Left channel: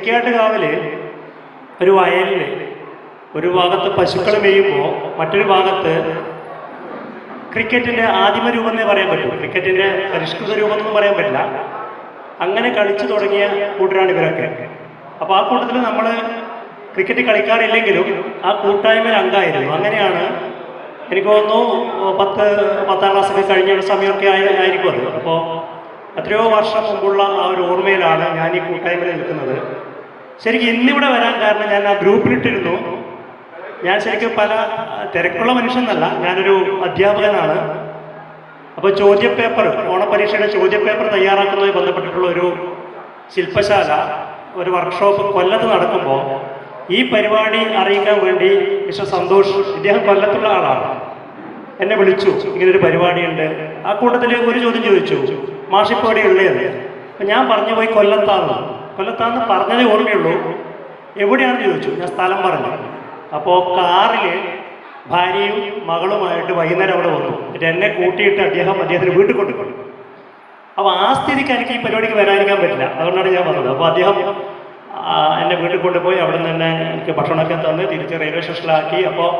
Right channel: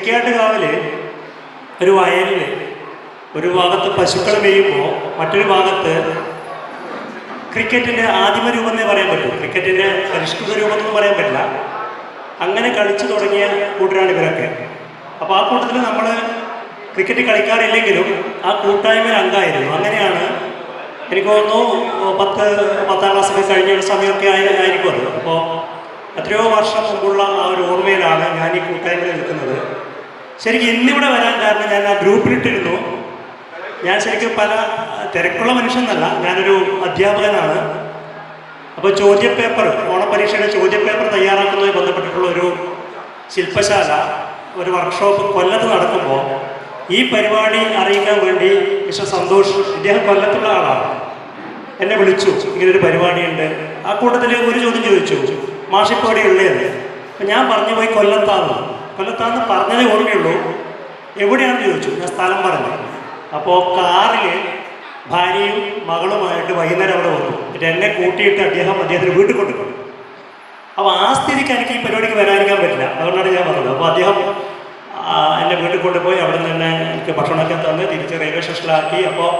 തൃക്കാട്ടുകാവിൽ ഒരു വയലിൽ ഒരു ഭാഗത്ത് പശുക്കൾ മേയുമ്പോൾ മറ്റൊരു ഭാഗത്ത് ക്രിക്കറ്റിൻ്റെ ആദിമ രൂപം എന്നേ പറയാൻ പറ്റൂ, ക്രിക്കറ്റിൻ്റെ പരിഷ്കൃത രൂപം എന്നൊന്നും പറയാൻ പറ്റില്ല. അങ്ങനെ കളിച്ചു തുടങ്ങിയ കൂട്ടരാണ് ഇവരൊക്കെ. അപ്പോൾ ആ കൂട്ടത്തിൽ നമ്മൾ ക്രിക്കറ്റ് കളിക്കാറില്ലെങ്കിലും ആ കൂട്ടായ്മയിൽ അംഗമായിരുന്നു. അങ്ങനെയാണ് എനിക്ക് തോന്നുന്നു 10-10ാം ക്ലാസ്സൊക്കെ കഴിഞ്ഞ ഒരു സമയമൊക്കെ ആയിരിക്കും അത്. അപ്പോൾ എത്രയോ വർഷം മുമ്പുള്ള ആ ഒരു ഓർമ്മയിലാണ് ഞാൻ ഈ കൂട്ടായ്മയിൽ നിൽക്കുന്നത്. ശരിക്കും ഇന്നിവിടെ വരാൻ കാരണം ഞാൻ ആ ഗ്രൂപ്പിലിട്ടിരുന്നു. ഞാൻ ശരിക്കും പല തിരക്കുള്ള മനുഷ്യനല്ല, ഞാനൊരു അധ്യാപകനാണ്. അപ്പോൾ ചോദ്യപേപ്പർ, ഓണപരീക്ഷയുടെ ചോദ്യപേപ്പർ തയ്യാറാക്കുന്നതുമായി ബന്ധപ്പെട്ടിട്ടുള്ള ഒരു ശില്പശാല, ഒരു വർക്ക്ഷോപ്പ് കൊല്ലത്ത് നടക്കുമ്പോൾ ഈ പരിപാടി അറിയിക്കാൻ വേണ്ടി മിസ്റ്റർ സന്തോഷ്, ഇദ്ദേഹം കൊല്ലത്തുള്ള ആളാണ്, എന്നെ വിളിച്ചു. ഇങ്ങനൊരു പരിപാടിയുണ്ട്. ആ കൂട്ടത്തിൽ ഒരു ചോദ്യം ചോദിച്ചു, മാഷിപ്പടി ഉള്ളതെന്ന്. അപ്പം ഞാൻ പറഞ്ഞു പോയി കൊല്ലത്താന്ന് പറഞ്ഞതേ ഓർമ്മയുള്ളൂ. എവിടെയാണെന്ന് ചോദിച്ചു. ഞാൻ സ്ഥലം പറഞ്ഞു. അപ്പോൾ കാറിൽ ഭാര്യയും മകളുമായിട്ട് വൈകുന്നേരം അവിടെ വന്നു. എന്നിട്ട് എന്നെ കൂട്ടിയിട്ട് അദ്ദേഹത്തിന് വീട്ടിൽ കൊണ്ടുപോയി. അപ്പോൾ ആ സ്ഥിതിക്ക് എനിക്ക് ഈ പരിപാടിക്ക് വരാതിരിക്കാൻ പറ്റില്ല. അതുകൊണ്ടാണ് ഞാൻ പറഞ്ഞത്. അപ്പോൾ അദ്ദേഹം എന്നെ വീട്ടിൽ കൊണ്ടുപോയി അവിടെ നിന്ന് തന്നെ എനിക്ക് ഭക്ഷണമൊക്കെ തന്ന് തിരിച്ച് റെയിൽവേ സ്റ്റേഷനിലാക്കി. അപ്പോൾ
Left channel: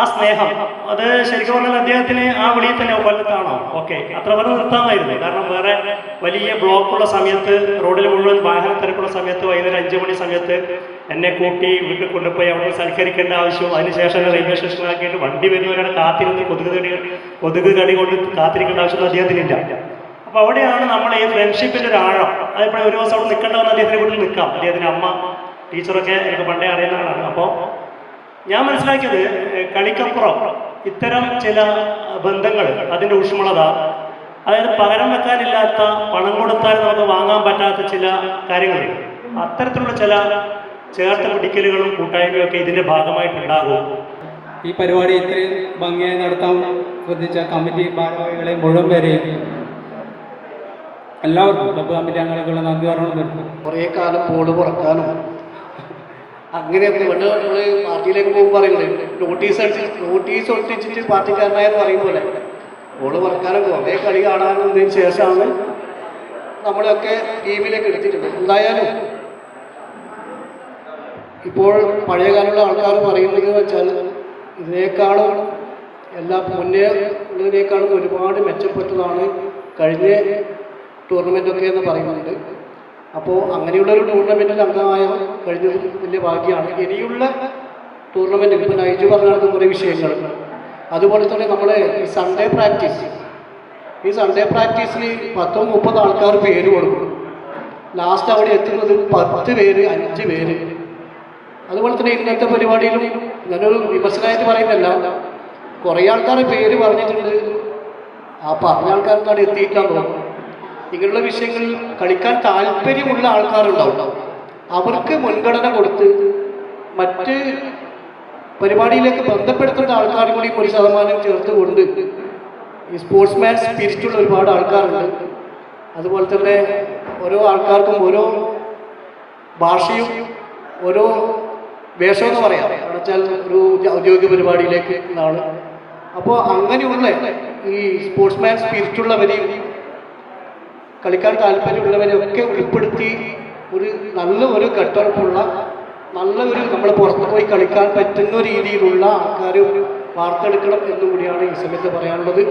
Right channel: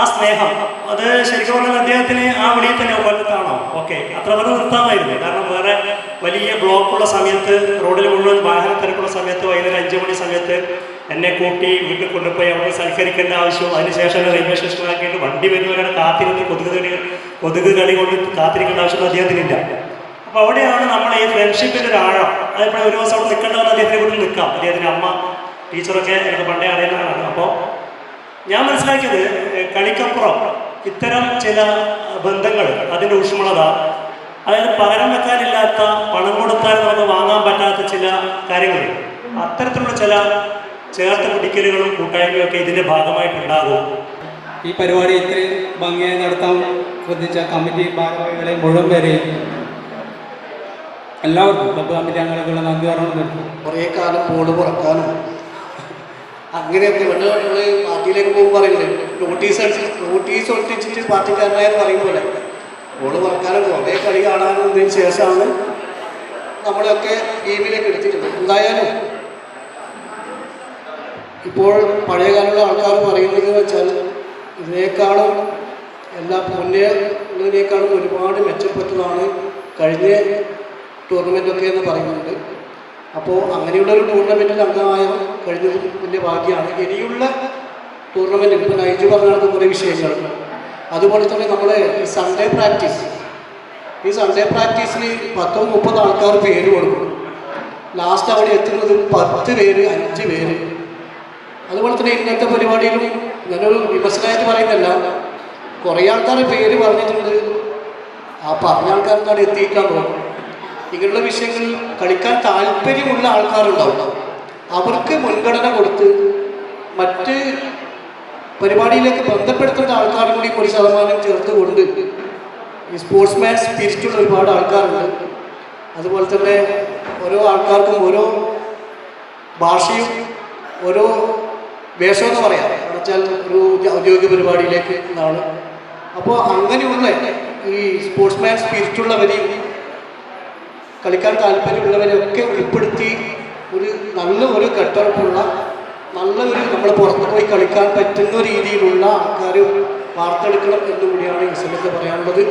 ആ സ്നേഹം അത് ശരിക്കും പറഞ്ഞാൽ അദ്ദേഹത്തിന് ആ വിളിയിൽ തന്നെ കൊല്ലത്താണോ ഓക്കെ അത്ര വരെ നിർത്താമായിരുന്നു. കാരണം വേറെ വലിയ ബ്ലോക്കുള്ള സമയത്ത്, റോഡിൽ മുഴുവൻ വാഹന തിരക്കുള്ള സമയത്ത്, വൈകുന്നേരം 5 മണി സമയത്ത് എന്നെ കൂട്ടി വീട്ടിൽ കൊണ്ടുപോയി അവിടെ സൽക്കരിക്കേണ്ട ആവശ്യവും അതിനുശേഷം റെയിൽവേ സ്റ്റേഷനിലാക്കിയിട്ട് വണ്ടി വരുന്നവരെ കാത്തിരുന്ന് കൊതുക് കടി കൊണ്ട് കാത്തിരിക്കേണ്ട ആവശ്യമൊന്നും അദ്ദേഹത്തിനില്ല. അപ്പോൾ അവിടെയാണ് നമ്മൾ ഈ ഫ്രണ്ട്ഷിപ്പിൻ്റെ ഒരു ആഴം. അതിപ്പോൾ ഒരു ദിവസം അവിടെ നിൽക്കേണ്ടവന്ന് അദ്ദേഹത്തിൻ്റെ വീട്ടിൽ നിൽക്കാം. അദ്ദേഹത്തിൻ്റെ അമ്മ ടീച്ചറൊക്കെ എനിക്ക് പണ്ടേ അറിയുന്നതാണ്. അപ്പോൾ ഞാൻ മനസ്സിലാക്കിയത് കളിക്കപ്പുറം ഇത്തരം ചില ബന്ധങ്ങൾ, അതിൻ്റെ ഊഷ്മളത, അതായത് പകരം വെക്കാനില്ലാത്ത, പണം കൊടുത്താൽ നമുക്ക് വാങ്ങാൻ പറ്റാത്ത ചില കാര്യങ്ങൾ, അത്തരത്തിലുള്ള ചില ചേർത്ത് പിടിക്കലുകളും കൂട്ടായ്മയും ഒക്കെ ഇതിൻ്റെ ഭാഗമായിട്ടുണ്ടാകും. ഈ പരിപാടി ഇത്രയും ഭംഗിയായി നടത്താൻ ശ്രദ്ധിച്ച കമ്മിറ്റി ഭാരവാഹികളെ മുഴുവൻ പേരെയും എല്ലാവർക്കും ക്ലബ്ബ് കമ്മിറ്റി അംഗങ്ങൾക്കുള്ള നന്ദി പറഞ്ഞു. കുറേ കാലം ബോർഡ് പുറക്കാനും അങ്ങനെയൊക്കെ നമ്മൾ പാർട്ടിയിലേക്ക് പോകുമ്പോൾ പറയുന്നത് നോട്ടീസ് ഒട്ടിച്ചിട്ട് പാർട്ടിക്കാരനായെന്ന് പറയും പോലെ ബോർഡ് പുറക്കാനും കുറേ കളി കാണാനതിന് ശേഷമാണ് നമ്മളെയൊക്കെ ടീമിലേക്ക് എടുത്തിട്ടുള്ളത്. എന്തായാലും ഇപ്പോൾ പഴയകാലമുള്ള ആൾക്കാർ പറയുന്നത് വെച്ചാൽ ഇതിനേക്കാളും മുന്നേ ഉള്ളതിനേക്കാളും ഒരുപാട് മെച്ചപ്പെട്ടതാണ് കഴിഞ്ഞ ടൂർണമെൻറ്റൊക്കെ എന്ന് പറയുന്നുണ്ട്. അപ്പോൾ അങ്ങനെയുള്ളൊരു ടൂർണമെൻറ്റിൽ അംഗമായ കഴിഞ്ഞത് വലിയ ഭാഗ്യമാണ്. ഇനിയുള്ള ടൂർണമെൻറ്റിൽ ഇപ്പോൾ നൈജു പറഞ്ഞ കുറേ വിഷയങ്ങൾ, അതുപോലെ തന്നെ നമ്മൾ ഈ സൺഡേ പ്രാക്ടീസിൽ 10-30 ആൾക്കാർ പേര് കൊടുക്കും. ലാസ്റ്റ് അവിടെ എത്തുന്നത് 10 പേര് 5 പേര്. അതുപോലെ തന്നെ ഇന്നത്തെ പരിപാടിയിലും ഞാനൊരു വിമർശനമായിട്ട് പറയുന്നില്ല, കുറേ ആൾക്കാർ പേര് പറഞ്ഞിട്ടുണ്ട്. ആ പറഞ്ഞ ആൾക്കാർക്ക് അവിടെ എത്തിയിട്ടാണ് തോന്നുന്നു. ഇങ്ങനെയുള്ള വിഷയങ്ങളിൽ കളിക്കാൻ താല്പര്യമുള്ള ആൾക്കാരുണ്ടാവും. അവർക്ക് മുൻഗണന കൊടുത്ത് മറ്റ് പരിപാടിയിലേക്ക് ബന്ധപ്പെടുത്തേണ്ട ആൾക്കാർ കൂടി 1% ചേർത്തുകൊണ്ട് ഈ സ്പോർട്സ്മാൻ സ്പിരിറ്റുള്ള ഒരുപാട് ആൾക്കാരുണ്ട്. അതുപോലെ തന്നെ ഓരോ ആൾക്കാർക്കും ഓരോ ഭാഷയും ഓരോ വേഷമെന്ന് പറയാം. എന്ന് വെച്ചാൽ ഒരു ഔദ്യോഗിക പരിപാടിയിലേക്ക് എന്നാണ്. അപ്പോൾ അങ്ങനെയുള്ള ഈ സ്പോർട്സ്മാൻ സ്പിരിറ്റുള്ളവരെയും കളിക്കാൻ താല്പര്യമുള്ളവരെയൊക്കെ ഉൾപ്പെടുത്തി ഒരു കെട്ടുറപ്പുള്ള നമ്മൾ പുറത്തു പോയി കളിക്കാൻ പറ്റുന്ന രീതിയിലുള്ള ആൾക്കാർ വാർത്തെടുക്കണം എന്നുകൂടിയാണ് ഈ സമയത്ത് പറയാനുള്ളത്.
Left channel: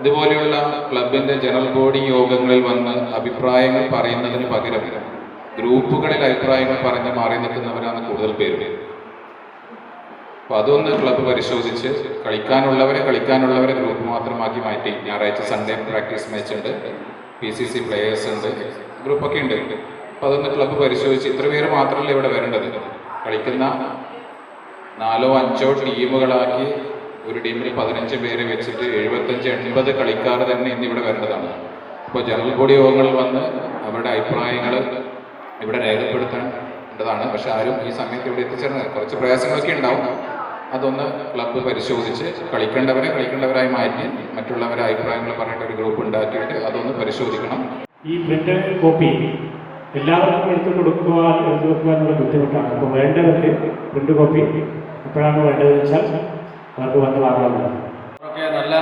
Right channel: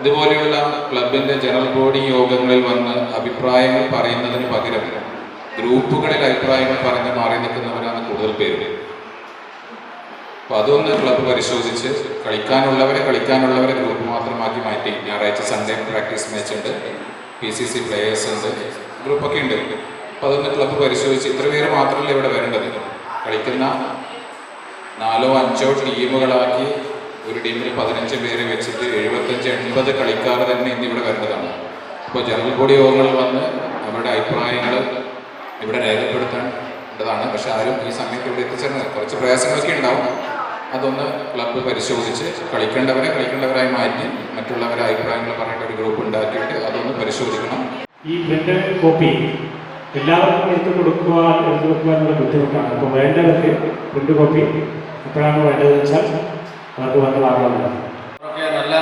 ഇതുപോലെയുള്ള ക്ലബിൻ്റെ ജനറൽ ബോഡി യോഗങ്ങളിൽ വന്ന് അഭിപ്രായങ്ങൾ പറയുന്നതിന് പകരം ഗ്രൂപ്പുകളിൽ അഭിപ്രായങ്ങൾ പറഞ്ഞ് മാറി നിൽക്കുന്നവരാണ് കൂടുതൽ പേര്. അപ്പോൾ അതൊന്ന് ക്ലബ്ബ് പരിശോധിച്ച് കളിക്കാനുള്ളവരെ ഗ്രൂപ്പ് മാത്രമാക്കി മാറ്റി ഞായറാഴ്ച സൺഡേ പ്രാക്ടീസ് മാച്ച് ഉണ്ട്, PCC പ്ലേയേഴ്സ് ഉണ്ട്, ഗ്രൂപ്പൊക്കെ ഉണ്ട്. അപ്പോൾ അതൊന്ന് ക്ലബ്ബ് പരിശോധിച്ച് ഇത്ര പേര് മാത്രമല്ല ഇവിടെ വരേണ്ടത്. കളിക്കുന്ന 4-5 ടീമുകളാക്കി ഒരു ടീമിൽ 15 പേര് വെച്ചിട്ട് 75-80 കളിക്കാർ തന്നെ ഇന്നിവിടെ വരേണ്ടതാണ്. അപ്പോൾ ജനറൽ ബോഡി യോഗങ്ങളിൽ വന്ന് അവരുടെ അഭിപ്രായങ്ങൾ ഇവിടെ രേഖപ്പെടുത്തേണ്ടതാണ്. പക്ഷെ ആരും ഈ സമയത്ത് ഇവിടെ എത്തിച്ചേർന്നത് കുറച്ച് പ്രയാസങ്ങളൊക്കെ ഉണ്ടാവും. അതൊന്ന് ക്ലബ്ബ് പരിശോധിച്ച് കളിക്കേണ്ടവരായി മാറ്റി മറ്റുള്ളവരെ അഭിപ്രായങ്ങൾ പറഞ്ഞിട്ട് ഒരു ഗ്രൂപ്പ് ഉണ്ടാക്കിയിട്ട് അതൊന്ന് പരിശോധിക്കണം. ഈ പ്രിന്റ് കോപ്പി എല്ലാവർക്കും എടുത്തു വെക്കുവാനുള്ള ബുദ്ധിമുട്ടാണ്. അപ്പോൾ വേണ്ടവർക്ക് പ്രിന്റ് കോപ്പി എപ്പോഴാണ് വേണ്ടതെന്ന് വെച്ചാൽ അവർക്ക് വന്ന് വാങ്ങാവുന്നതാണ്. നല്ല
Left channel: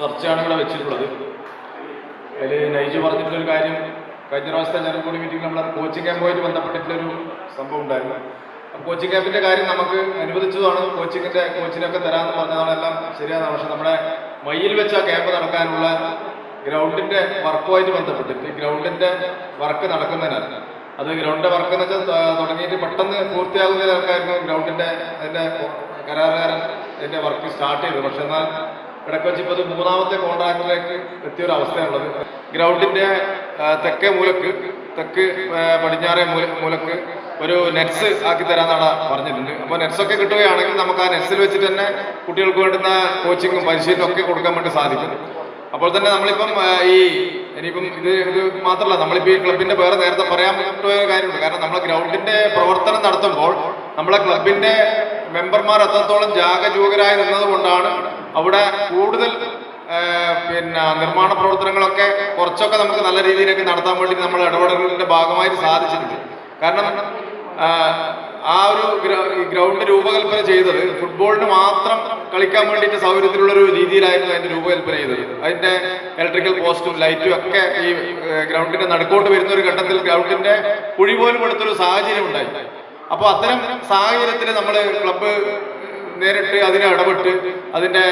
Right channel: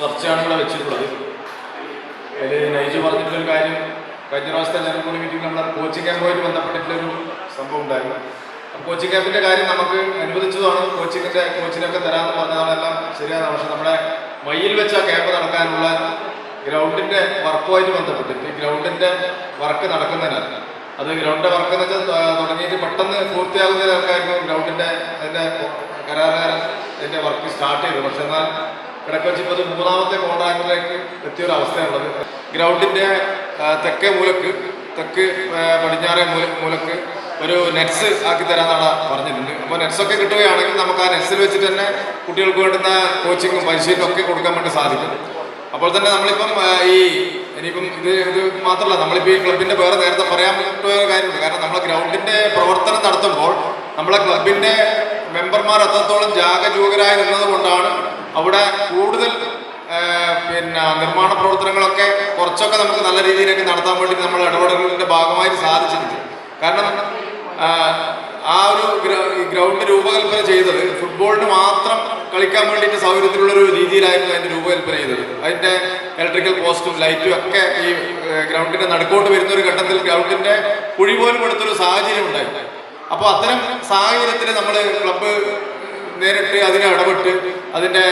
ചർച്ചയാണ് ഇവിടെ വെച്ചിട്ടുള്ളത്. അതിൽ നയിച്ചു പറഞ്ഞിട്ടുള്ളൊരു കാര്യം, കഴിഞ്ഞ പ്രാവശ്യത്തെ ജനറൽ ബോഡി മീറ്റിംഗ് നമ്മൾ കോച്ചിങ് ക്യാമ്പുമായിട്ട് ബന്ധപ്പെട്ടിട്ടുള്ളൊരു സംഭവം ഉണ്ടായിരുന്നു. കോച്ചിങ് ക്യാമ്പിൻ്റെ കാര്യം നമുക്ക് അനുവദിച്ചതാണ്, കോച്ചിനൊക്കെ തരാമെന്ന് പറഞ്ഞതാണ്, എല്ലാം ശരിയാണ്. പക്ഷെ നമ്മുടെ മയ്യിൽ വെച്ച ക്യാമ്പ് നടക്കാനുള്ള ഗ്രൗണ്ടിൻ്റെ വർക്കുമായിട്ട് ബന്ധപ്പെട്ടിട്ട് ഗ്രൗണ്ടിൻ്റെ വർക്ക് നടക്കുന്നതിനാൽ അത് ഗ്രൗണ്ടിൻ്റെ വർക്ക് എന്ന് വെച്ചാൽ തുടങ്ങിയിട്ട് പെട്ടെന്ന് പൂർത്തിയാകുന്നതിനൊക്കെയായിരുന്നു ഗ്രൗണ്ടിൻ്റെ അതിൻ്റെ കരാറുകാരൻ അതിൻ്റെ വർക്ക് സ്റ്റാർട്ട് ചെയ്തു. പക്ഷെ എന്നാൽ കിടക്കൊച്ചി ഇപ്പോൾ മൂന്നാമത്തെ കോൺട്രാക്റ്റിലേക്ക് എത്തിയൊരവസ്ഥയുള്ളത്. ഗ്രൗണ്ടിൻ്റെ തെക്കേ മൂലക്ക് പടിഞ്ഞാറേ മൂലക്ക് ഒരു നെറ്റ്സ് ആക്കി തരാമെന്നാണ് പറഞ്ഞിട്ടുണ്ട്. അപ്പോൾ നെറ്റ്സൊക്കെ കിട്ടുകയാണെങ്കിൽ നമുക്ക് ആ നെറ്റ്സിൽ വെച്ചിട്ട് തന്നെ കുട്ടികൾക്ക് വേണ്ടുന്ന കോച്ചിങ്ങും പരിശീലനവും ഒക്കെ കൊടുക്കാൻ വേണ്ടി സാധിക്കും. അപ്പോൾ തന്നെ നമ്മളിപ്പം ഇനിയിപ്പം ഇത് മാത്രമല്ല, നമ്മളിപ്പോൾ ഈ ക്ലബിൻ്റെ വേറെ നേരത്തെ പറയാൻ പറ്റുന്ന കാര്യമുണ്ട്. കാരണം നമ്മളെ ഗ്രൗണ്ടിൻ്റെ പ്രവർത്തനം നടത്തുമ്പോൾ നമ്മളെ ക്ലബിൻ്റെ മെമ്പർമാർ എത്രത്തോളം ജാഗരൂകരായി നിന്നത് കൊണ്ടാണ് അവിടെ കൂടുതൽ നിർമ്മാണ പ്രവർത്തനങ്ങളൊക്കെ കുറച്ചൊക്കെ നമുക്ക് നല്ല രീതിയിലേക്ക് നടത്താൻ വേണ്ടി നമ്മൾ ഇടപെടലുകളുടെ ഭാഗമായിട്ട് സാധിച്ചിട്ടുണ്ട്. കാരണം ആ ഒരു ഗ്രൗണ്ട് രൂപകൽപ്പന ചെയ്തത് ഫുട്ബോളിന് മാത്രം കളിക്കാൻ വേണ്ടിയിട്ട് സൗകര്യത്തിലുള്ളൊരു രീതിയിലായിരുന്നു അതിൻ്റെ രൂപകൽപ്പന ചെയ്തത്. അതിൻ്റെ ഇലക്ട്രിക്കൽ പോസ്റ്റും ലൈറ്റും ഒക്കെ ഈ ഗ്രൗണ്ടിൻ്റെ നടുക്കോട്ട് വരുന്ന ഒരു ഘട്ടത്തിൽ ഗ്രൗണ്ടിൻ്റെ കുഴി പോലും കൊടുത്തൊരു സാഹചര്യം ഉണ്ടായി. അപ്പോൾ അത്തരം സാഹചര്യത്തിൽ നമ്മൾ ക്ലബ്ബ് നേരിട്ട് അതിനെ ഇടപെട്ട് അതിൻ്റെ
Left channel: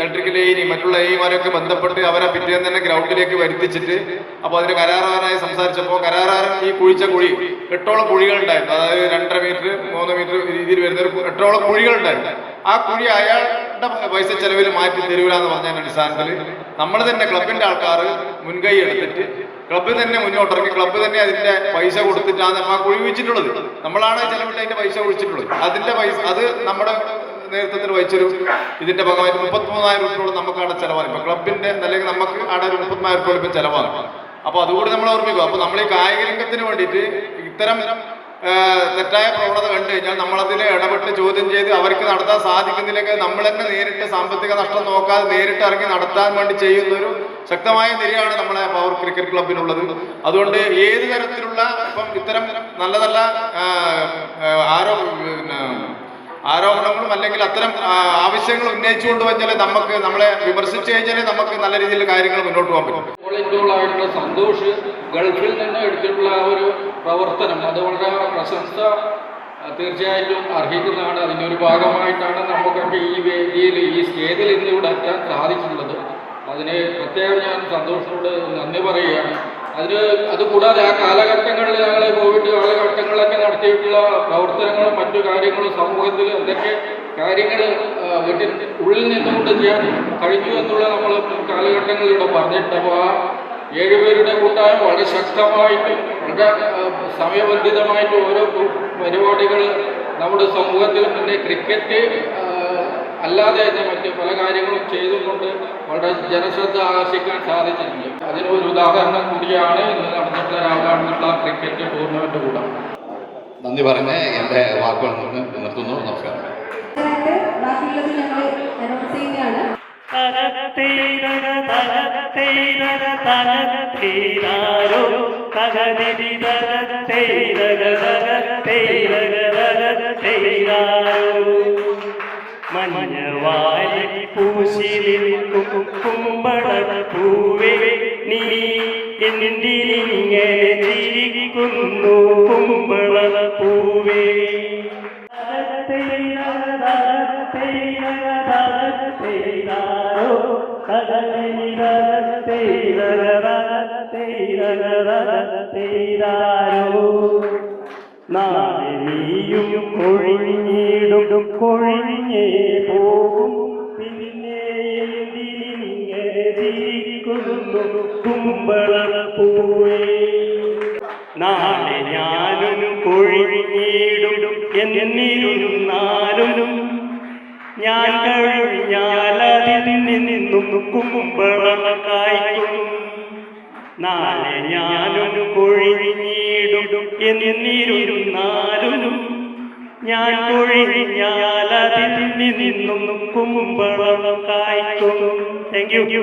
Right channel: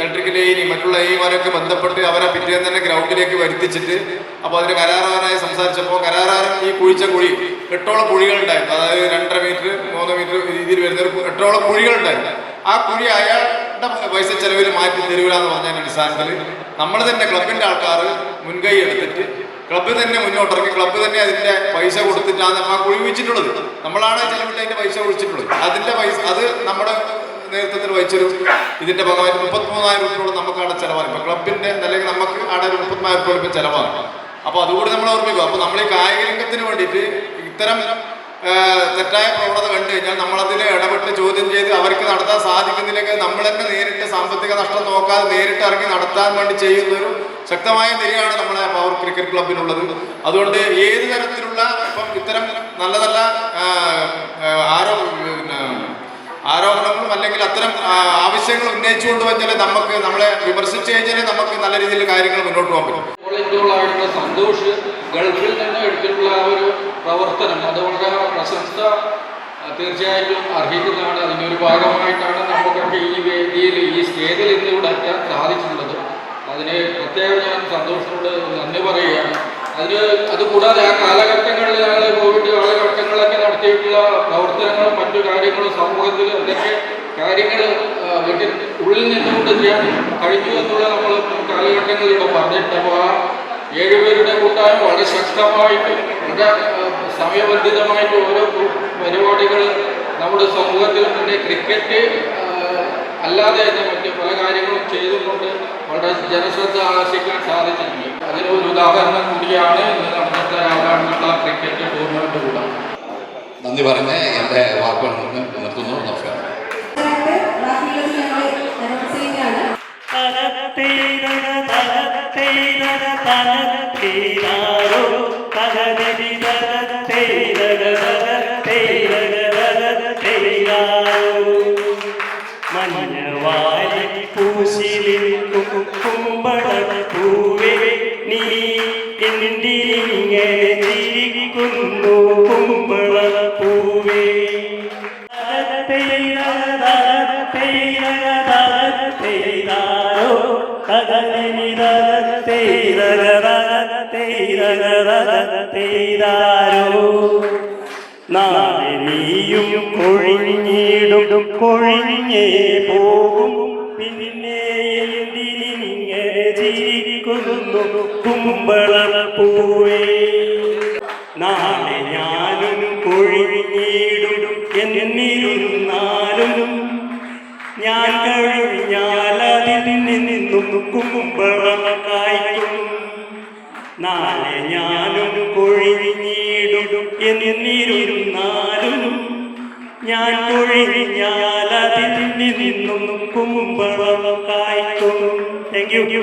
ഇലക്ട്രിക്കൽ മറ്റുള്ള മാരൊക്കെ ബന്ധപ്പെട്ട് അവരെ പിറ്റേന്ന് തന്നെ ഗ്രൗണ്ടിലേക്ക് വരുത്തിച്ചിട്ട് അപ്പോൾ അതിൻ്റെ കരാറുകാരനായി സംസാരിച്ചപ്പോൾ കരാറുകാരൻ ഈ കുഴിച്ച കുഴി 8ഓളം കുഴികളുണ്ടായിരുന്നു. അതായത് 2.5 മീറ്റർ 3 മീറ്റർ രീതിയിൽ വരുന്ന 8ഓളം കുഴികളുണ്ടായിരുന്നു. ആ കുഴി അയാളുടെ പൈസ ചെലവിൽ മാറ്റി തരൂലെന്ന് പറഞ്ഞതിൻ്റെ അടിസ്ഥാനത്തിൽ നമ്മൾ തന്നെ ക്ലബിൻ്റെ ആൾക്കാർ മുൻകൈ എടുത്തിട്ട് ക്ലബ്ബ് തന്നെ മുന്നോട്ടിറങ്ങി ക്ലബ്ബ് തന്നെ അതിൻ്റെ പൈസ കൊടുത്തിട്ടാണ് ആ കുഴി വെച്ചിട്ടുള്ളത്. നമ്മളാണ് ചെലവിട്ട് അതിൻ്റെ പൈസ ഒഴിച്ചിട്ടുള്ളത്. അതിൻ്റെ പൈസ അത് നമ്മുടെ നേതൃത്വത്തിൽ വഹിച്ചൊരു ഇതിൻ്റെ ഭാഗമായിട്ട് 33,000 രൂപയോളം നമുക്കാണ് ചിലവാണ്. ഇപ്പോൾ ക്ലബിൻ്റെ അല്ലെങ്കിൽ നമുക്ക് അവിടെ ഒരു 30,000 രൂപ ഇപ്പം ചിലവാണ്. അപ്പോൾ അതുകൂടി നമ്മൾ ഓർമ്മിക്കും. അപ്പോൾ നമ്മൾ ഈ കായിക രംഗത്തിന് വേണ്ടിയിട്ട് ഇത്തരം തെറ്റായ പ്രവണത കണ്ടു കഴിഞ്ഞാൽ നമ്മളതിൽ ഇടപെട്ട് ചോദ്യം ചെയ്ത് അവർക്ക് നടത്താൻ സാധിക്കുന്നില്ലെങ്കിൽ നമ്മൾ തന്നെ നേരിട്ട് സാമ്പത്തിക നഷ്ടം നോക്കാതെ നേരിട്ട് ഇറങ്ങി നടത്താൻ വേണ്ടി ചെയ്യുന്നൊരു ശക്തമായ നിരയാണ് നമ്മളെ പവർ ക്രിക്കറ്റ് ക്ലബിനുള്ളത്. അതുകൊണ്ട് ഏത് തരത്തിലുള്ള ഇപ്പം ഇത്തരം നല്ല നല്ല ആരോപണങ്ങളും അല്ലെങ്കിൽ അത്തരം ആവശ്യങ്ങൾ ഉന്നയിച്ചുകൊണ്ട് വെച്ചാൽ നമുക്ക് നമ്മളെ വിമർശിച്ചു കഴിഞ്ഞാൽ നമുക്ക് നല്ല രീതിയിൽ കാര്യങ്ങൾ മുന്നോട്ട് പോകാൻ പറ്റും. വോളണ്ടിയറുകളായിട്ടുള്ള സന്തോഷ് ഗൾഫിൽ നിന്ന് എടുത്തിട്ടുള്ള ആ ഒരു പ്രവർത്തനം അത് വളരെ പ്രശംസ തീർച്ചയായിട്ടും അർഹിക്കുന്നതാണ്. അതിൻ്റെ ഒരു ഭാഗമായിട്ടാണ് നമുക്കൊക്കെ ഈ വേദിയിൽ ഈ സ്റ്റേജിൽ ഇന്ന് ഇവിടെ എത്താൻ സാധിച്ചിട്ടുള്ളത്. അതിന് പ്രത്യേകം ഞാൻ സന്തോഷത്തോട് നന്ദി പറയുകയാണ്. അതുകൂടാതെ ആ കാലഘട്ടങ്ങളിൽ ഞങ്ങൾ കോവിഡ് കാലഘട്ടങ്ങളിലൊക്കെ നടത്തിയിട്ടുള്ള പ്രവർത്തനങ്ങളും മറ്റു കാര്യങ്ങളും സമൂഹത്തിൽ എന്തൊക്കെ കാര്യങ്ങൾ വീട്ടിൽ ഉള്ളിൽ നിന്നുകൊണ്ട് ചെയ്യാൻ കഴിഞ്ഞു എന്നുള്ള നമ്മൾ കാലഘട്ടങ്ങളിലൂടെ പറഞ്ഞിട്ടുണ്ട്. അപ്പോൾ ആ 7 പേരുടെ കൂട്ടായ്മ വളരെ ശക്തമായിട്ട് വളരെ സമയബന്ധിതമായിട്ട് ഓരോ പരിപാടികൾ നമ്മുടെ സമൂഹത്തിൽ പിന്നെ ക്രിക്കറ്റ് അല്ലാതെ തന്നെ മറ്റ് പല കാര്യങ്ങളും ചെയ്തുകൊണ്ട് വളരെ ജനശ്രദ്ധ ആകർഷിക്കാൻ സാധിച്ചിട്ടുണ്ട്. അതിനൊരു ഉദാഹരണം കൂടിയാണ് ഇന്ന് നടന്നിട്ടുള്ള രാവിലെ ക്രിക്കറ്റ് ടൂർണമെന്റ് കൂടെ. നന്ദി പറഞ്ഞ് എൻ്റെ വാക്കുകൾ നിർത്തുന്നു. നമസ്കാരം. മഞ്ഞവാരി പൂശിലിൽ കുമ്പളപ്പൂവേ നീ എന്തിനിങ്ങനെ ചിരിക്കുന്നു കുമ്പളപ്പൂവേ. നാളെ നീയും കൊഴിഞ്ഞിടും കൊഴിഞ്ഞേ പോകും പിന്നെ എന്തിനിങ്ങനെ ചിരിക്കുന്നു കുമ്പളപ്പൂവേ. നാളെ ഞാനും കൊഴിഞ്ഞിടും എന്നിരുന്നാലും ഞാൻ കഴിഞ്ഞാൽ അതിൽ നിന്നും കുമ്പളം കായ്ക്കും. നാളെ ഞാനും കൊഴിഞ്ഞിടും എന്നിരുന്നാലും ഞാൻ കൊഴിഞ്ഞാൽ അതിൽ നിന്നും കുമ്പളം കായ്ക്കും. Thank you.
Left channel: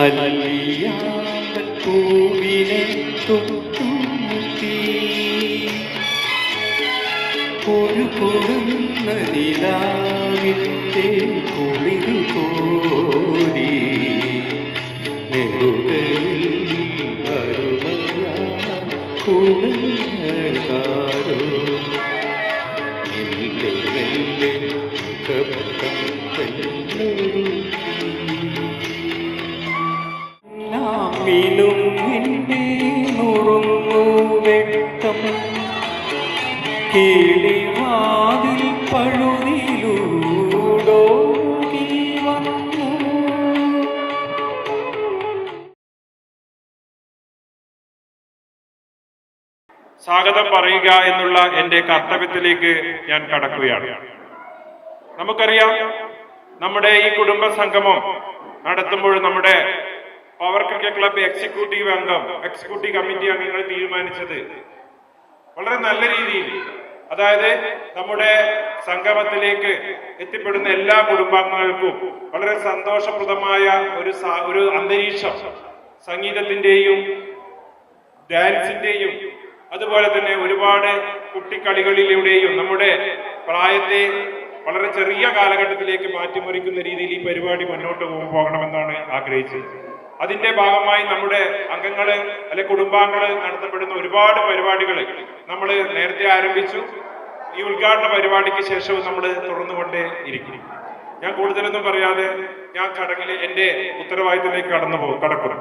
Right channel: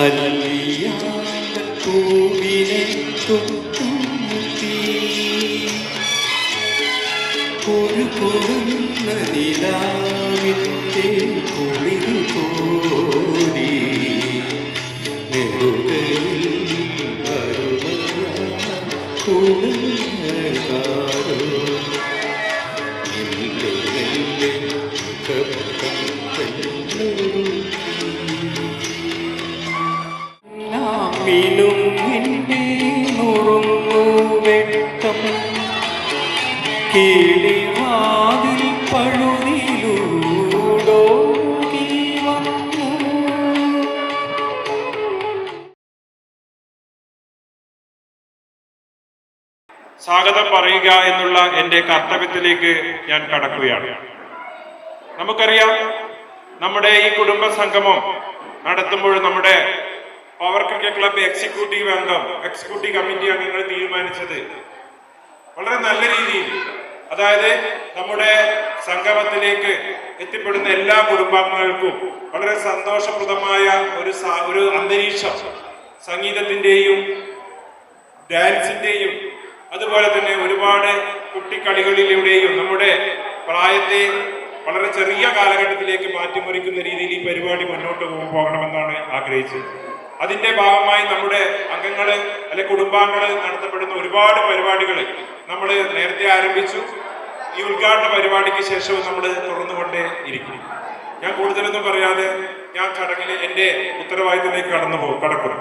അല്ലിയാമ്പൂവിനെ തൊട്ടുമുട്ടി ഒരു കുറുന്ന നിലാവിൻ്റെ കുളിരു കോരി നെടുകയിൽ കുളങ്ങാരോ ഇല്ലേ മിനും നിന്നെ നുറുങ്ങു വെട്ടം കിളിവാതിൽ പഴുതിലൂടോടി വന്നു. സ്വാഗതം പറയുക എന്നുള്ള എൻ്റെ കർത്തവ്യത്തിലേക്ക് ഞാൻ കടക്കുകയാണ്. നമുക്കറിയാം, നമ്മുടെ ഈ കുടുംബ സംഗമം നടത്തുമ്പോൾ നമ്മുടെ power cricket club executive committee അംഗങ്ങൾ തീരുമാനിച്ചത് വളരെ നല്ല രീതിയിൽ, അതായത് നമ്മുടെ സംഗമത്തിലേക്ക് എത്തിപ്പെടുന്ന എല്ലാ കുടുംബാംഗങ്ങൾക്കും വളരെ സന്തോഷപ്രദമായ ഒരു അന്തരീക്ഷം, സംഗീതത്തിൻ്റെയും ഡാൻസിൻ്റെയും അതുപോലെ തന്നെ ഒരുപാട് കുട്ടിക്കളികളിലൂടെയും നമ്മുടെ പ്രായത്തെ വളരെ ചെറിയ കാലഘട്ടത്തിലേക്ക് മാറ്റിമറിക്കുന്ന രീതിയിൽ ഈ പരിപാടി മുന്നോട്ട് പോകണമെന്നാണ് ആഗ്രഹിച്ചത്. അതിന്റെ ഭാഗമായി നമ്മുടെ അംഗങ്ങള് അല്ലെ കുടുംബാംഗങ്ങള് നടത്തപ്പെടുന്ന ഒരുപാട് പരിപാടികൾ നമ്മൾ നേരത്തെ ആരംഭിച്ചു. ഈ ഉദ്ഘാടന പരിപാടിക്ക് ശേഷവും നമ്മൾ തുറന്നുകൊണ്ടേ ഇരിക്കും. ഞാൻ കൂടുതലൊന്നും പറയാതെ ഞാൻ ചടങ്ങിൽ എൻ്റെ ഉത്തരവാദിത്തത്തിലേക്ക് കടക്കുന്നു.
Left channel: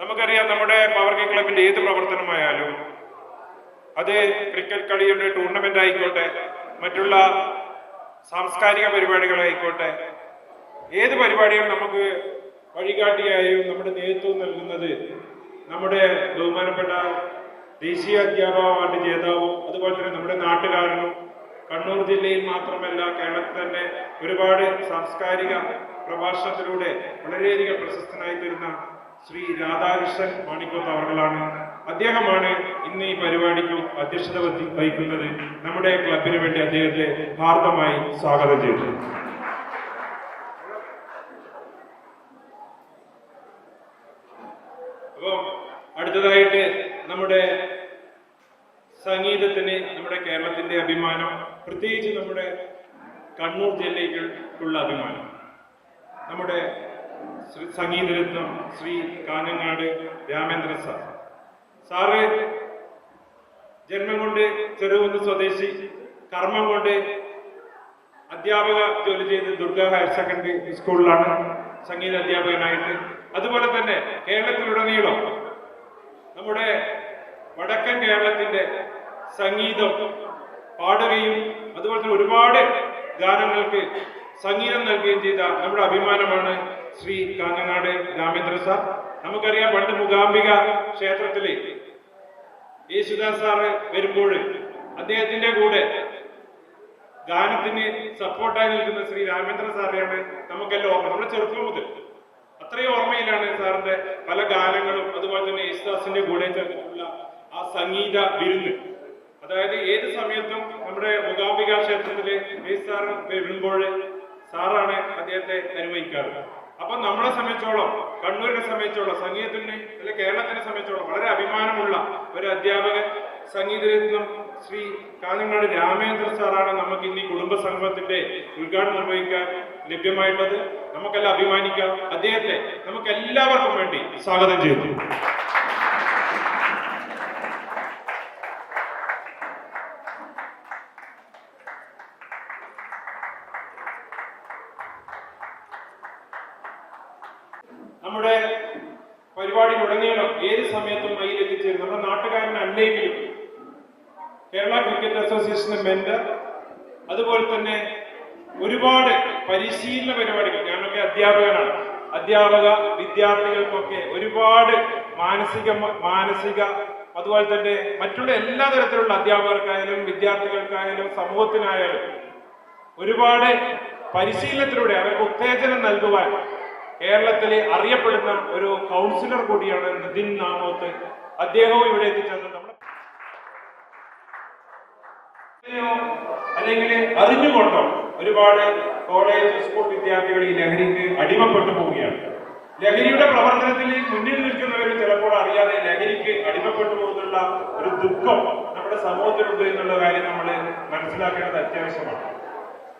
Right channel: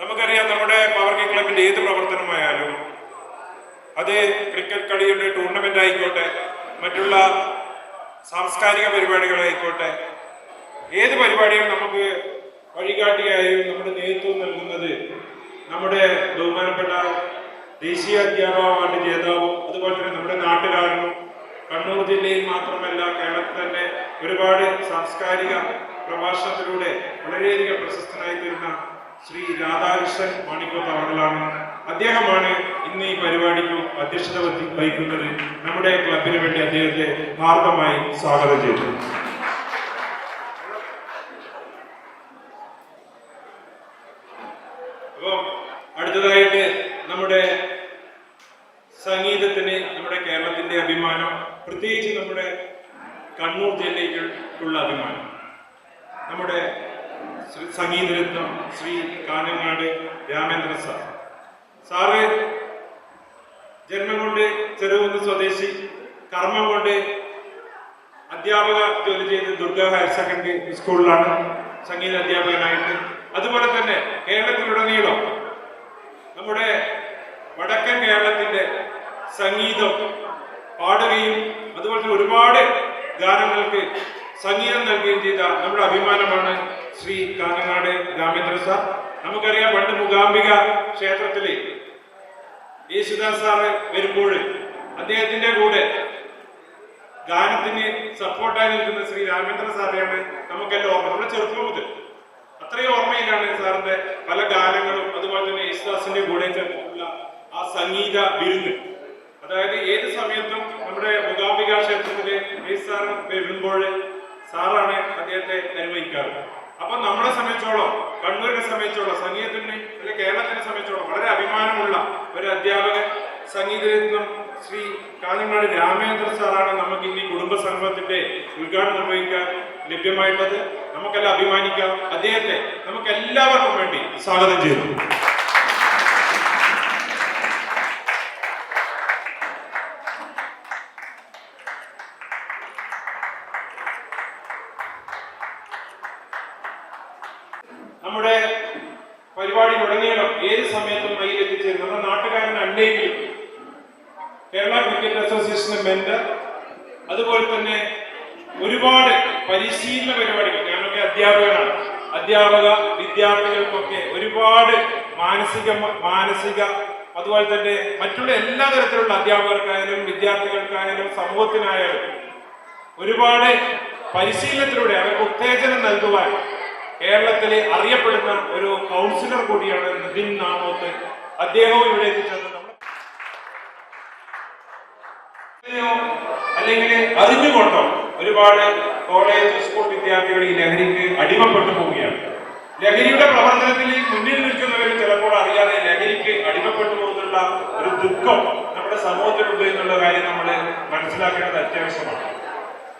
നമുക്കറിയാം, നമ്മുടെ പവർ ക്രിക്കറ്റ് ക്ലബിന്റെ ഏത് പ്രവർത്തനമായാലും, അത് ക്രിക്കറ്റ് കളിയുടെ ടൂർണമെന്റ് ആയിക്കോട്ടെ, മറ്റുള്ള സാംസ്കാരിക പരിപാടികളായിക്കോട്ടെ, ഏത് പരിപാടിയും നമുക്ക് വഴികാട്ടിയായും നമ്മുടെ നേതൃത്വം നൽകുന്നത് നമ്മുടെ ബഹുമാനപ്പെട്ട ദേശീയ അധ്യാപക അവാർഡ് ജേതാവും അതുപോലെ തന്നെ നമ്മുടെ നാട്ടുകാരനും, കണ്ണൂർ ജില്ലയിൽ മാത്രമല്ല കേരളത്തിൽ തന്നെ ഒരുപാട് സാംസ്കാരിക പ്രഭാഷണത്തിലൂടെ വളരെയധികം പ്രശസ്തനായി തീർന്ന ശ്രീ രാധാകൃഷ്ണൻ മാണിക്കോത്ത് അവர்களാണ്. അദ്ദേഹമാണ് ഇന്ന് ഈ പരിപാടിക്ക് അധ്യക്ഷത വഹിക്കുന്നത്. നമ്മുടെ ക്ലബിന് വേണ്ടി അദ്ദേഹത്തെ ഹാർദമായി സ്വാഗതം ചെയ്തു. അപ്പോൾ അടുത്തതായിട്ട് നമ്മുടെ സംഗീതത്തിന്, നമ്മുടെ കേരളത്തിന്റെ അഭിമാനം, പ്രത്യേകിച്ച് നമ്മുടെ കണ്ണൂർ ജില്ലയ്ക്കുള്ള അഭിമാനം, നമ്മുടെ സംഗീതരത്നം ശ്രീ കാനങ്ങാട് രാമേന്ദ്ര സാറ് ജന്മം കൊണ്ട് ചെറുകുന്ന് സ്വദേശി, കർമ്മം കൊണ്ട് അധ്യാപക ജോലി ചെയ്ത് ദുർഗ ഹയർ സെക്കൻഡറി സ്കൂളിലാണ് സംഗീത അധ്യാപകനായിട്ട്. അതുപോലെ തന്നെ കേരളത്തിലുടനീളം നമ്മുടെ വടക്കൻ കേരളത്തിന്റെ സംഗീതം പാടുകയും അതുപോലെ തന്നെ ഒരുപാട് ഗാനങ്ങൾക്ക് സംഗീതം നൽകുകയും ചെയ്ത നമ്മുടെ അഭിമാനമാണ് ശ്രീ കാനങ്ങാട് രാമേന്ദ്ര സാർ. നമുക്കറിയാം, പണ്ട് മൂകാംബിക ക്ഷേത്രത്തില് യേശുദാസ് സാറ് വരുമ്പോൾ അദ്ദേഹത്തിന്റെ കൂടെ ഗാനത്തിന് സപ്പോർട്ടായി നിൽക്കുന്ന ശ്രീ രാമേന്ദ്ര സാറിനെയാണ് നമുക്കെല്ലാം ഓർമ്മ. നമ്മുടെ ചെറുപ്പം മുതൽ അത്രയും ഓർമ്മയിലാണ് സാറിന്റെ പല ഗാനങ്ങളും. അതുപോലെ തന്നെ യേശുദാസിന്റെ കൂടെ ചേർന്നിട്ടുള്ള ആ സംഗീത വിരുന്ന്, അതായത് ഏത് സമയത്തും നമ്മുടെ മൂകാംബിക ക്ഷേത്രത്തില് യേശു സാർ വരുമ്പോൾ സാറാണ് അദ്ദേഹത്തെ നിർവഹിക്കാറ്. അപ്പൊ നമ്മളെ സംബന്ധിച്ചോളം, കണ്ണൂരിനെ സംബന്ധിച്ചോളം, സംഗീതത്തിന് അല്ലെ കേരളത്തിനെ സംബന്ധിച്ചോളം വളരെ അഭിമാനമുള്ള ഒരു അധ്യാപകൻ, സംഗീതരത്നം ശ്രീ കാനങ്ങാട് രാമേന്ദ്ര സാറാണ് നമുക്ക് ഇന്ന് ഈ കുടുംബ സംഗമത്തിന്റെ ഉദ്ഘാടനം നിർവഹിക്കാൻ ലഭ്യമായിട്ടുള്ളത്. നമുക്കെല്ലാം അഭിമാനിക്കാം. അദ്ദേഹത്തെ നമുക്ക് എല്ലാവർക്കും വേണ്ടി സ്വാഗതം ചെയ്തു. നമ്മുടെ പരിപാടിയിലുടനീളം ഏത് സമയത്തും കയ്യിൽ എത്തിച്ചേരും നമ്മുടെ നാട്ടുകാരനല്ലെങ്കിലും കേരള ക്രിക്കറ്റ് അസോസിയേഷന്റെ മെന്റർ, അതുപോലെ തന്നെ ഒരുപാട് പരിശീലന പരിപാടികൾ. ഞാനൊക്കെ അധ്യാപകനാണ്. അധ്യാപക വിദ്യാർത്ഥികൾക്കൊക്കെ ഒരുപാട് മാനസിക അതുപോലെ തന്നെ മറ്റുള്ള എല്ലാ തരത്തിലുള്ള അധ്യാപകർക്കായാലും വിദ്യാർത്ഥികൾക്കായാലും സമൂഹത്തിനായാലും ഒരുപാട് പരിശീലനത്തിലൂടെ അവർക്ക് ഉത്തേജനം നൽകുവാൻ കേരളത്തിലെ അറിയപ്പെടുന്ന ഒരു കൗൺസിലർ കൂടിയാണ് നിതിൻ നാമോത്ത്. അദ്ദേഹവും ഇവിടെ എത്തിച്ചേർന്നത് അല്ലെങ്കിൽ അറിഞ്ഞുകൊണ്ടോ ഒരുപാട് കോളേജ് സ്കൂൾ വിദ്യാർത്ഥികൾ ഈ ലഹരിക്ക് അടിമപ്പെട്ടു പോവുകയാണ്. ലഹരിയുടെ പ്രവർത്തനത്തിൽ മുന്നിൽ നിൽക്കുന്നവർ ചിലപ്പോൾ അറിയാതെ ലഹരിക്ക് അടിമപ്പെട്ടു പോകുന്നുള്ള ഒരു ദുഃഖം നമ്മുടെ സമൂഹത്തിലുണ്ട് എന്നുള്ള കാര്യം നമ്മൾ മനസ്സിലാക്കേണ്ടത് അത്യാവശ്യമാണ്.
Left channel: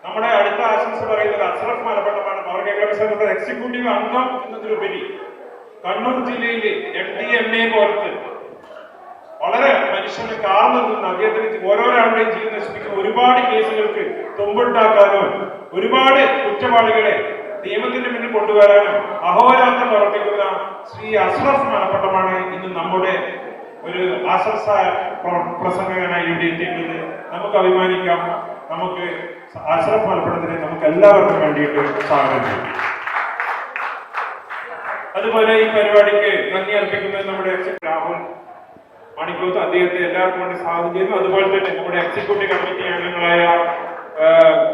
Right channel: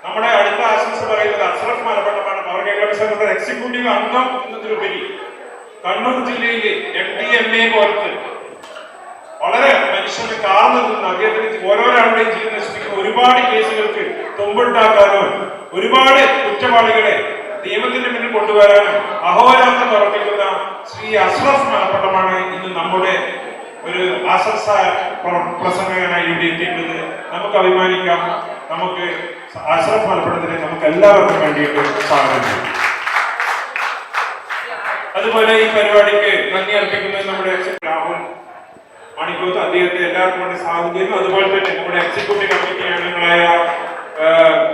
നമ്മുടെ അടുത്ത ആശംസ പറയുന്നത് അഷ്റഫ് മലപ്പട്ടമാണ്. പവർ കേരള സംഘത്തിന്റെ എക്സിക്യൂട്ടീവ് അംഗം എന്നതിലുപരി കണ്ണൂർ ജില്ലയിലെ MDMA പോലത്തെ വളരെ മനുഷ്യനെ കാർന്നു നിന്ന് അദ്ദേഹത്തിന് ഓരോരാളുടെയും ജീവൻ നശിപ്പിക്കുന്ന ഒരുപാട് കേസുകൾക്ക് തുമ്പുണ്ടാക്കാനോ ഒരുപാട് കുറ്റവാളികളെ നിയമത്തിന്റെ മുന്നിൽ കൊണ്ടുവരാനും അഹോരാത്രം പ്രവർത്തിക്കുന്ന ശ്രീ അഷ്റഫ് മലപ്പട്ടമാണ് ഇന്ന് നമ്മുടെ ഒരു ആശംസ പ്രസംഗകനായി ഇവിടെ എത്തിയിട്ടുള്ളത്. നമുക്ക് അഭിമാനിക്കാം. നമുക്ക് അഷ്റഫ് മലപ്പട്ടത്തിനെ നമുക്ക് എല്ലാവർക്കും വേണ്ടിയിട്ട് സ്വാഗതം ചെയ്യും. അതുപോലെ ഈ പരിപാടിക്ക് നന്ദി അർപ്പിക്കുന്നത് നമ്മുടെ രാഹുൽ മണിക്കൂത്ത്, അദ്ദേഹത്തെ എല്ലാവർക്കും വേണ്ടി സ്വാഗതം ചെയ്യുന്നു. അതുപോലെ തന്നെ നമ്മുടെ എക്സിക്യൂട്ടീവ് കമ്മിറ്റി അംഗങ്ങളായ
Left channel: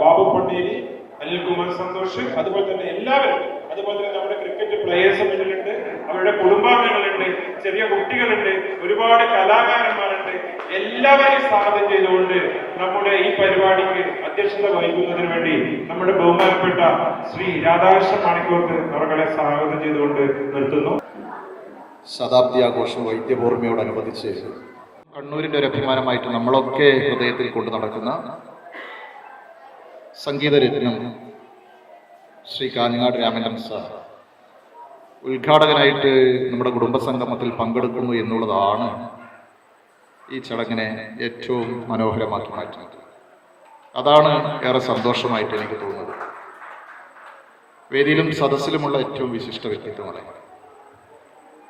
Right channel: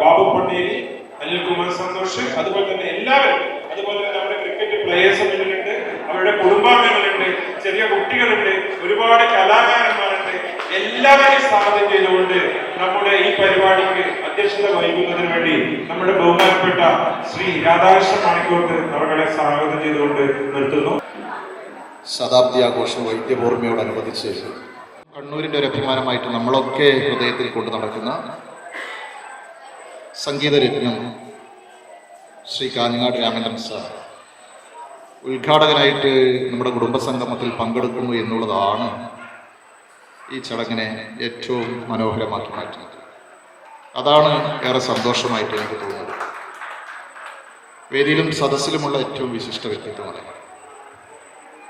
ബാബു പൊന്നേരി, അനിൽകുമാർ സന്തോഷ്, അതുപോലെ തന്നെ എല്ലാവരും, അതുപോലെ തന്നെ നമ്മുടെ ക്രിക്കറ്റ് പ്ലേയേഴ്സ് മുന്നിലുണ്ട്, അവരുടെ കുടുംബാംഗങ്ങളുണ്ട്, ചെറിയ കുട്ടികളുണ്ട്, ഒരുപാട് കലാകാരന്മാരുണ്ട്. എല്ലാവരെയും സ്വാഗതം ചെയ്തുകൊണ്ട് നമ്മുടെ ഈ പരിപാടിക്ക് അധ്യക്ഷത വഹിക്കുന്നതിന് വേണ്ടി നമ്മുടെ ബഹുമാനപ്പെട്ട ശ്രീ രാധാകൃഷ്ണൻ മണിക്കൂർത്ത് അവരുടെ സ്വാഗതം ചെയ്തുകൊണ്ട് നിർത്തുന്നു. ശതാബ്ദി ആഘോഷം വൈദ്യപൂർമ്മയോടനുബന്ധിച്ച് കണ്ണൂരിൻ്റെ ഒരു അഭിമാനമായിട്ട് നമ്മളൊക്കെ ഹൃദയത്തിൽ കൊണ്ടു നടക്കുന്ന സംഗീതരത്നം ശ്രീ കാഞ്ഞങ്ങാട് രാമേന്ദ്രൻ സാർ ഉദ്ഘാടകനായിട്ട് നമ്മുടെ കുടുംബസംഗമത്തിൽ പങ്കെടുക്കുന്നു എന്നുള്ളതാണ് ഈ ചടങ്ങിനെ ഏറ്റവും മനോഹരമാക്കി മാറ്റുന്നത്. അതാണ് ഏറെ സന്തോഷമായിട്ട് എനിക്ക് തോന്നുന്നത്. വേദിയിലും സദസ്സിലുമുള്ള ഏറ്റവും വിശിഷ്ട വ്യക്തിത്വമാണ്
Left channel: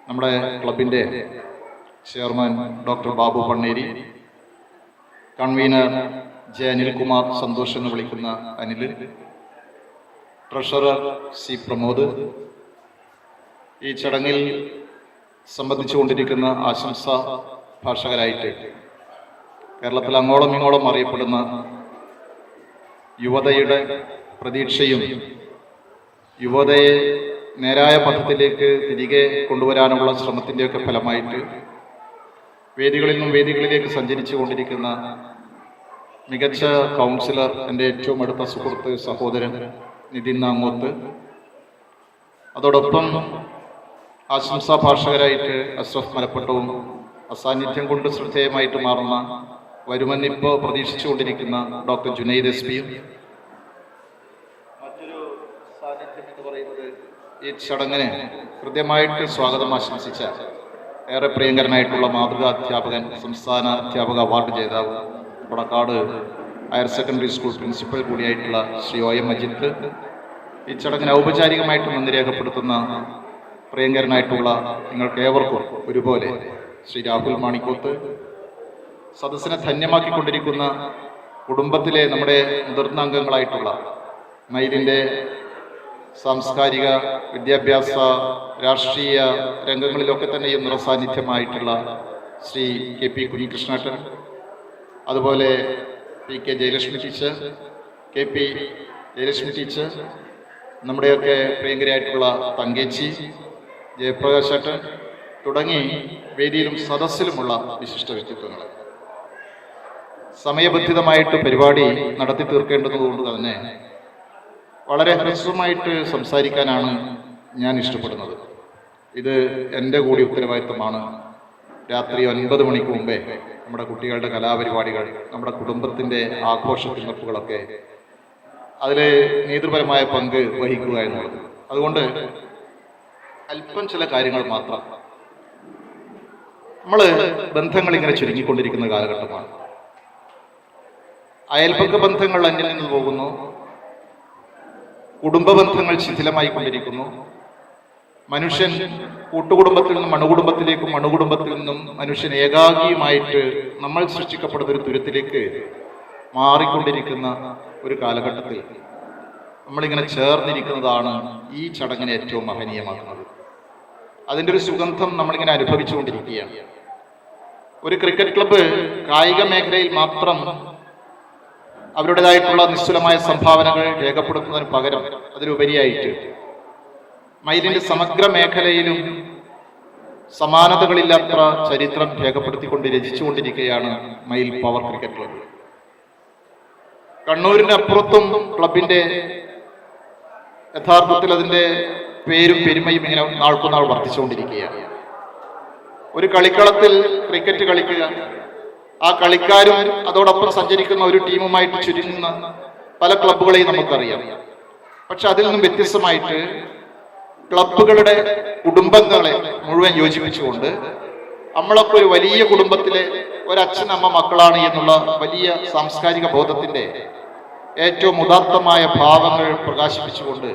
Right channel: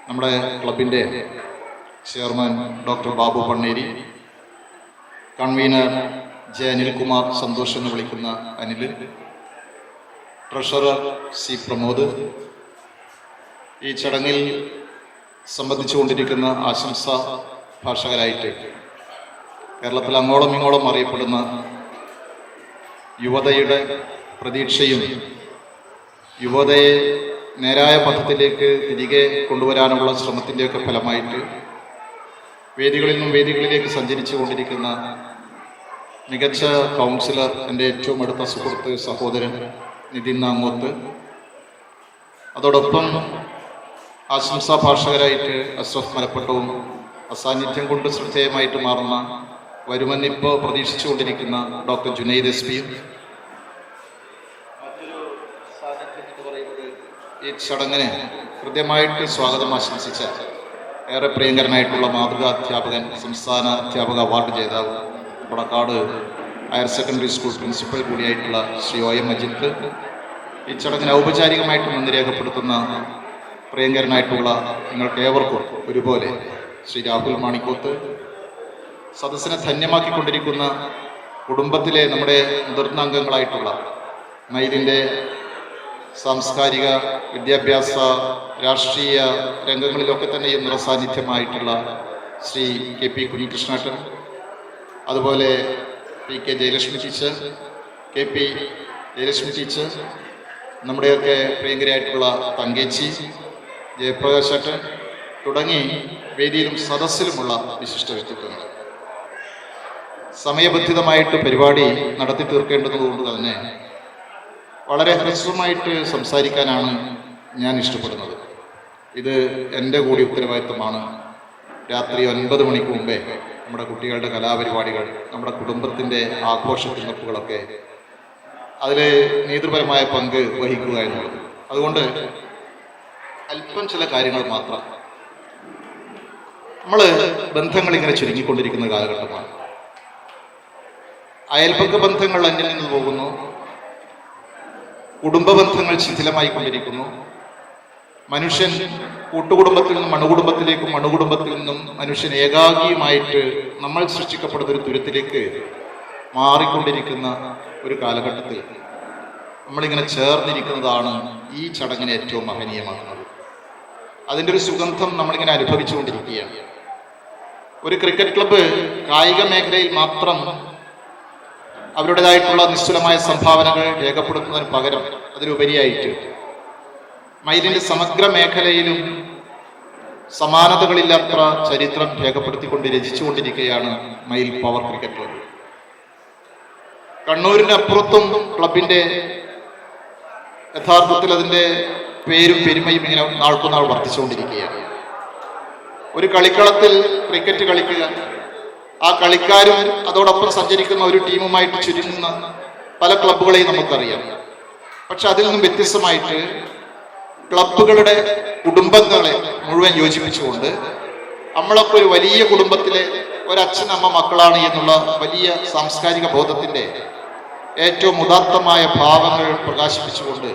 നമ്മുടെ ക്ലബിൻ്റെ chairman doctor Babu Panneri, convener J Anilkumar Santhosh എന്ന് വിളിക്കുന്ന അനിൽ, ട്രഷറർ സി പ്രമോദ്, ഈ ചടങ്ങിൽ സംബന്ധിച്ചുകൊണ്ടിരിക്കുന്ന ആശംസാ ഭാഷകരായിട്ട് കേരളത്തിൽ അങ്ങോളം ഇങ്ങോളം അറിയപ്പെടുന്ന യുവതയുടെ പ്രതീക്ഷയും യുവതയെ നേരായ പഥത്തിലേക്ക് തിരികെ കൊണ്ടുവരാനുള്ള ശ്രമത്തിൻ്റെയൊക്കെ ഫലമായിട്ട് വേദികളിൽ നിന്നും വേദികളിലേക്ക് സഞ്ചരിച്ചു കൊണ്ടിരിക്കുന്ന മികച്ച കൗൺസിലർ, എൻ്റെ ഏറ്റവും അടുത്ത സുഹൃത്ത് സഹോദരൻ നിതിൻ നാങ്ങോത്ത്, അതോടൊപ്പം ആശംസാ ഭാഷകരായിട്ട് അഷ്റഫ് മലപ്പട്ടവും അസാന്നിധ്യം കൊണ്ട് ശ്രദ്ധേയമായിട്ട് മാറുന്ന വരുമെന്നിപ്പോൾ പ്രതീക്ഷിച്ചുകൊണ്ടിരിക്കുന്ന ഡോക്ടർ ജുനൈദ് SP, ഈ ചടങ്ങിന് കൃത്യമായിട്ട് സ്വാഗതം ആശംസിച്ച ഏറെ പ്രിയങ്കരനായിട്ടുള്ള മാതൃകാ അധ്യാപകൻ, സംസ്ഥാന അധ്യാപക അവാർഡ് ജേതാവ്, Kodakkad higher secondary school principal കൂടിയായിട്ടുള്ള ശ്രീ OM അജിത്ത്, ഈ ചടങ്ങിന് ഔപചാരികമായിട്ട് മുൻ രേഖപ്പെടുത്തുന്ന പ്രിയങ്കരനായിട്ടുള്ള നിങ്ങൾക്ക് ഏവർക്കും ഒരുപോലെ ശ്രീ രാഹുൽ മാണിക്കോത്ത്, സദസ്സിനെ ധന്യമാക്കിക്കൊണ്ടിരിക്കുന്ന കുടുംബത്തിലെ നമ്മുടെ മുതിർന്ന അംഗങ്ങളായിട്ടുള്ള മൈലിൻ്റെ സാംസ്കാരിക, വിദ്യാഭ്യാസ, രാഷ്ട്രീയ രംഗങ്ങളിലൊക്കെ തന്നെയും നിറസാന്നിധ്യമായിട്ടുള്ള ശ്രീ KP കുഞ്ഞികൃഷ്ണേട്ടൻ, അതുപോലെ PK Jayalakshmi teacher, KP Jayalakshmi teacher, നമ്മുടെയൊക്കെ പ്രിയങ്കരായിട്ടുള്ള തങ്കേച്ചി, ജയപ്രകാശേട്ടൻ തുടങ്ങി വേദിയിലും സദസ്സിലുമുള്ള വിശിഷ്ട വ്യക്തിത്വങ്ങൾ. സമയബന്ധിതമായിട്ട് പരിപാടി നടത്തി തീർക്കേണ്ടതുകൊണ്ട് തന്നെ വളരെ ഹ്രസ്വമായിട്ട് സംസാരിക്കാനാണ് ഞാൻ ഇഷ്ടപ്പെടുന്നത്. ഇത് എൻ്റെ കൂടി ഉത്തരവാദിത്തമാണ്. രാത്രി 9 മണിക്ക് മുമ്പേ നമ്മുടെ കുട്ടികളുടെ കലാപരിപാടികൾ, നമ്മുടെ കുടുംബത്തിൻ്റെ ആഘോഷ തിരഞ്ഞെടുപ്പുകളൊക്കെ അതിൽ നേതൃപരമായ പങ്ക് വഹിക്കുക എന്നുള്ളത്. അതുകൊണ്ട് അല്പം ചില കാര്യങ്ങൾ മാത്രം. നമ്മൾ ബന്ധങ്ങൾ ഇങ്ങനെ ചുരുങ്ങിക്കൊണ്ടിരിക്കുന്ന കാലഘട്ടമാണ്. അയൽപക്ക ബന്ധങ്ങൾ അന്യം നിന്ന് പോകുന്നു, കുടുംബ ബന്ധങ്ങൾ ശിഥിലമായിക്കൊണ്ടിരിക്കുന്നു. മനുഷ്യൻ കൂട്ടുകുടുംബത്തിൽ നിന്നും അണുകുടുംബത്തിലേക്കും അണുകുടുംബത്തിൽ നിന്നും മനുഷ്യൻ ഏകാഗിയുമായിട്ട് നമ്മൾ സൃഷ്ടിക്കപ്പെടുന്ന ഒരു തുരത്തിലേക്ക് മാറിക്കൊണ്ടിരിക്കുന്ന ഒരു കാലഘട്ടത്തിൽ നമ്മളിങ്ങനെ ചേർന്നിരിക്കുന്നതാണ് ഈ ചടങ്ങിനെ ഏറ്റവും മഹനീയമാക്കുന്നത്. അതിൻ്റെ ഒരു സുഗന്ധം നമ്മളിങ്ങനെ അനുഭവിച്ചുകൊണ്ടിരിക്കുകയാണ്. ഒരു ക്രിക്കറ്റ് ക്ലബ്ബ് കായിക മേഖലയിൽ മാത്രം അവരുടേതായിട്ടുള്ള നിശ്ചലമായ സംഭാവനകൾ രേഖപ്പെടുത്തുന്നതിന് പകരം അതിലുപരിയായിട്ട് മൈലിൻ്റെ സമഗ്ര മേഖലയിലും സമാനതകളില്ലാത്ത ചരിത്രം രേഖപ്പെടുത്തിക്കൊണ്ട് രചിച്ചുകൊണ്ടിരിക്കുകയാണ് മൈൽ പവർ ക്രിക്കറ്റ് ക്ലബ്ബ്. കണ്ണൂരിൻ്റെ അപ്പുറത്തും ക്ലബിൻ്റെ യഥാർത്ഥത്തിൽ അതിൻ്റെ പേരും പെരുമയും ഇങ്ങനെ നാൾക്കുനാൾ വർദ്ധിച്ചുകൊണ്ടിരിക്കുകയാണ്. ഒരു കളിക്കളത്തിൽ ക്രിക്കറ്റ് കളിക്കുക, ആ കളിക്കാരും അതോടൊപ്പം സഞ്ചരിക്കുന്ന ഒരു ടീമുമായിട്ട് ചുരുങ്ങുന്ന പല ക്ലബ്ബുകളെയും നമുക്കറിയാം. പക്ഷെ അതിൽ നിന്നും വ്യത്യസ്തമായിട്ട് ക്ലബ്ബുകളുടെ കുടുംബങ്ങളെ മുഴുവൻ യോജിപ്പിച്ചുകൊണ്ട് നമ്മളൊക്കെ ഒരു വലിയ കുടുംബത്തിലെ ഒരച്ഛൻ അമ്മ മക്കളാണ് എന്നുള്ള വലിയ സാംസ്കാരിക ബോധത്തിൻ്റെ ഏറ്റവും ഉദാത്തമായ ഭാവങ്ങൾ പ്രകാശിപ്പിച്ചുകൊണ്ട്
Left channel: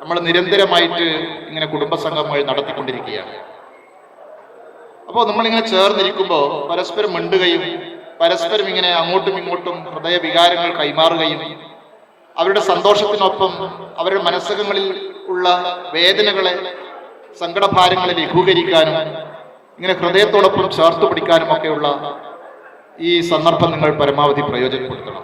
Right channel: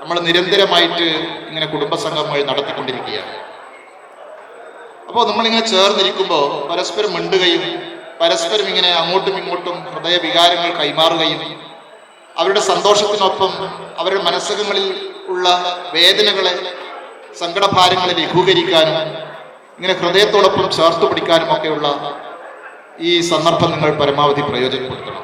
നമ്മൾ നിരന്തരമായിട്ട് ഇങ്ങനെ കുടുംബസംഗമങ്ങൾ നടത്തിക്കൊണ്ടിരിക്കുകയാണ്. അപ്പോൾ നമ്മളിങ്ങനെ ചേർന്നിരിക്കുമ്പോൾ പരസ്പരം മിണ്ടുകയും പരസ്പരം ഇങ്ങനെ അങ്ങോട്ടും ഇങ്ങോട്ടും ഹൃദയവികാരങ്ങൾ കൈമാറുകയും അവരുടെ സന്തോഷത്തിനൊപ്പം അവരുടെ മനസ്സകങ്ങളിൽ ഉള്ള വേദനകളെ, സങ്കടഭാരങ്ങളെ ലഘൂകരിക്കാനും ഇങ്ങനെ ഹൃദയത്തോടൊപ്പം ചേർത്ത് പിടിക്കാനും ഒക്കെയുള്ള ഈ സന്ദർഭം നിങ്ങൾ പരമാവധി പ്രയോജനപ്പെടുത്തണം.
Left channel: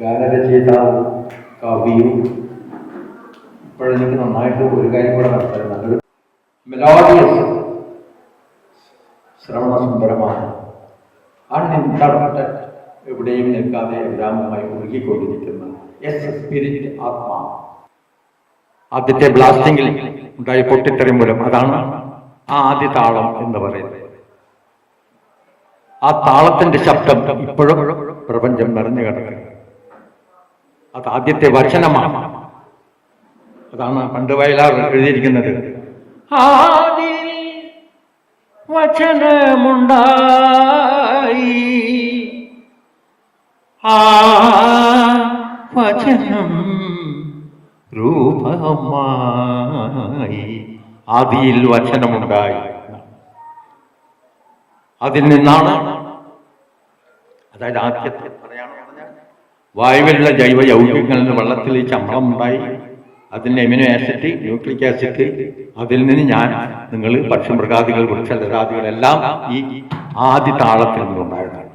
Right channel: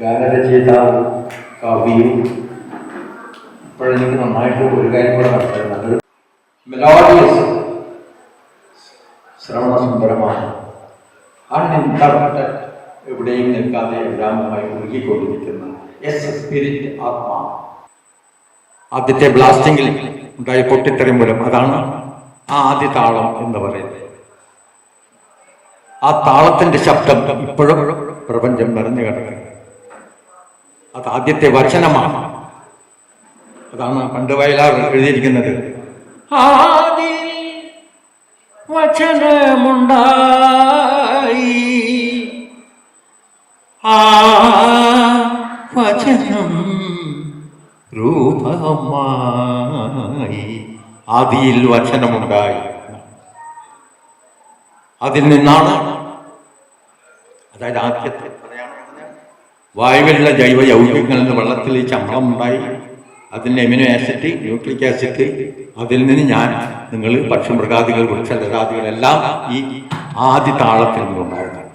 ഗാനരചയിതാവും കവിയും ഇപ്പോഴെനിക്ക് നന്നായിട്ട് ഒരു കാര്യം കൂടെ മനസ്സിലാക്കുന്നത് മെലോഡിയസ്, ശ്രവണസുന്ദരമാണ്, അൺഇൻറ്ററപ്റ്റഡ്, എവിടെയും നിൽക്കാതെ എല്ലാമായി ഒഴുകിക്കൊണ്ടിരിക്കുന്ന സ്പിരിറ്റ് ആത്മാ. ആദ്യത്തെ ബ്ലാസ്റ്റിങ്ങിൽ ഉണ്ടായ പൊട്ടിത്തെറി മൂലം അതാണ് ആ ആദ്യ താളം എന്ന് പറയുന്നത്. ആ താളത്തിന്റെ ശബ്ദം ഇപ്പോഴും പ്രപഞ്ചം നിറഞ്ഞു കിടക്കുന്നത്. അത് ആദ്യത്തെ വചനമാണ്. അതാണ് പണ്ട് വയലാർ എഴുതിയിരിക്കുന്നത്. ആദി വചനമുണ്ടായി, ആ വചനം രൂപമായി. ആദിയിൽ വചനമുണ്ടായി. അതിൽ നിന്നാണ്, അതായത് ആദ്യത്തെ വായുവിലുള്ള ജൈവ യൗഗികങ്ങളിൽ നിന്ന് വെള്ളത്തിൽ ഈ ചമ്മളം ഉണ്ടായി. അതിന് എമിനോ ആസിഡ്, ന്യൂക്ലിക് ആസിഡ്, അതിൽ നിന്ന് നിങ്ങൾ പക്ഷിമൃഗാദികൾ, വൃക്ഷലതാദികളെല്ലാം ഈ ആദ്യ താളത്തിൽ നിന്നുണ്ടായതാണ്.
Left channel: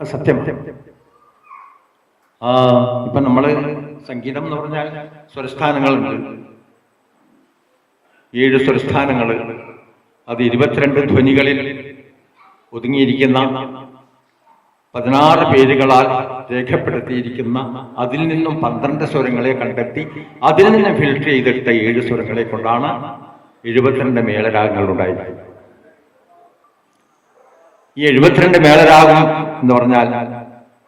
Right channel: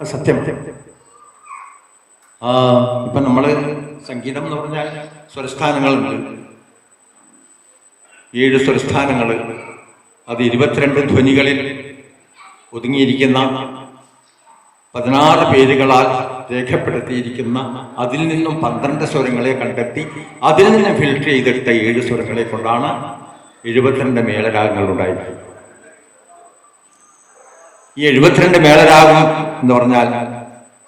സത്യം. ഇപ്പം നമ്മൾ സംഗീതം എന്ന് പറഞ്ഞാൽ സ്വരസ്ഥാനങ്ങളുണ്ട്. 7 സ്വരസ്ഥാനങ്ങൾ. അത് 22 ധ്വനികളിൽ ഒതുങ്ങിയിരിക്കുന്ന 16 പേരുകളാൽ രേഖപ്പെടുത്തിയിരിക്കുന്ന, അതിൽ നിന്നും 12 സ്വരങ്ങളെ കണ്ടെത്തി അതിൽ നിന്ന് ഫിൽട്ടർ ചെയ്തെടുത്ത 7 സ്വരങ്ങളെ കൊണ്ടാണ് 72 മേളരാഗങ്ങൾ ഉണ്ടായത്. ഈ 72 മേളരാഗം എന്ന് പറഞ്ഞാൽ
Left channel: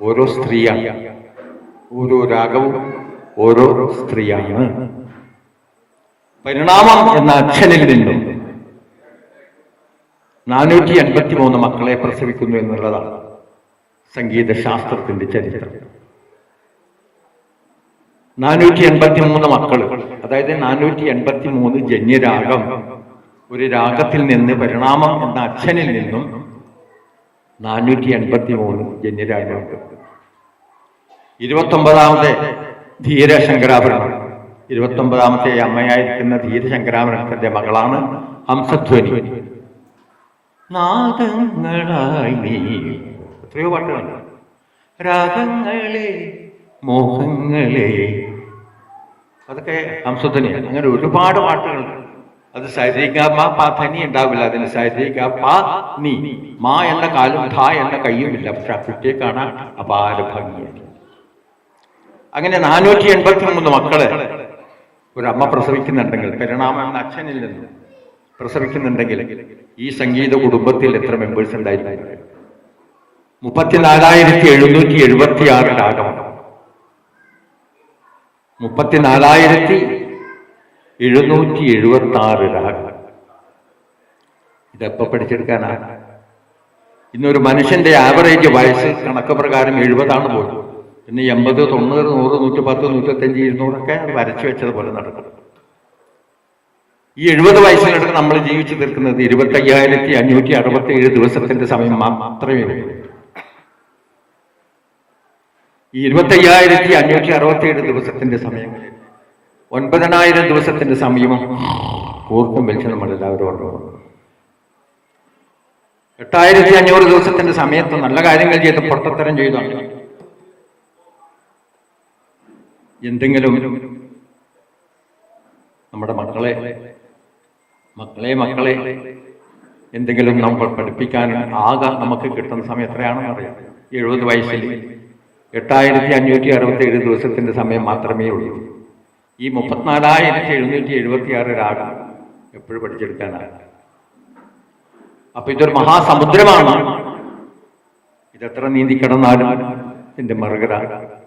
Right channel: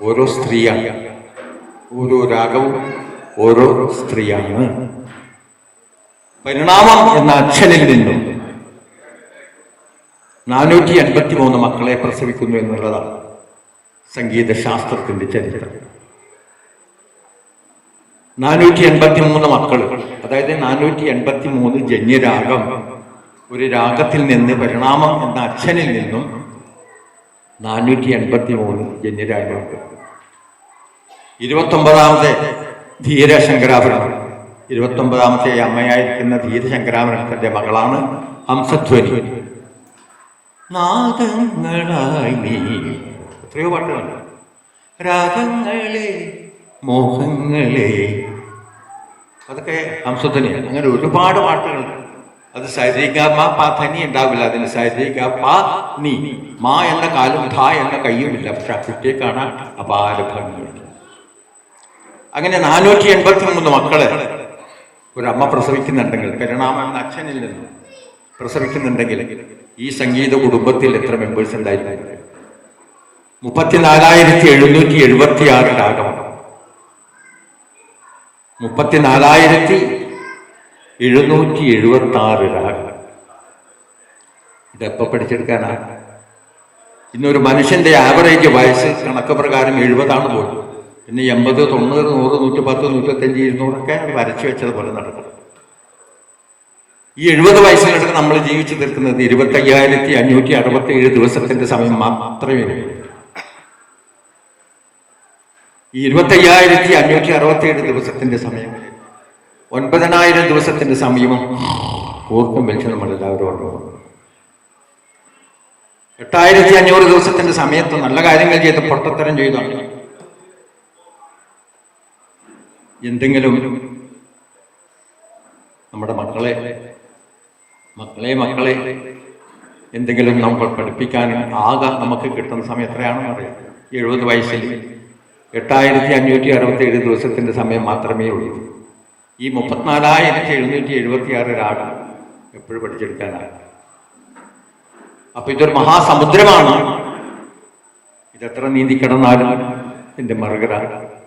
ഓരോ സ്ത്രീയാണ്, ഓരോ രാഗവും ഓരോ സ്ത്രീയാണ്. പരിണാമം എന്ന അച്ഛനിൽ നിന്നും 483 മക്കളെ പ്രസവിക്കുന്നു എന്നുള്ളതാണ് സംഗീതശാസ്ത്രത്തിന്റെ ചരിത്രം. 483 മക്കൾ, അതായത് 483 ജന്യരാഗം. ഒരു രാഗത്തിൽ നിന്ന് പരിണാമം എന്ന അച്ഛനിൽ നിന്നും 483 ജന്യരാഗമുണ്ട്. 29ാമത്തെ ധീരശങ്കരാഭരണം, 29ാമത്തെ അമ്മയായിരിക്കുന്ന ധീരശങ്കരാഭരണത്തിന്റെ മകളാണ് ഹംസധ്വനി. നാദങ്ങളായി നീ എത്രയോ പാട്ടുകളുണ്ട്. രാഗങ്ങളെ മോഹങ്ങളെ, അതൊക്കെ ഹംസധ്വനിയാണ്. അങ്ങനെ ഒരുപാട് പാട്ടുകളുണ്ട്. അത് സരിഗ മ പ ധനി ഉണ്ടാവില്ല, അതിന് സരിഗ പ നീ, മാ എന്ന കാലും ധ എന്ന കയ്യുമില്ല. പക്ഷെ ആ കുട്ടിയെ കാണാൻ അപാര ഭംഗിയാണ്. അങ്ങനെ 483 മക്കളെ ഒരമ്മ പ്രസവിക്കുന്നുണ്ടെങ്കിൽ, പരിണാമം എന്ന അച്ഛനിൽ നിന്ന് പ്രസവിക്കുന്നുണ്ടെങ്കിൽ ഈ സംഗീത കുടുംബത്തിൽ എത്ര മെമ്പേഴ്സ് ഉണ്ടായിരുന്നു? 34,776 രാഗം, 34,776 രാഗം. ഇതെപ്പോൾ പഠിച്ചെടുക്കാനാണ്? ഇന്നൊരു മനുഷ്യന്റെ ആവറേജ് വയസ്സ് കണക്ക് പ്രകാരം 70 പോലും. പിന്നെ 80, 90, 100, 110, 125, 200 വരച്ചു വെച്ചതുപോലെ നടക്കും. ഈ 70 വയസ്സിനടുത്ത് നമ്മൾ ജീവിച്ചു തീർക്കുന്നത് 25,567 ദിവസത്തിന്റെ സമയം മാത്രമേ ഉള്ളൂ. ഈ 25,567 ദിവസത്തിന്റെ സമയം 9,000 ദിവസത്തിന്റെ സമയവും ഓർക്കും വെച്ച് നമ്മളെല്ലാവരും ഓർമ്മ. 8,500 ദിവസത്തിന്റെ സമയത്ത് നല്ല കാര്യങ്ങൾ ചെയ്ത് പൊട്ടത്തരം ചെയ്താണ് എന്തെങ്കിലും നമ്മുടെ മക്കളെ എന്തെങ്കിലും നമ്മൾ പഠിപ്പിക്കാനും ആകെ നമുക്ക് കിട്ടുന്ന സമയം എത്രയാണെന്ന് അറിയാം. 70 വയസ്സിൽ 8,567 ദിവസത്തിന്റെ സമയം മാത്രമേ ഉള്ളൂ. ഈ 34,776 രാഗം എപ്പോഴും പഠിച്ചെടുക്കാനാണ്. അപ്പൊ ഇതൊരു മഹാസമുദ്രമാണ്. ഇതെത്ര നീന്തിക്കിടന്നാലും ഇതിന്റെ മറുകര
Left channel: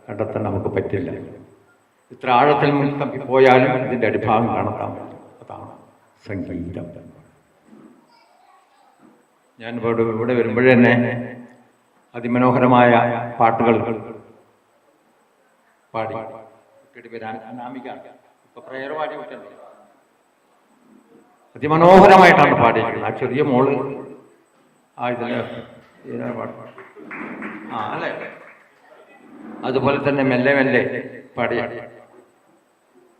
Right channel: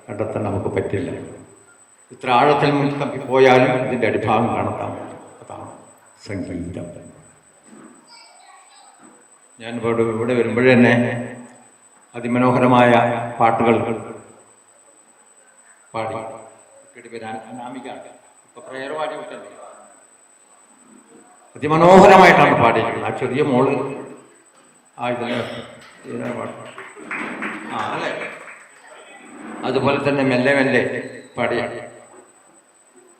കണ്ടെത്താൻ നമുക്ക് പറ്റില്ല. ഇത്ര ആഴത്തിൽ പോയാലും ഇതിന്റെ അടിഭാഗം കാണത്താം. അതാണ് സംഗീതം. ഞാൻ ഇവിടെ വരുമ്പോഴേ തന്നെ അതിമനോഹരമായ പാട്ടുകൾ പാടി. ഇപ്പൊ പ്രയർ പാടി വിട്ടല്ലേ, അതിമനോഹരമായിട്ടാണ് പാടിയിരിക്കുന്നത്. ആ ചെറിയ മോള് ഇതിനെ പാടും. അല്ലേ? അതുപോലെ തന്നെ മെല്ലെ മെല്ലെ പാടിയ.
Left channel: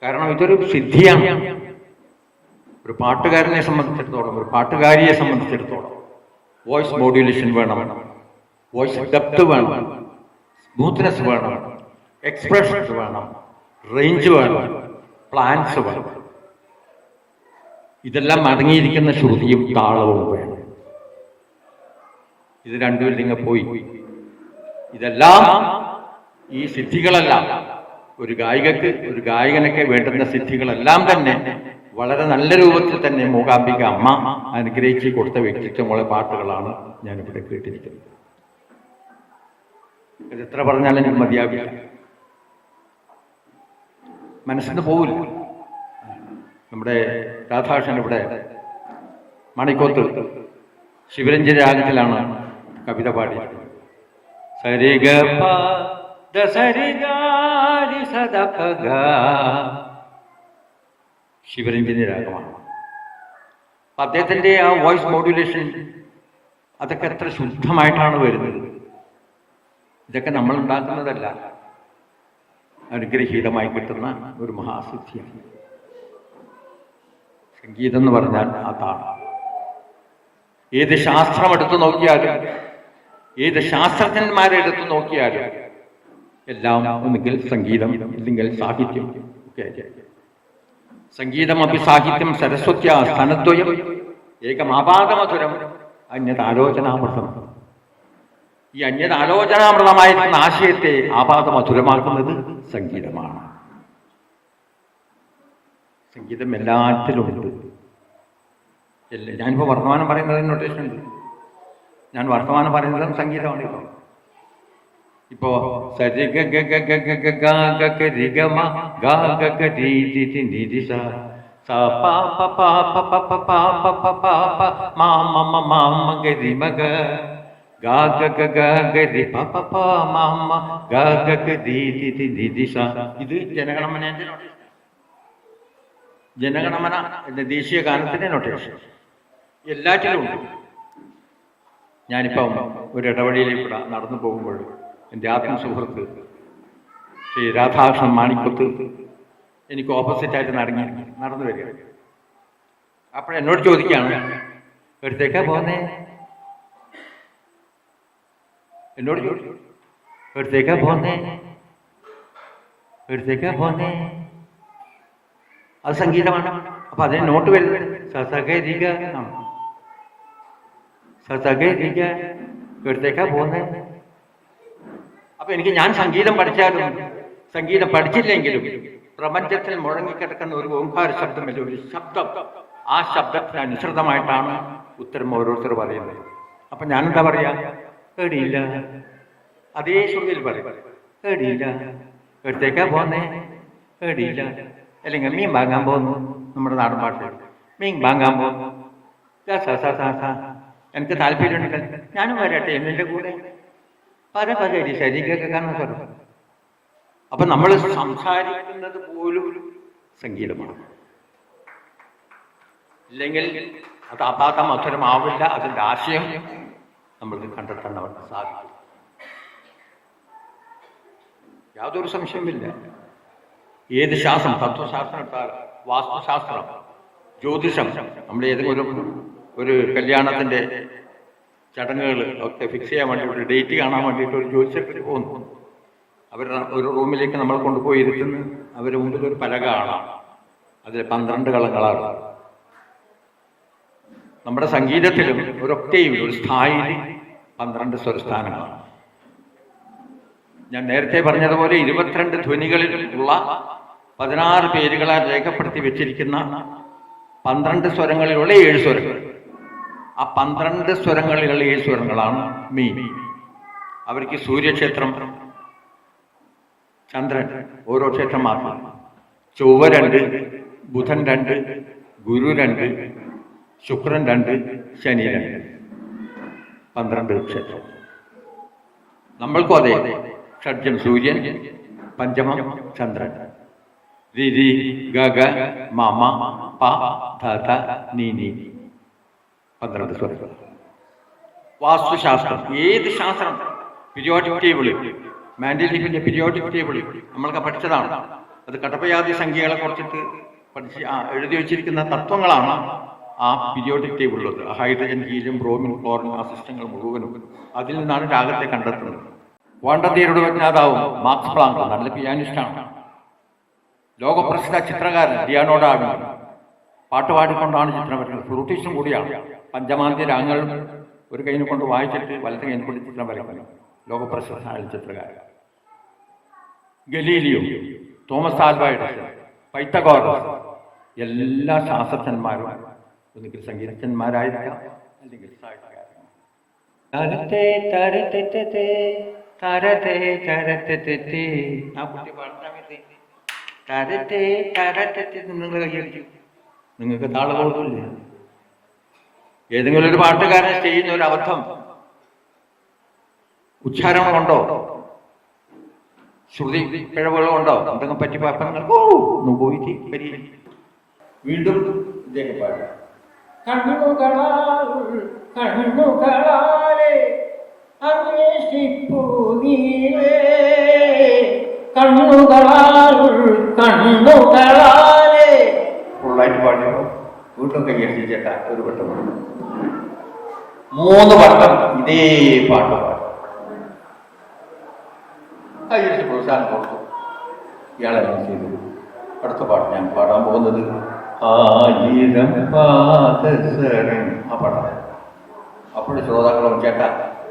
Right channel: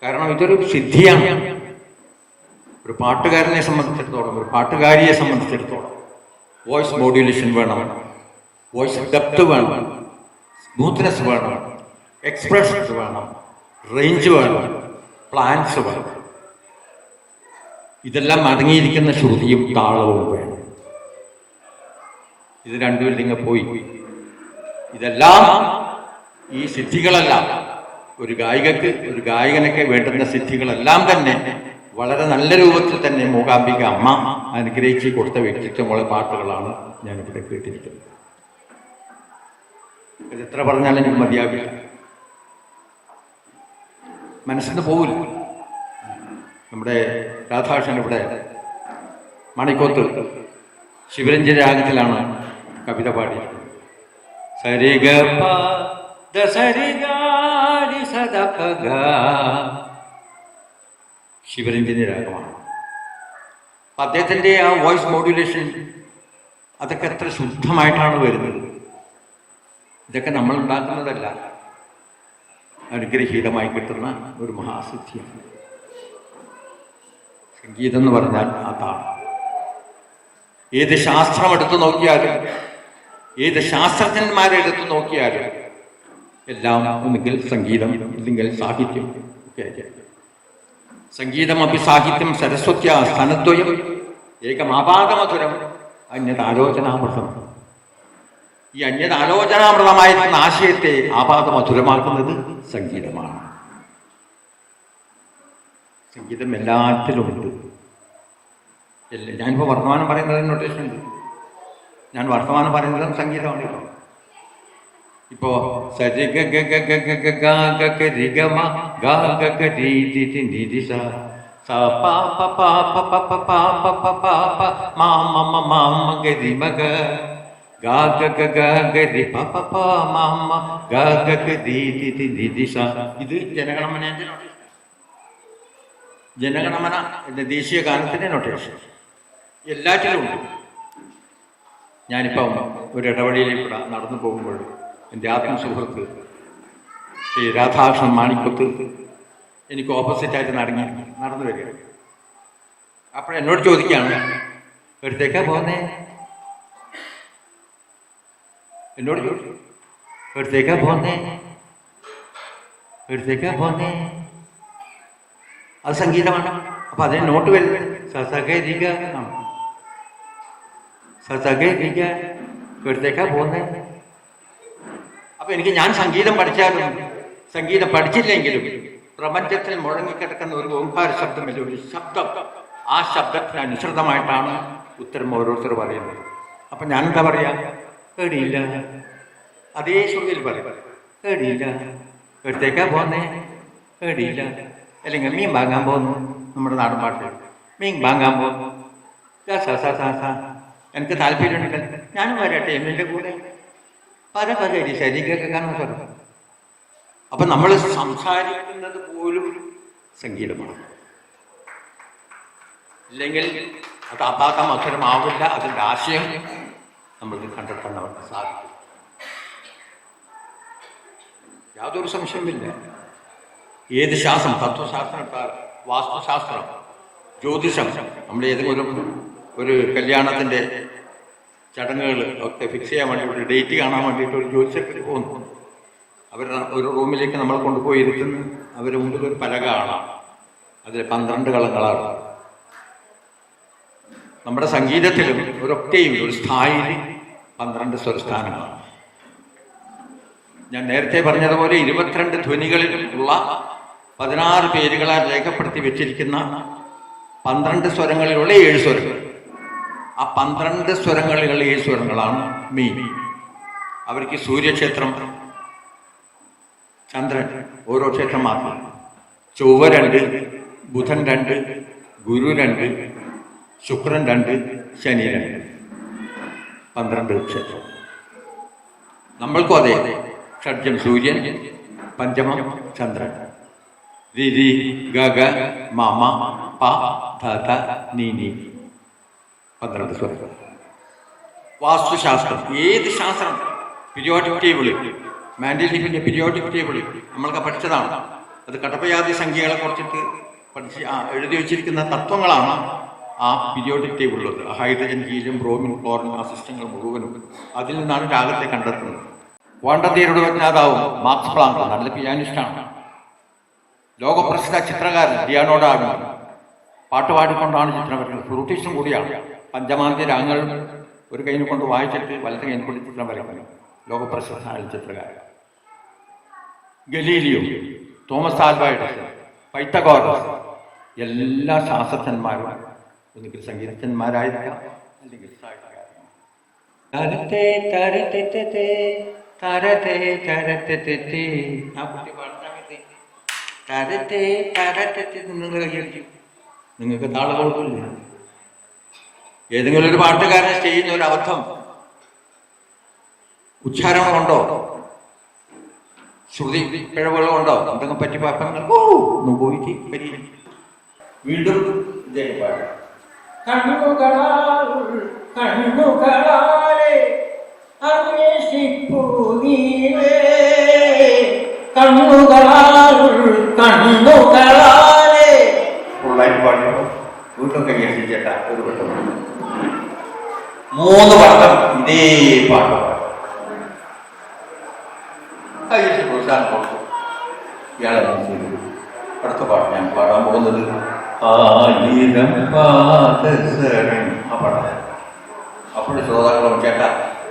കാരണം ഇതൊരു സിദ്ധിയാണ്. ഒരു പാട്ടുകാരനെ സംബന്ധിച്ചിടത്തോളം, ഒരു പാട്ടുകാരിയെ സംബന്ധിച്ചിടത്തോളം വോയിസ് മോഡ്യുലേഷൻ വേണം, വോയിസ് ഡെപ്ത് വേണം, സ്മൂത്ത്നെസ് വേണം, എക്സ്പ്രഷൻസ് വേണം, റേഞ്ച് വേണം, പ്ലാൻസ് വേണം. ഇതെല്ലാം അടങ്ങിയിരിക്കുന്ന ശ്രുതിയും താളവും വേണം. ഇത് രണ്ടുമില്ലെങ്കിൽ പോയി. ഇതെല്ലാം ഈ സിദ്ധികളെല്ലാം ഒരു ഗായികക്ക്, ഒരു ഗായകനൊക്കെ വേണ്ടുന്ന സിദ്ധികളെല്ലാം തന്നെ വളരെ നല്ല രൂപത്തിൽ തന്നെ മൂകാംബിക അമ്മ അനുഗ്രഹിച്ച് കൊടുത്ത വ്യക്തിത്വമുള്ള പാട്ടുകളാണ് ഞാനിവിടെ കേട്ടിരിക്കുന്നത്. ഇതെത്ര പറഞ്ഞാലും എനിക്ക് മതിയാവില്ല, മനസ്സിന് പോവില്ല. നമ്മുടെ രാധാകൃഷ്ണൻ ഇവിടെ മണിക്കോത്ത് ശിവരഞ്ജന രാഗത്തിലാണ് കവിത പാടിയത്. സരിഗ ശിവരഞ്ജന രാഗമാണ്. അപ്പം അദ്ദേഹത്തിൻ്റെ ആ വോയിസ് മോഡ്യുലേഷൻ അതൊക്കെ എത്ര ശുദ്ധമായിട്ടാണ് വരുന്നത്. ഇതൊക്കെ നമ്മൾ ഉണ്ടാക്കുന്നതല്ല, അനുഗ്രഹീതമായി കിട്ടുന്ന ഒരു മഹാസിദ്ധിയാണ്. സംഗീതം എന്ന് പറഞ്ഞാൽ അതാണ്. ഏത് ശാസ്ത്രം എടുത്തു നോക്കിയാലും, ഏത് ശാസ്ത്രജ്ഞന്മാരെടുത്തു നോക്കിയാലും എല്ലാം ഒന്നുകിൽ സംഗീതം ഇല്ലെങ്കിൽ സാഹിത്യം ഒക്കെ. സംഗീതം അഭി സാഹിത്യം സരസ്വത്യ സ്ഥാനദ്വയം ഏകമാപാദമധുരം അന്യതാലോചനാമൃതം. ഈ അന്യതാലോചനാമൃതമായിരിക്കുന്ന ആശയത്തെ ആപാദമധുരമാക്കുന്നത് സംഗീതമാണ്. സംഗീതം എല്ലാറ്റിലുമുണ്ട്. ഞാനിപ്പോൾ വർത്തമാനം പറയുന്നതിന് നൊട്ടേഷൻ ഉണ്ട്. ഞാൻ വർത്തമാനം പറയുന്നതും സംഗീതമാണ്. ഇപ്പോൾ സരി ഗ ഗ ഗ ഗ ഗ ഗ ഗ ഗ രി ഗ മ ഗ ഗ ഗ രി രി രി നി രി സ സ പ പ പ പ പ പ പ പ പ പ പ മ മ മ മ മ ഗ രി മ ഗ ഗ ഗ ഗ ഗ ഗ രി പ പ പ മ മ ഗ ഗ ഗ രി രി രി നി രി സ. ഇത് ജനഗണമനേൻ്റെ നൊട്ടേഷൻ. ജനഗണമന എന്ന ദേശീയ ഗാനത്തിൻ്റെ നൊട്ടേഷൻ എല്ലാറ്റിലും ഉണ്ട്. ഞാനിപ്പം ഒരു ഇടവഴിയിലേക്കൂടെ നടന്നു പോകുമ്പോൾ എൻ്റെ ആത്മസുഹൃത്ത് ശ്രീ രാധാകൃഷ്ണൻ മാണിക്കത്ത് എനിക്ക് ഓപ്പോസിറ്റായിട്ട് നടന്നു വരിക. അപ്പോഴെന്നോട് ചോദിക്കുകയാണ്, എവിടത്തേക്കാ പോകുന്നേ എന്നോട് ചോദിച്ചു, എടുത്തേക്കാ പോന്നേ, എടുത്തേക്കാ പോന്നേ. അത് സംഗീതമാണ്. അപ്പം അതിന് നോട്ട് വരുന്നത് സസകരിക എന്നാണ്. സസകരിക എടുത്തേക്കാ പോന്നേ. അപ്പം എനിക്ക് ഞാൻ സംഗീതം പഠിച്ചാലും സംഗീതം പഠിച്ചില്ലെങ്കിലും പ്രപഞ്ചത്തിൽ മുഴങ്ങിക്കിടക്കുന്ന ഒരു ഓംകാര ശബ്ദമില്ല, ഒരു ശബ്ദം. ആ ശബ്ദത്തിന് അനുസൃതമായിട്ടാണ് ഉത്തരം ഓരോരുത്തർ പറയുന്നത്. അപ്പം ഞാനെന്താ പറയാ? പേടിയില്ല. അതേ ശ്രുതിയിൽ പറയും, പേടിയില്ല. എടുത്തേക്കാ പോന്നേ, പേടിയില്ല. അല്ലെങ്കിൽ മീൻ വാങ്ങാൻ പോകുന്നു, നമ്മുടെ നാടൻ പാട്ട്, മീൻ വാങ്ങാൻ പോകുന്നു, എനിക്ക് താല്പര്യമുണ്ടെങ്കിൽ ഞാനും വരട്ടെ എന്നിൻ്റെ കൂടെ. പല ശരീരമൊക്കെ കാണാൻ പറഞ്ഞു. അപ്പം നമ്മൾ സംസാരിക്കുന്നത് പോലും സംഗീതമാണ്. ഇല്ലെങ്കിൽ അത് അപാക മധുരമാവില്ല. അതിൻ്റെ ആശയം നമ്മൾക്ക് കണ്ടെത്താൻ അവർക്ക് സാധിക്കും. യാതൊരു സംശയമില്ല. ഏത് ശാസ്ത്രം, തത്വശാസ്ത്രം, വാസ്തുശാസ്ത്രം, ജ്യോതിഷം, നമ്മൾ ഏതെങ്കിലും ഒരു കല്യാണത്തിൻ്റെ ചടങ്ങുകൾ ഒക്കെ ഫിക്സ് ചെയ്യാൻ വേണ്ടിയിട്ട്, ഡേറ്റ് കാണാൻ വേണ്ടിയിട്ട് ഒരു ജ്യോതിഷത്തിൽ പോകുന്നു. അവർ ഒരു റൂമിലേക്ക് നമ്മൾ കൊണ്ടുപോയി ഇരുത്തുന്നു. അവരുടെ മുമ്പിൽ ഒരു പലക കാണാം, അതിൽ 12 കളങ്ങളാണ്. നമ്മുടെ സംഗീതത്തിലും ഒരൊക്കെയും ഒരു സ്ഥായിയിൽ 12 സ്വരസ്ഥാനങ്ങളാണ്. ഞാൻ നേരത്തെ പറഞ്ഞതുപോലെ 22 ധ്വനികളിൽ ഉള്ള 16 പേരുകളാൽ രേഖപ്പെടുത്തി വെച്ചിരിക്കുന്ന 12 സ്വരങ്ങളിലുള്ള 7 സ്വരങ്ങൾ. ആ 12 സ്വരങ്ങളിലുള്ള 7 സ്വരങ്ങളാണ് മീൻ. അവർക്ക് സൂര്യക്ഷേത്രം, ചന്ദ്രൻ ഓരോ ക്ഷേത്രം മാത്രം, ചൊവ്വ 2, ബുധൻ 2, ഗുരു 2, ശുക്രൻ 2, ശനി 2, 12 ക്ഷേത്രം. നമ്മൾക്കും അതെ. ഷഡ്ജം സൂര്യൻ, പഞ്ചമം ചന്ദ്രൻ, രി ഗ മമ പ ധ ധ നീ 12 സ്വരങ്ങൾ. വാസ്തുശാസ്ത്രം, ഏത് ശാസ്ത്രം, പീരിയോഡിക് ടേബിള്, മാൻഡലിഫിൻ്റെ പീരിയോഡിക് ടേബിള് നമ്മൾക്ക് പഠിച്ചതാണ്. അത് കടപ്പയാതി സംഖ്യകളെ കുറിച്ചിട്ട് പഠിച്ച് എഴുതി വച്ചിരിക്കുന്ന തത്വങ്ങളാണ് ആ പീരിയോഡിക് ടേബിളുള്ളത്. ഹൈഡ്രജൻ, ഹീലിയം, ബ്രോമിൻ, ക്ലോറിൻ, ആ സിസ്റ്റങ്ങൾ മുഴുവനും അതിൽ നിന്നാണ് രാഗത്തെ കണ്ടെത്തുന്നത്. ക്വാണ്ടം തിയറിയുടെ വിജ്ഞാതാവും മാർക്സ് പ്ലാങ്ക് നല്ല പിയാനിസ്റ്റാണ്. ലോകപ്രസിദ്ധ ചിത്രകാരൻ ഡിയാനോഡാണ്. പാട്ട് പാടിക്കൊണ്ടാണ് ചിത്രം വരയ്ക്കുന്നത്. ഫ്ലൂട്ടിസ്റ്റും കൂടിയാണ്. പഞ്ചമാന്തി രാഗങ്ങൾ ഒരു കൈനെ കൊണ്ട് വായിച്ചിട്ട് വലത്തെ കൈനെ കൊണ്ട് ചിത്രം വരയ്ക്കുന്നത് ലോകപ്രസിദ്ധമായ ചിത്രകാരൻ. Galileo, Thomas Alva Edison, Pythagoras, എല്ലാ ശാസ്ത്രജ്ഞന്മാരും ഒന്നുകിൽ സംഗീതജ്ഞന്മാരായിരിക്കാം അല്ലെങ്കിൽ സാഹിത്യകാരന്മാർ. ആ കുട്ടി പാടുന്ന നിങ്ങൾ കൈയടിക്കും. നിങ്ങൾക്ക് താളബോധമില്ല. ഏതെങ്കിലും ഒരു പാട്ടുകാരൻ ചെയ്യുന്ന ഒരു അബദ്ധം, ഉച്ചാരണമുണ്ടോ, ശ്രുതി പിഴവുകളുണ്ടോ, എന്തെങ്കിലും പറ്റി പാപ്പങ്ങൾ പോയിട്ട് പരിഹരിക്കും. വീണ്ടും ഇദ്ദേഹം പാടാം. കണ്ണുകളാലെ അന്വേഷിപ്പൂ നീവേ, കണ്ണുകളാലെ ഫുള്ളായിട്ട് പാടുമ്പോൾ വീണ്ടും കൈയടിച്ച് ചേട്ടാ ഒരു വട്ടം 3 വട്ടം ഇതേ പാട്ട് കൈയടിച്ച് പ്രോത്സാഹനം കൊടുക്കും. ഇയാളെ ചെയ്തു. അടുത്ത പാട്ട് ഞാൻ പാടാൻ പോകുന്നത് 1000 പാദസരം ആ പാടാം. അപ്പോഴും ശ്രോതാക്കളും ചേട്ടാ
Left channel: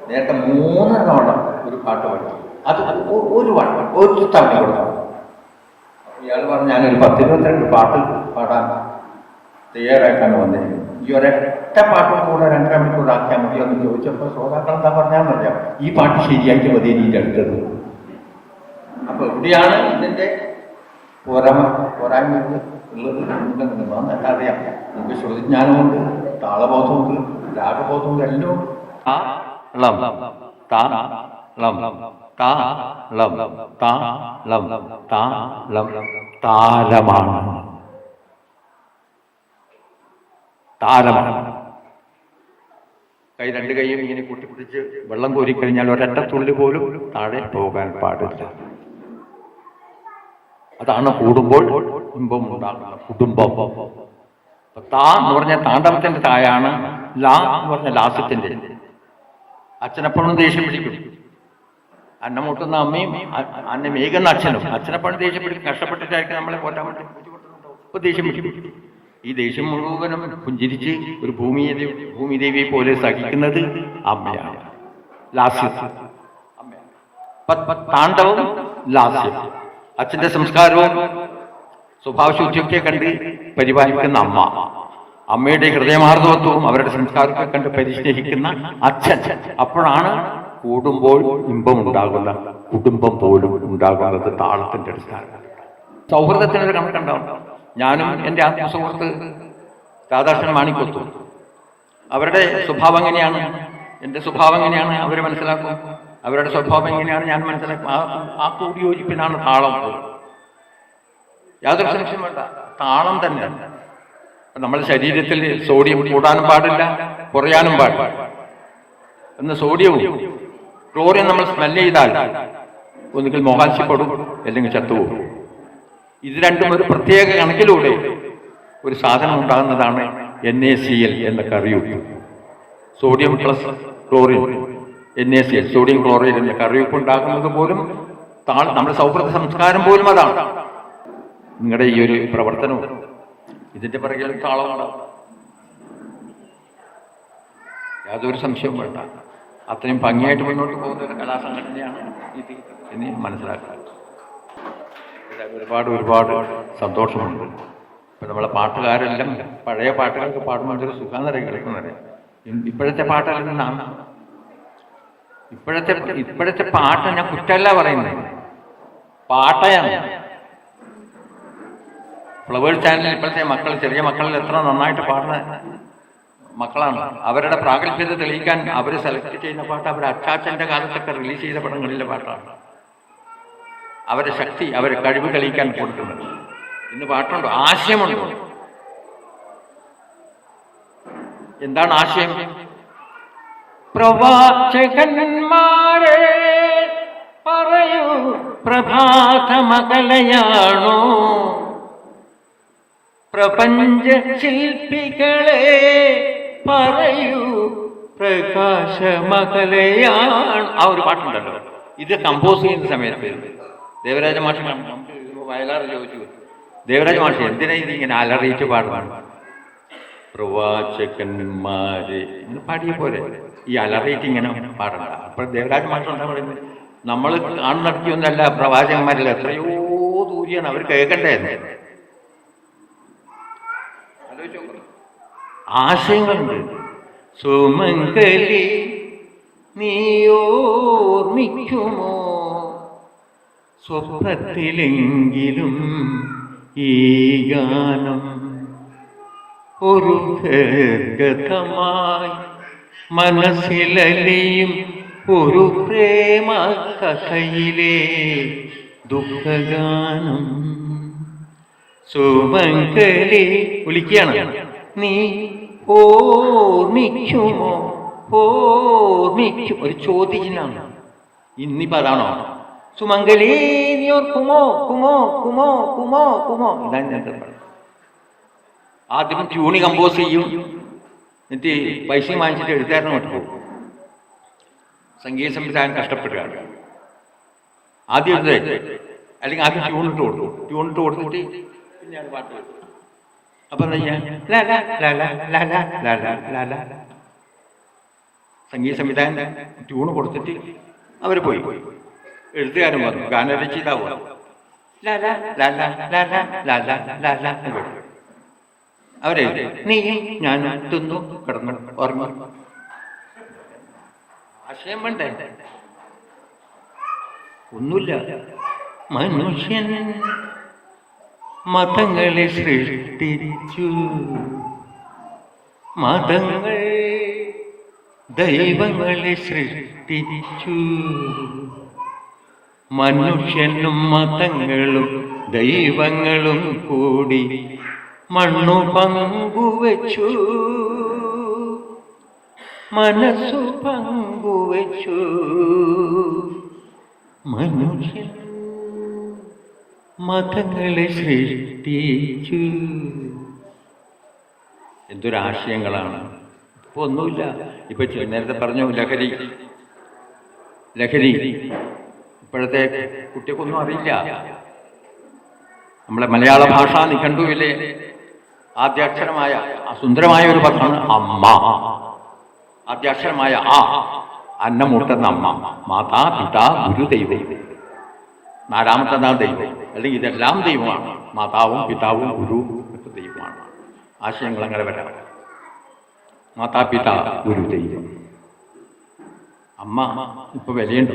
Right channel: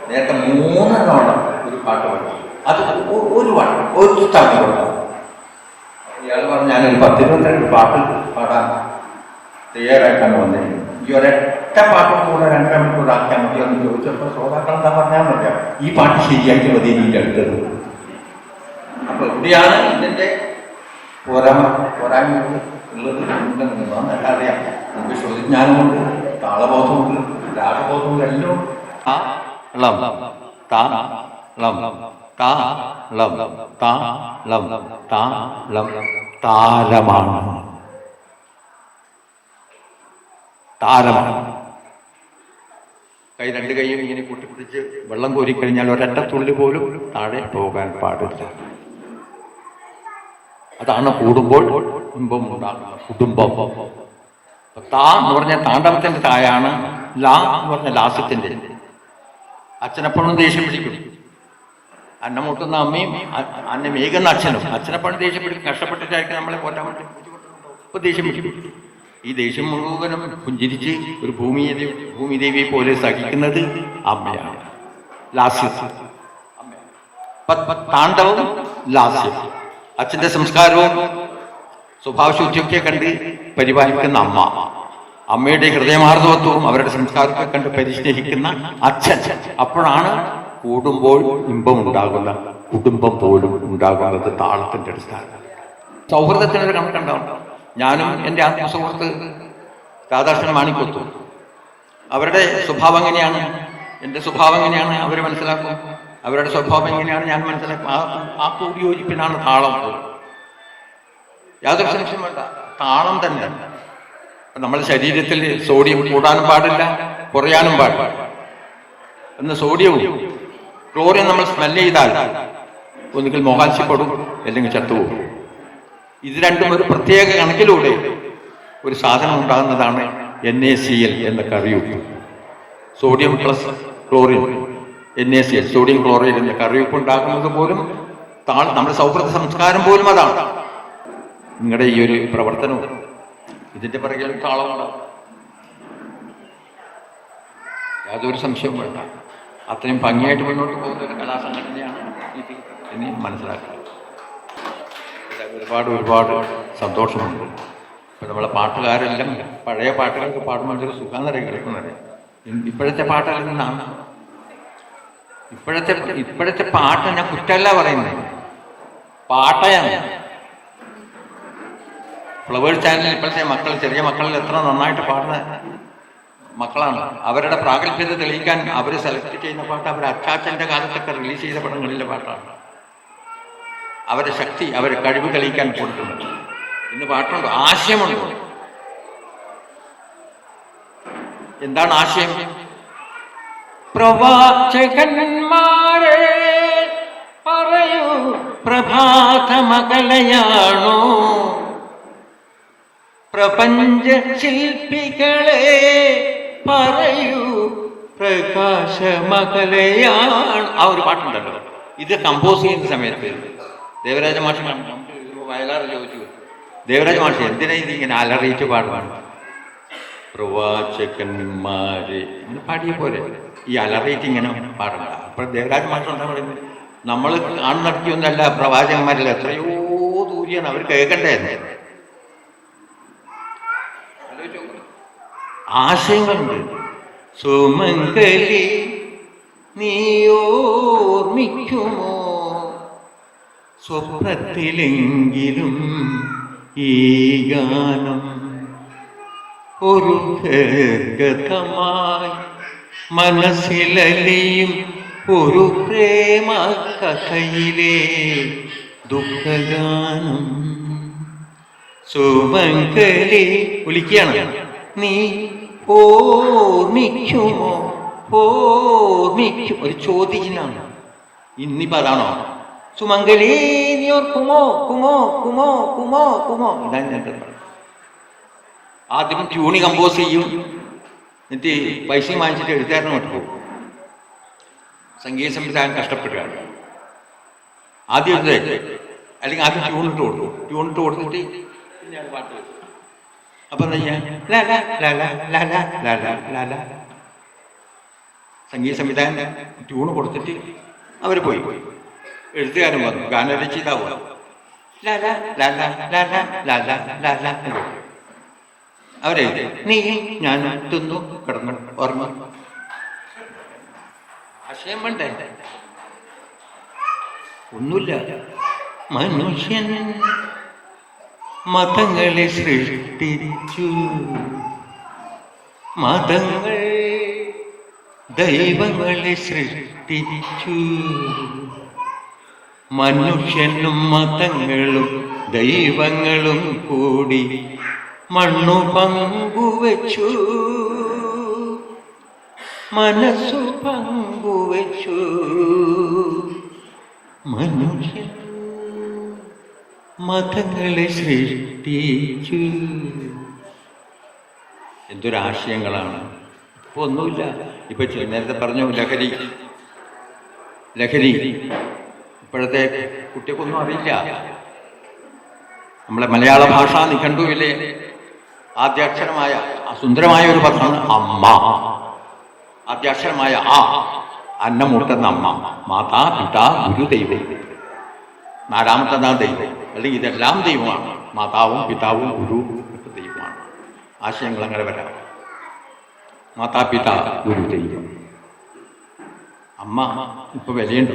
നേരത്തെ 3 തവണ ഒരു പാട്ട് പാടും. അത് ഒരു വട്ടം ഒരു തവണ കൊടുക്കാം. ഇയാൾ പറഞ്ഞു ഞാനൊരു 10-22 പാട്ട് പാടാൻ തയ്യാറായിട്ടാണ് വന്നത്. ഈ ഒരൊറ്റ പാട്ടും കൂടെ 2 മണിക്കൂർ ആക്കിയാൽ മതി എന്ന് ചോദിച്ചപ്പോൾ ശ്രോതാക്കൾ എന്താ പറഞ്ഞാൽ മതിയാ ഈ പാട്ട് ശരിയാക്കി മതി ഇതിൻ്റെ അടുത്തത്. അപ്പോൾ എവിടെയാണ് ഇതിൻ്റെ പോരായ്മ ഉള്ളത് എന്നറിയാം. നമുക്ക് ശ്രുതിജ്ഞാനമുണ്ട്, താളബോധമുണ്ട്, രാഗബോധമുണ്ട്, എല്ലാം താലമാണ്. താലമാണ്. കൈ 2 കൈയും ഇങ്ങനെ കൂട്ടിപ്പിടിച്ച് വെള്ളം കോരിക്കഴിഞ്ഞാൽ ഒരൊറ്റ തുള്ളി പോലും താഴെ പോകാൻ പാടില്ല. അതാണ് കൂടുമ്പോൾ ഇമ്പം ഉണ്ടാകുന്ന കുടുംബം. താ എന്ന് പറഞ്ഞാൽ താണ്ഡവത്തിൻ്റെ തായാണ്. ലാ എന്ന് പറഞ്ഞാൽ ലാസ്യത്തിൻ്റെ. അച്ഛനെപ്പോഴും ദേഷ്യം പിടിക്കും. അന്നം മുട്ടുന്ന അമ്മയും അന്നം ഏകുന്ന അച്ഛനും. അച്ഛനെ പണി ദേഷ്യപ്പെട്ട് കഷ്ടപ്പെട്ടിട്ടായിരിക്കും നമ്മളെ പോറ്റാൻ വേണ്ടി ഇപ്പോൾ ദേഷ്യം പിടിക്കും. ഈ ദേഷ്യം മുഴുവനും പുഞ്ചിരിച്ച് ഒരു ഭൂമിദേവിയെ പോലെ സഹിക്കുന്നത് അമ്മയാണ്. ലാസ്യം താണ്ഡവം ലാസ്യം. അച്ഛൻ്റെ സംസ്കാരവും സ്വഭാവശുദ്ധിയൊക്കെ കണ്ട് പരിപാലിക്കുന്ന അമ്മ, അമ്മയുടെ ഹൃദയമാർദ്ദവത്വവും അവരുടെ സംസ്കാരത്തെ കണ്ട് പരിസ്നേഹിക്കുന്ന അച്ഛൻ. അപ്പോഴാണ് കൂടുമ്പോൾ ഇമ്പമുണ്ടാകുന്ന കുടുംബം പോലും ഉണ്ടാകുന്നത് താളത്തിൻ്റെ അടിസ്ഥാനം. സൗഹൃദത്തിനൊരു കണക്കുണ്ടാവും. ഞാനും എൻ്റെ ആത്മസുഹൃത്ത് രാധാകൃഷ്ണൻ മാണിക്കൊത്തു, അവരുടെ സ്വഭാവം എങ്ങനെയാണ്, എൻ്റെ സ്വഭാവം എങ്ങനെയാണ് അവർ മനസ്സിലാക്കും, അവരുടെ സ്വഭാവം എങ്ങനെയാണ് ഞാൻ മനസ്സിലാക്കും. ആ കൂടിയോജിപ്പിനാണ് താളം. യാതൊരു സംശയം വേണ്ട, താളം തന്നെ. നമ്മുടെ ശരീരത്തിൽ സോഡിയം കൂടാനും പാടില്ല, കുറയാനും പാടില്ല. എന്ന് സോഡിയവും ക്ലോറിൻ നമ്മൾ സ്മെല്ല് ചെയ്താൽ ഒന്നുകിൽ മോഹാത്സ്യപ്പെടും, അല്ലെങ്കിൽ ചത്തുപോകും. ഇത് രണ്ടും ഒരു പ്രത്യേക കണക്കിലൂടെ ഒരു സാധനം ഉണ്ടാകുന്നതാണ് NaCl എന്ന കറിയുപ്പ്. Sodium plus chlorine, NaCl, sodium chloride എന്ന കറിയുപ്പ് ഉണ്ടാക്കുന്നത് പോലും നമ്മുടെ സൗഹൃദ സംസ്കാരം പോലും അതാണ്. നിങ്ങളുടെ ഈ ഒരു പ്രവർത്തനവും ഇതിൻ്റെ പിറകിൽ താളമുണ്ടാകും, യാതൊരു സംശയവും വേണ്ട. അത്രയും ഭംഗിയായിട്ട് മുന്നോട്ട് പോകുന്ന ഒരു കലാസംഘടനയാണ് ഇത് എന്ന് മനസ്സിലാക്കുക. ഒരുപാട് സന്തോഷമുണ്ട്. ഇപ്പം നമ്മളെ പാട്ടുകാരെല്ലാം പഴയ പാട്ടുകൾക്ക് പാടുമ്പോൾ ഒരു സുഖാന്തരം കേൾക്കുന്നത്. ഇപ്പോഴത്തെ പാട്ടുകളിൽ നിന്നാണ്. ഇപ്പോഴത്തെ പാട്ട് ഞാൻ കുറ്റമല്ല പറയുന്നത്, പാട്ടയാണ്. ഫ്ലവേഴ്സ് ചാനലിൽ ഇപ്പോഴത്തെ മക്കൾ, ചെറിയ മക്കളിൽ എത്ര നന്നായിട്ട് പാടുന്ന മക്കളാണ്. അവരുടെ പ്രാഗൽഭ്യത തെളിയിക്കാൻ അവർ സെലക്ട് ചെയ്യുന്ന പാട്ട് അവർ അച്ചാച്ചൻ്റെ കാലത്തൊക്കെ റിലീസ് ചെയ്ത പടങ്ങളിലെ പാട്ടാണ്. അവരുടെ ശക്തി, അവരുടെ കഴിവ് തെളിയിക്കാൻ കൊടുക്കുന്നുണ്ട്. ഇന്ന് പാട്ടുണ്ടോ? ആശയമുണ്ടോ? എന്താണ് ആശയം? പ്രവാചകന്മാരെ പറയൂ, പ്രഭാതമകലയാണോ? പ്രപഞ്ച ശില്പികളെ പറയൂ, പ്രകാശമകലയാണ്. ആ ഒരു പാട്ടുണ്ടല്ലോ. ഇത് കമ്പോസ് ചെയ്യുന്ന സമയത്ത് ദേവരാജ മാഷ് വയലാർ ചോദിച്ചു, ദേവരാജ മാഷ് എന്തിനാ ഇത് ഇങ്ങനെ അലറിയിട്ട് പാടുവാണ്? പ്രവാചകന്മാരെ പാടിയ പോലെ ഈ അലറിയിട്ട് ഇങ്ങനെ പാടണ്ട. അപ്പോൾ ദേവരാജ മാഷ് എന്താ പറയുന്നത്? നമ്മൾ കാണുന്നിടത്തൊന്നല്ല, പ്രവാചകന്മാരിൽ എത്രയോ ദൂരെയാണ്, അവർ കേൾക്കണ്ടേ? ആശയങ്ങളുണ്ട്. സുമംഗലി നീയോർമ്മിക്കുമോ, സ്വപ്നത്തിലെങ്കിലും ഈ ഗാനം ഒരു ഗതമായി മനസ്സിലലിയും ഒരു പ്രേമ കഥയിലെ ദുഃഖഗാനം. സുമംഗലി വിളിക്കുകയാണ്, നീ ഓർമ്മിക്കുമോ, ഓർമ്മിക്കും. ഒരു ചോദ്യചിഹ്നമാണ്. ഇന്നിപ്പോൾ അതാണോ? സുമംഗലി നീ ഓർക്കുമോ, കുമോ കുമോ കുമോ കുമോ. ഇതാണ് ഞാൻ പറയുന്നത്. ആദ്യം ട്യൂണി കമ്പോസ് ചെയ്യും, എന്നിട്ട് പൈസയും വാങ്ങിച്ചിട്ട് എഴുതാനും അങ്ങോട്ട് പോകും. സംഗീത സംവിധാനം കഷ്ടപ്പെടുകയാണ്. ആദ്യം എഴുതേ, അല്ലെങ്കിൽ ആദ്യം ട്യൂണിട്ട് കൊടുക്കും. ട്യൂണിട്ട് കൊടുത്തിട്ട് പിന്നെയാണ് പാട്ട് വെച്ചത്. അപ്പം എന്താ ചെയ്യാൻ? സംഗീത സംവിധാനം ട്യൂണ് കൊടുത്തിട്ട് അവർ പോയി. എഴുത്തുകാരൻ വന്നു, ഗാനരചയിതാവ് അവരെഴുതി, നീ ഞാൻ തിന്നു കിടന്നു ഉറങ്ങി. ആശയം വേണ്ടേ? ഒന്നുമില്ല. മനുഷ്യൻ മതങ്ങളെ സൃഷ്ടിച്ചു, മതങ്ങൾ ദൈവങ്ങളെ സൃഷ്ടിച്ചു. മനുഷ്യനും മതങ്ങളും ദൈവങ്ങളും കൂടി മണ്ണു പങ്കുവച്ചു, മനസ്സു പങ്കുവച്ചു. മനുഷ്യൻ മതങ്ങളെ സൃഷ്ടിച്ചു. എന്തൊരാശയങ്ങളാണ്! ഇപ്പോൾ ഒന്നുമില്ല. ഇപ്പൊ നേരത്തെ പറഞ്ഞു ലഹരി. ഇപ്പോഴത്തെ കുട്ടികൾക്കൊന്നും അറിയില്ല. നമ്മളെ മലയാള ഭാഷാ നിഘണ്ടുവിലെ ആദ്യാക്ഷരമായ സുന്ദരമായ ഒരു പദമാണ് അമ്മ. ആദ്യാക്ഷരമായ ആ, അന്നമൂട്ടുന്ന അമ്മ, മാതാ പിതാ ഗുരു ദൈവം. നാലാമത്തതാണ് ദൈവം. അല്ലെങ്കിൽ ഇതെല്ലാം ദൈവമാണ്. മാതാവും പിതാവും ഗുരു ദൈവമാണ്. ആശയങ്ങൾ അങ്ങനെ വരാം. മാതാപിതാ ഗുരു ദൈവം. അമ്മ ഇപ്പൊ വിലയുണ്ടോ?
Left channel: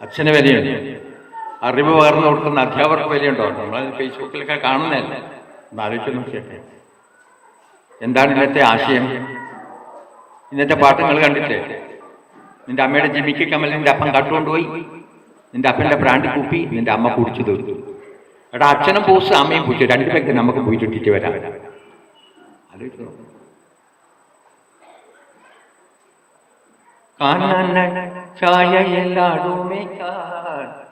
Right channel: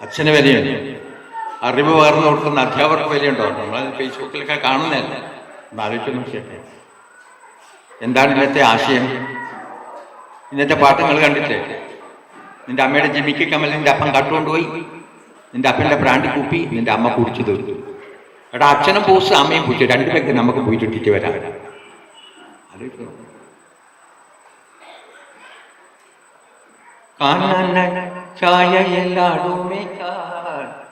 അച്ഛന് വിലയുണ്ട്. അറിവ് പകർന്നു കൊടുക്കുന്ന അധ്യാപകർക്ക് വിലയുണ്ടോ? നമ്മൾ ഫേസ്ബുക്കിലൊക്കെ കാണുന്നതല്ലേ. ആലോചിച്ച് നോക്കിയൊക്കെ എന്താണ് ഇന്നത്തെ ആശയം? ഇന്നത്തെ പാട്ടുകൾ കണ്ടിട്ട് നിന്റെ അമ്മയുടെ ജിമിക്ക് കമ്മൽ നിന്റെ അപ്പൻ കട്ടുകൊണ്ടുപോയി, നിന്റെ അപ്പൻ്റെ ബ്രാൻഡ് കൂപ്പി നിന്റെ അമ്മ കുടിച്ചു തീർത്തു. എടാ, അച്ഛനും പൂസ് അമ്മയും പൂച്ചു, രണ്ടുപേർക്ക് നമുക്ക് പോയിട്ടിട്ട് വരാം. ആലോചിക്കോ? കാനന ചായയെല്ലാടുമേക്കാൻ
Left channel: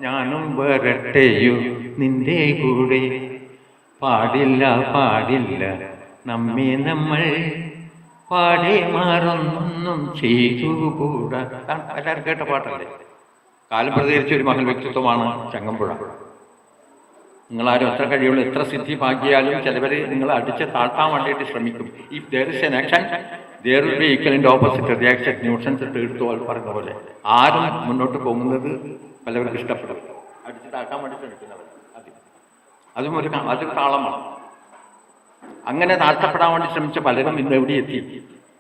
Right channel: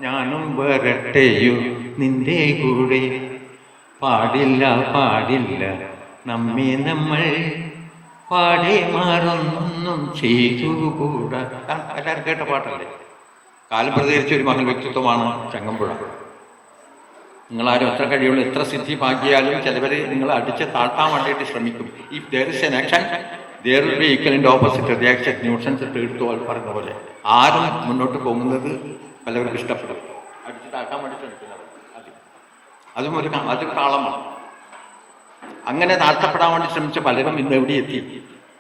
ഞാനും വരട്ടെയോ നിന്റെ കൂടെ, പാടില്ല പാടില്ല നമ്മെ നമ്മൾ പാടെ മാറുന്നൊന്നും ചെയ്തുകൂടാ. എല്ലാവരും കേട്ട പാട്ടല്ലേ? കാലം പ്രതികരിച്ച ഒരു മഹൽ വ്യക്തിത്വമാണ് ചങ്ങമ്പുഴ. നിങ്ങളാരും എത്ര കഴിയുള്ളൂ, എത്ര സിദ്ധി ഭാഗ്യാലും ചിലവർ നിങ്ങളെ അടിച്ച് താഴ്ത്താൻ വേണ്ടിയിട്ട് ശ്രമിക്കും. If there is an action there will be equal and opposite reaction. Newton's എടുത്തു പറയുന്ന പോലെ ആരും മുന്നോട്ട് പോകുന്നത് പലവർക്കും ഇഷ്ടപ്പെടും. അടിച്ചിട്ടാക്കാൻ വേണ്ടി ശ്രമിക്കുന്നവർ അതൊരു താളമാണ്. അങ്ങനെ താഴ്ത്തപ്പെടാൻ വേണ്ടി ശ്രമിച്ച പലരും ഇന്ന് എവിടെ എത്തി?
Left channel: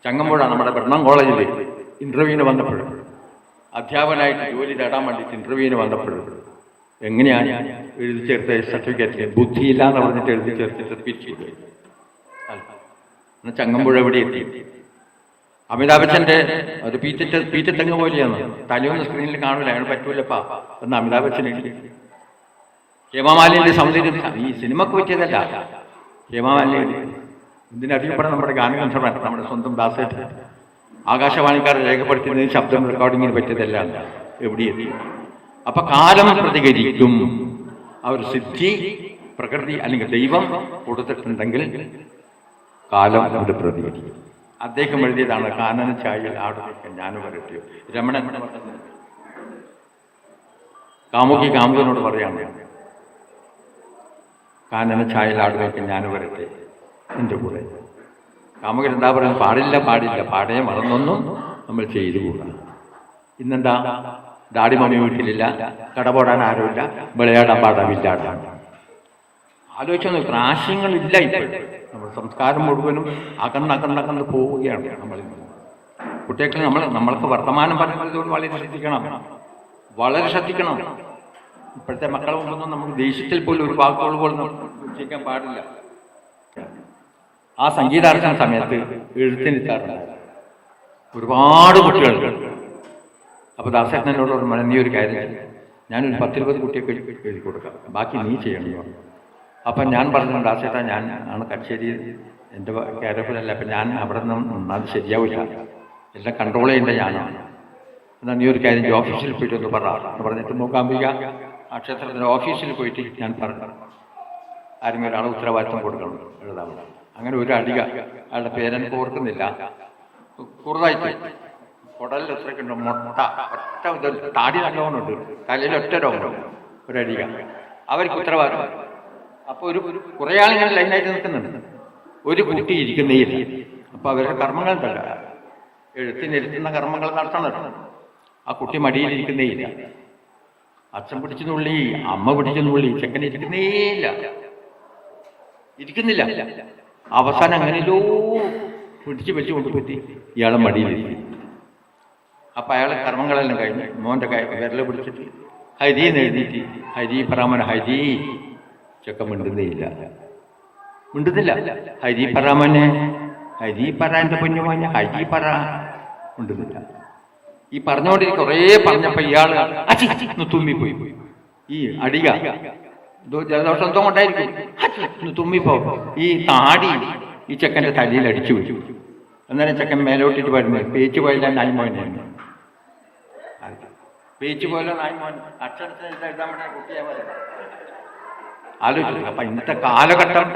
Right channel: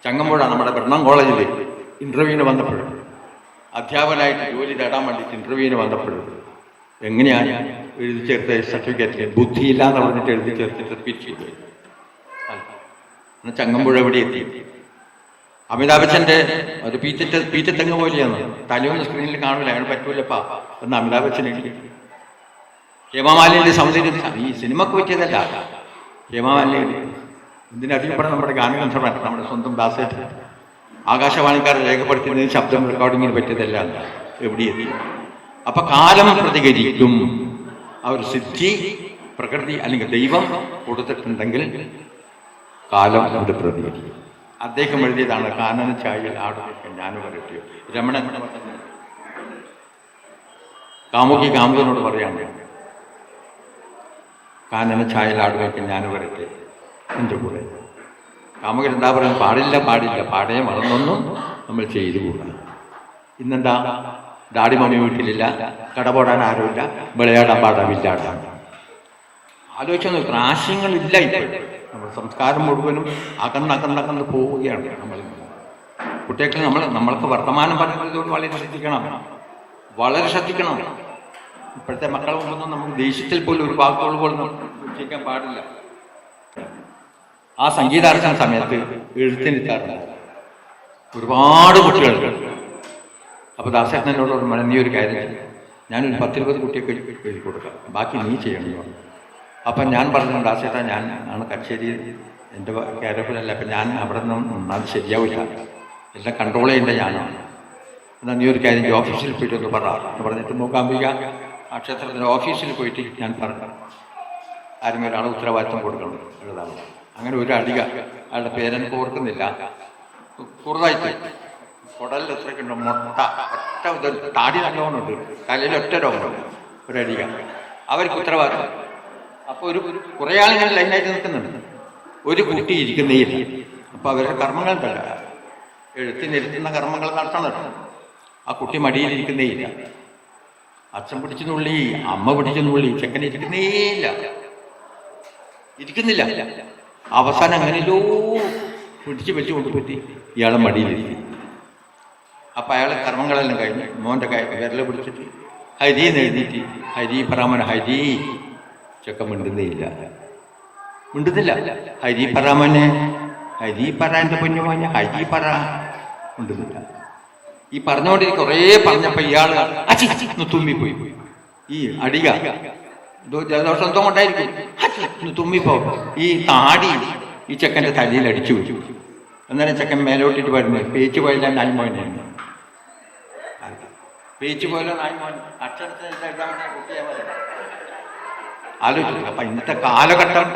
ചങ്ങമ്പുഴ നമ്മുടെ ബ്രണ്ണം കോളേജിൽ ഇൻ്റർവ്യൂവിന് വന്നപ്പോഴും, അധ്യാപകനായിട്ട് ജോലി തേടാൻ വേണ്ടിയിട്ട് ഇൻ്റർവ്യൂവിന് വന്നപ്പോഴും എങ്ങനെയാണ് എഴുതി ചേർത്ത സർട്ടിഫിക്കറ്റിൽ ബുദ്ധിയില്ല എന്ന് പറഞ്ഞിട്ട് എഴുതി ചേർത്തിട്ട് റിപ്പീറ്റ് ചെയ്തു. എന്നാൽ ചങ്ങമ്പുഴ എവിടെ എത്തി? അമിതാഭ് ബച്ചൻ്റെ ഒരു പീറ്റത്തെങ്ങ് പോലെയാണ്. തലയൊന്നും സ്ക്രീനിൽ കാണില്ല, അയാൾ പറ്റൂലപ്പാ എന്ന് അമിതാഭ് ബച്ചൻ എഴുതി. ഹേമമാലിൻ്റെ സൗന്ദര്യം ഈ സിനിമക്ക് പറ്റിയതല്ല. ഹേമമാലിനി ഇതിനധികപ്പെടാൻ നമ്മുടെ ഗാനഗന്ധർവൻ നമ്മുടെ സ്വന്തം ദാസേട്ടൻ ആകാശവാണിക്കാർ രേഖപ്പെടുത്തുന്നതിന് ശബ്ദം റെക്കോർഡിങ്ങിന് പറ്റിയതല്ല. എവിടെ എത്തി? അപ്പൊ കാലം പ്രതികരിക്കും. ആ ഒരു സിദ്ധി പ്രകൃതി അല്ലെങ്കിൽ ദൈവം കൊടുത്തിട്ടുണ്ടെങ്കിൽ കാലം അത് പ്രതികരിക്കും. അദ്ദേഹം എഴുതിയതാണ് കാനന ചായയിൽ ആടുവയ്ക്കാൻ ഞാനും വരട്ടെയോ. രമണൻ കാമുകി കാമുകനോട് പറയാണ്, കാനന ചായയിൽ ആടുവയ്ക്കാൻ ഞാനും വരട്ടെ എൻ്റെ കൂടെ. കാമുകൻ എന്താ പറയുന്നത്? പാടില്ല പാടില്ല, പാടയെ മറന്നൊന്നും നമ്മൾ ചെയ്തുകൂടാ. ഇന്നെന്താ? ഡാഡി മമ്മി വീട്ടിലില്ല, കടപോടാൻ ആരുമില്ല, വിളയാടാൻ പാടാമില്ലാടാൻ. ആലോചിച്ച് നോക്കുക, ആശയങ്ങളില്ല ഇപ്പോൾ. നമ്മുടെ സംസ്കാരം മുഴുവനും അകന്നകന്നകന്ന് പോവുകയാണ്. കുട്ടികൾക്ക് നമ്മൾക്ക് വർത്തമാനം പറയുന്നതോട് വളരെ ശ്രദ്ധിക്കണം, വളരെ ശ്രദ്ധിക്കണം. ഇപ്പോഴത്തെ മക്കളെ മുമ്പൊന്നും നമുക്ക് ദേഷ്യത്തിൽ പോലും ഒരു വാക്കുകൾ പോലും ഉച്ചരിക്കാൻ പാടില്ല. ആ സംഗീതാർച്ചന സമയത്ത് എഴുത്തിനിട്ടാറുണ്ട് ഒരുപാട് കുട്ടികൾക്ക്. അപ്പോൾ ദാസേട്ടനോട് നീ ഒരു കാര്യം, ഞാനൊരു 10-20 കുട്ടിയൊക്കെ എഴുതി കൊടുക്കാം, ബാക്കി നീ ചെയ്യണമെന്ന് പറഞ്ഞു. അപ്പം ഞാൻ പറഞ്ഞു, ദാസേട്ടാ ഞാൻ ആണ് കച്ചേരി എൻ്റെ കേരളത്തിലല്ല, അപ്പം ഞാൻ അവിടെ നിന്നും അത് ശരിയാവില്ല, എല്ലാം കൺട്രോൾ ചെയ്യേണ്ട ഞാനാണ്. എന്നാൽ നീ ഒരു കാര്യം ഓഫീസിൽ പോയിട്ട് ഒന്ന് എന്ന് പറഞ്ഞിട്ട് മൂകാംബിക ആ ക്ഷേത്രത്തിൻ്റെ ഓഫീസിൽ പോയിട്ട് ഞാൻ പറഞ്ഞു, ആരും ഒരാളെ ഉത്തരവാദിത്വം കൊടുക്കണം എഴുതാൻ. അങ്ങനെ ഒരു അടിക, അയാളുടെ പേരെനിക്ക് ഓർക്കുന്നില്ല, കുറുതായിട്ട് കുടലിൽ എത്രയൊക്കെ ഉണ്ട്, മുട്ട ഒറ്റ താടി നല്ലോണമുണ്ട്, തലയിൽ ഒറ്റ രോഗമുണ്ട്, ഒരടിക. അവർക്ക് ഉത്തരവാദിത്വം. അപ്പോൾ കുറേ ആളിങ്ങനെ ലൈനായിട്ട് നിൽക്കുന്നുണ്ട്, ഒരു കുട്ടി ഇരിക്കുന്നേയില്ല. അപ്പോൾ അവരുടെ കർമ്മങ്ങൾ തല്ല, എഴുത്തിനിരുത്തുന്ന കർമ്മങ്ങൾ നടത്തണം. ആ കുട്ടി മടിയിലിരിക്കുന്നേയില്ല. അച്ഛൻ പിടിച്ചു നുള്ളി, അമ്മ പിടിച്ചു നുള്ളി, ചെക്കൻ ഇരിക്കുന്നില്ല. അവസാനം അങ്ങനെയല്ലോ പിടിച്ച് വെച്ച് കൊണ്ടുപറ്റി ഇയാളെ മടിയിലിരിക്കും. അപ്പം അയാളെ കർമ്മങ്ങളെല്ലാം കഴിഞ്ഞ് മോൻ്റെ വിരൽ പിടിച്ചിട്ട് ഹരി എന്ന് എഴുതിയിട്ട് ഹരി പറാമൻ ഹരി. ചെക്കൻ മിണ്ടുന്നില്ല. ഹരി പറാമനെ, ഹരി പറ എൻ്റെ കുഞ്ഞുമോനെ, ഹരി പറ. മിണ്ടുന്നില്ല. ഈ പറഞ്ഞുകൊണ്ടിരിക്കും. കുറേ പറഞ്ഞപ്പോൾ ഇയാൾ തുമ്മിപ്പോയി. ഈ അടിക ജലദോഷം എന്തോ കൊണ്ടായിരിക്കും, തുമ്മിപ്പോ ഈ താടി ഈ ചെക്കൻ്റെ തലയിൽ അടിച്ചു വെച്ചു. അന്നേരം ചെക്കൻ മേലോട്ടിട്ട് വരുന്നത് പേച്ച് പോയില്ല നായ്മോനാണ്. പേച്ച് പോയല്ലോ നായ്മോൻ. അക്ഷരത്തിന് കുട്ടിയെ ആലോചിച്ചു. അപ്പം ഇന്നത്തെ കാലഘട്ടം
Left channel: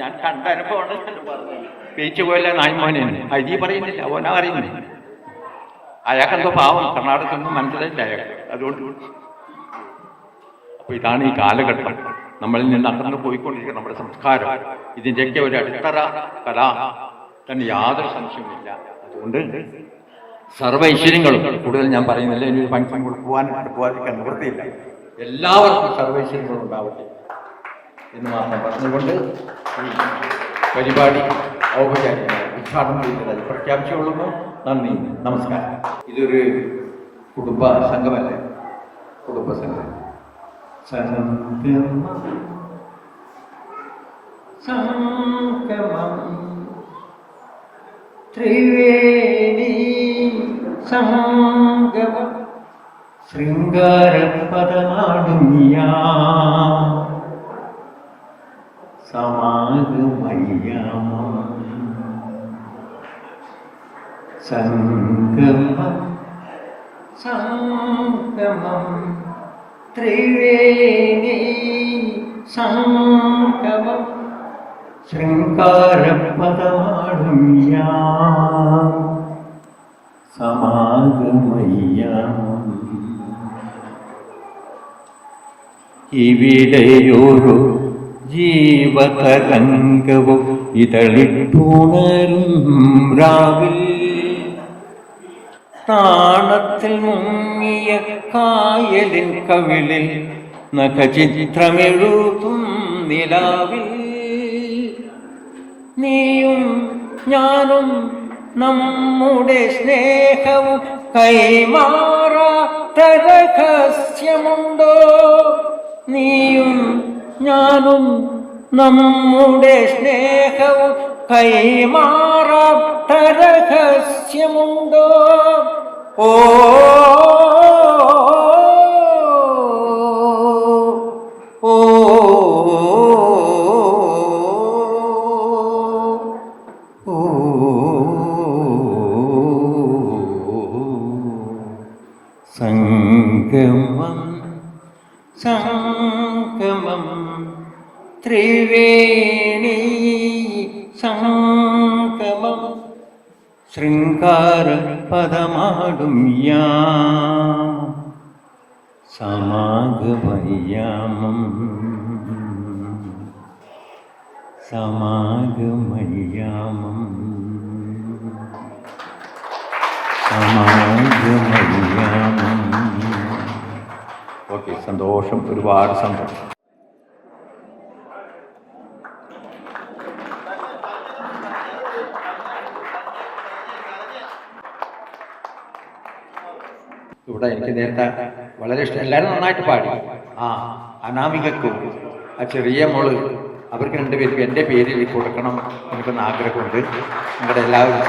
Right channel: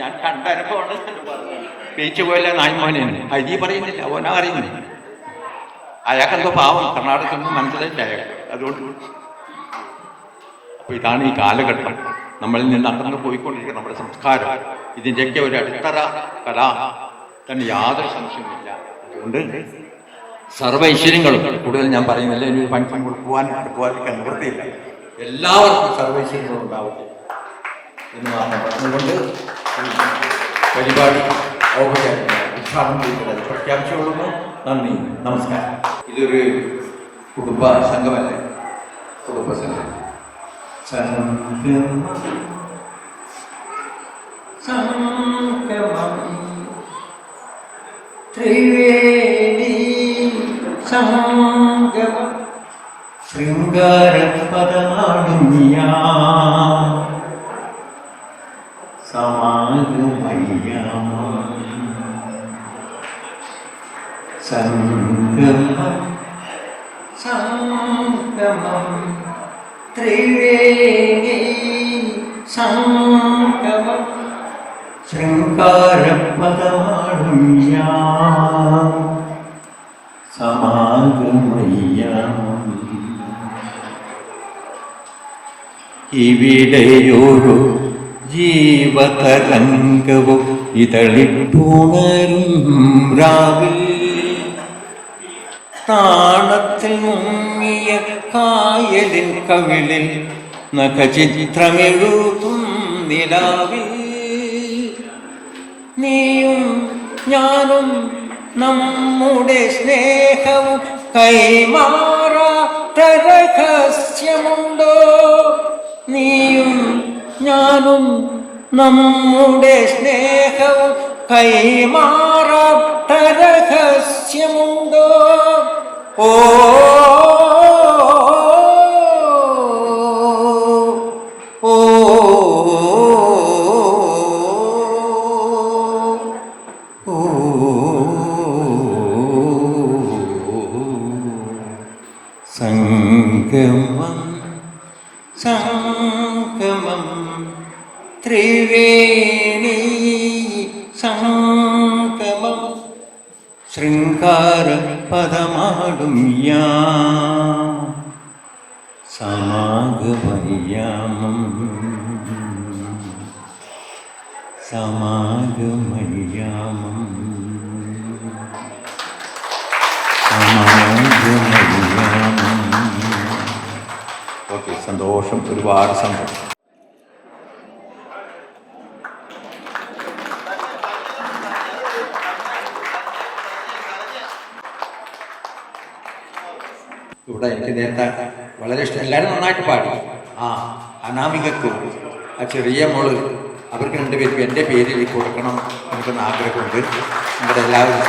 ഞാൻ കണ്ട അനുഭവമാണ്. പേച്ച് പോയല്ല നായ്മോനാണ്. ഹരി പറയുന്നില്ല, ഓനാ അറിയുന്നില്ല. അയാൾക്കെന്തോ പാവം കർണാടകത്തിൽ നിന്ന് മനസ്സിലായില്ല അയാൾ. അതുകൊണ്ട് അപ്പോൾ ഇതാണ് ഈ കാലഘട്ടം. നമ്മളിൽ നിന്ന് അകന്നു പോയിക്കൊണ്ടിരിക്കുന്ന നമ്മുടെ സംസ്കാരം, ഇതിൻ്റെയൊക്കെ ഒരു അടിത്തറ കല തന്നെ യാതൊരു സംശയവുമില്ല. അതുകൊണ്ട് സർവ്വ ഐശ്വര്യങ്ങളും കൂടുതൽ ഞാൻ പറയുന്നില്ല, ഇനി ഒരു ഫംഗ്ഷൻ പോകാതിരിക്കാൻ നിവൃത്തിയില്ല. എല്ലാവർക്കും സർവ്വ ഐശ്വര്യങ്ങളും ഉണ്ടാവട്ടെ എന്ന് മാത്രം പറഞ്ഞുകൊണ്ട് പരിപാടി ഔപചാരികമായി ഉദ്ഘാടനം ചെയ്യുന്നത് പ്രഖ്യാപിച്ചുകൊള്ളുന്നു. നന്ദി, നമസ്കാരം. ഇതൊരു കുടുംബ സംഘമല്ലേ? കുടുംബ സംഘം ത്രിവേണി സംഗമം ശൃംഗാരപദമാടും ഞാൻ സമാഗമയ്യാമ സംഗമം സംഗമം ത്രിവേണി സംഗമം ശൃംഗാരപദമാടും ഞാൻ സമാഗമയ്യാമം. ഇവിടെയൊരു ജീവതരംഗവും ഇതളിട്ടുണരും രാവിൽ, താണത്തിൽ മുങ്ങിയ കായലിൻ കവിളിൽ നഖചിത്രമെഴുതും നിലാവിൽ, നീയും ഞാനും നമ്മുടെ സ്നേഹവും കൈമാറാത്ത രഹസ്യമുണ്ടോ? നീയും ഞാനും നമ്മുടെ സ്നേഹവും കൈമാറാത്ത രഹസ്യമുണ്ടോ? ഓ ഓ സംഗമം സംഗമം ത്രിവേണി സംഗമം ശൃംഗാര പദമാടും യാം സമാഗമയ്യാമം സമാഗമയ്യാമം സമാഗമയ്യാമം. ഓക്കെ, സന്തോഷം, ഒരുപാട് സന്തോഷം. ഇവിടെ എനിക്ക് നേരത്തെ വളരെ ഇഷ്ടം, എല്ലാവരും നന്നായിട്ട് പാടി. അനാമികക്കും ആ ചെറിയ മോള്, അവർക്ക് രണ്ടുപേർക്കും എൻ്റെ പേരിൽ കൊടുക്കണം എനിക്കൊന്ന് ആഗ്രഹമുണ്ട്. നിങ്ങളുടെ എല്ലാവരും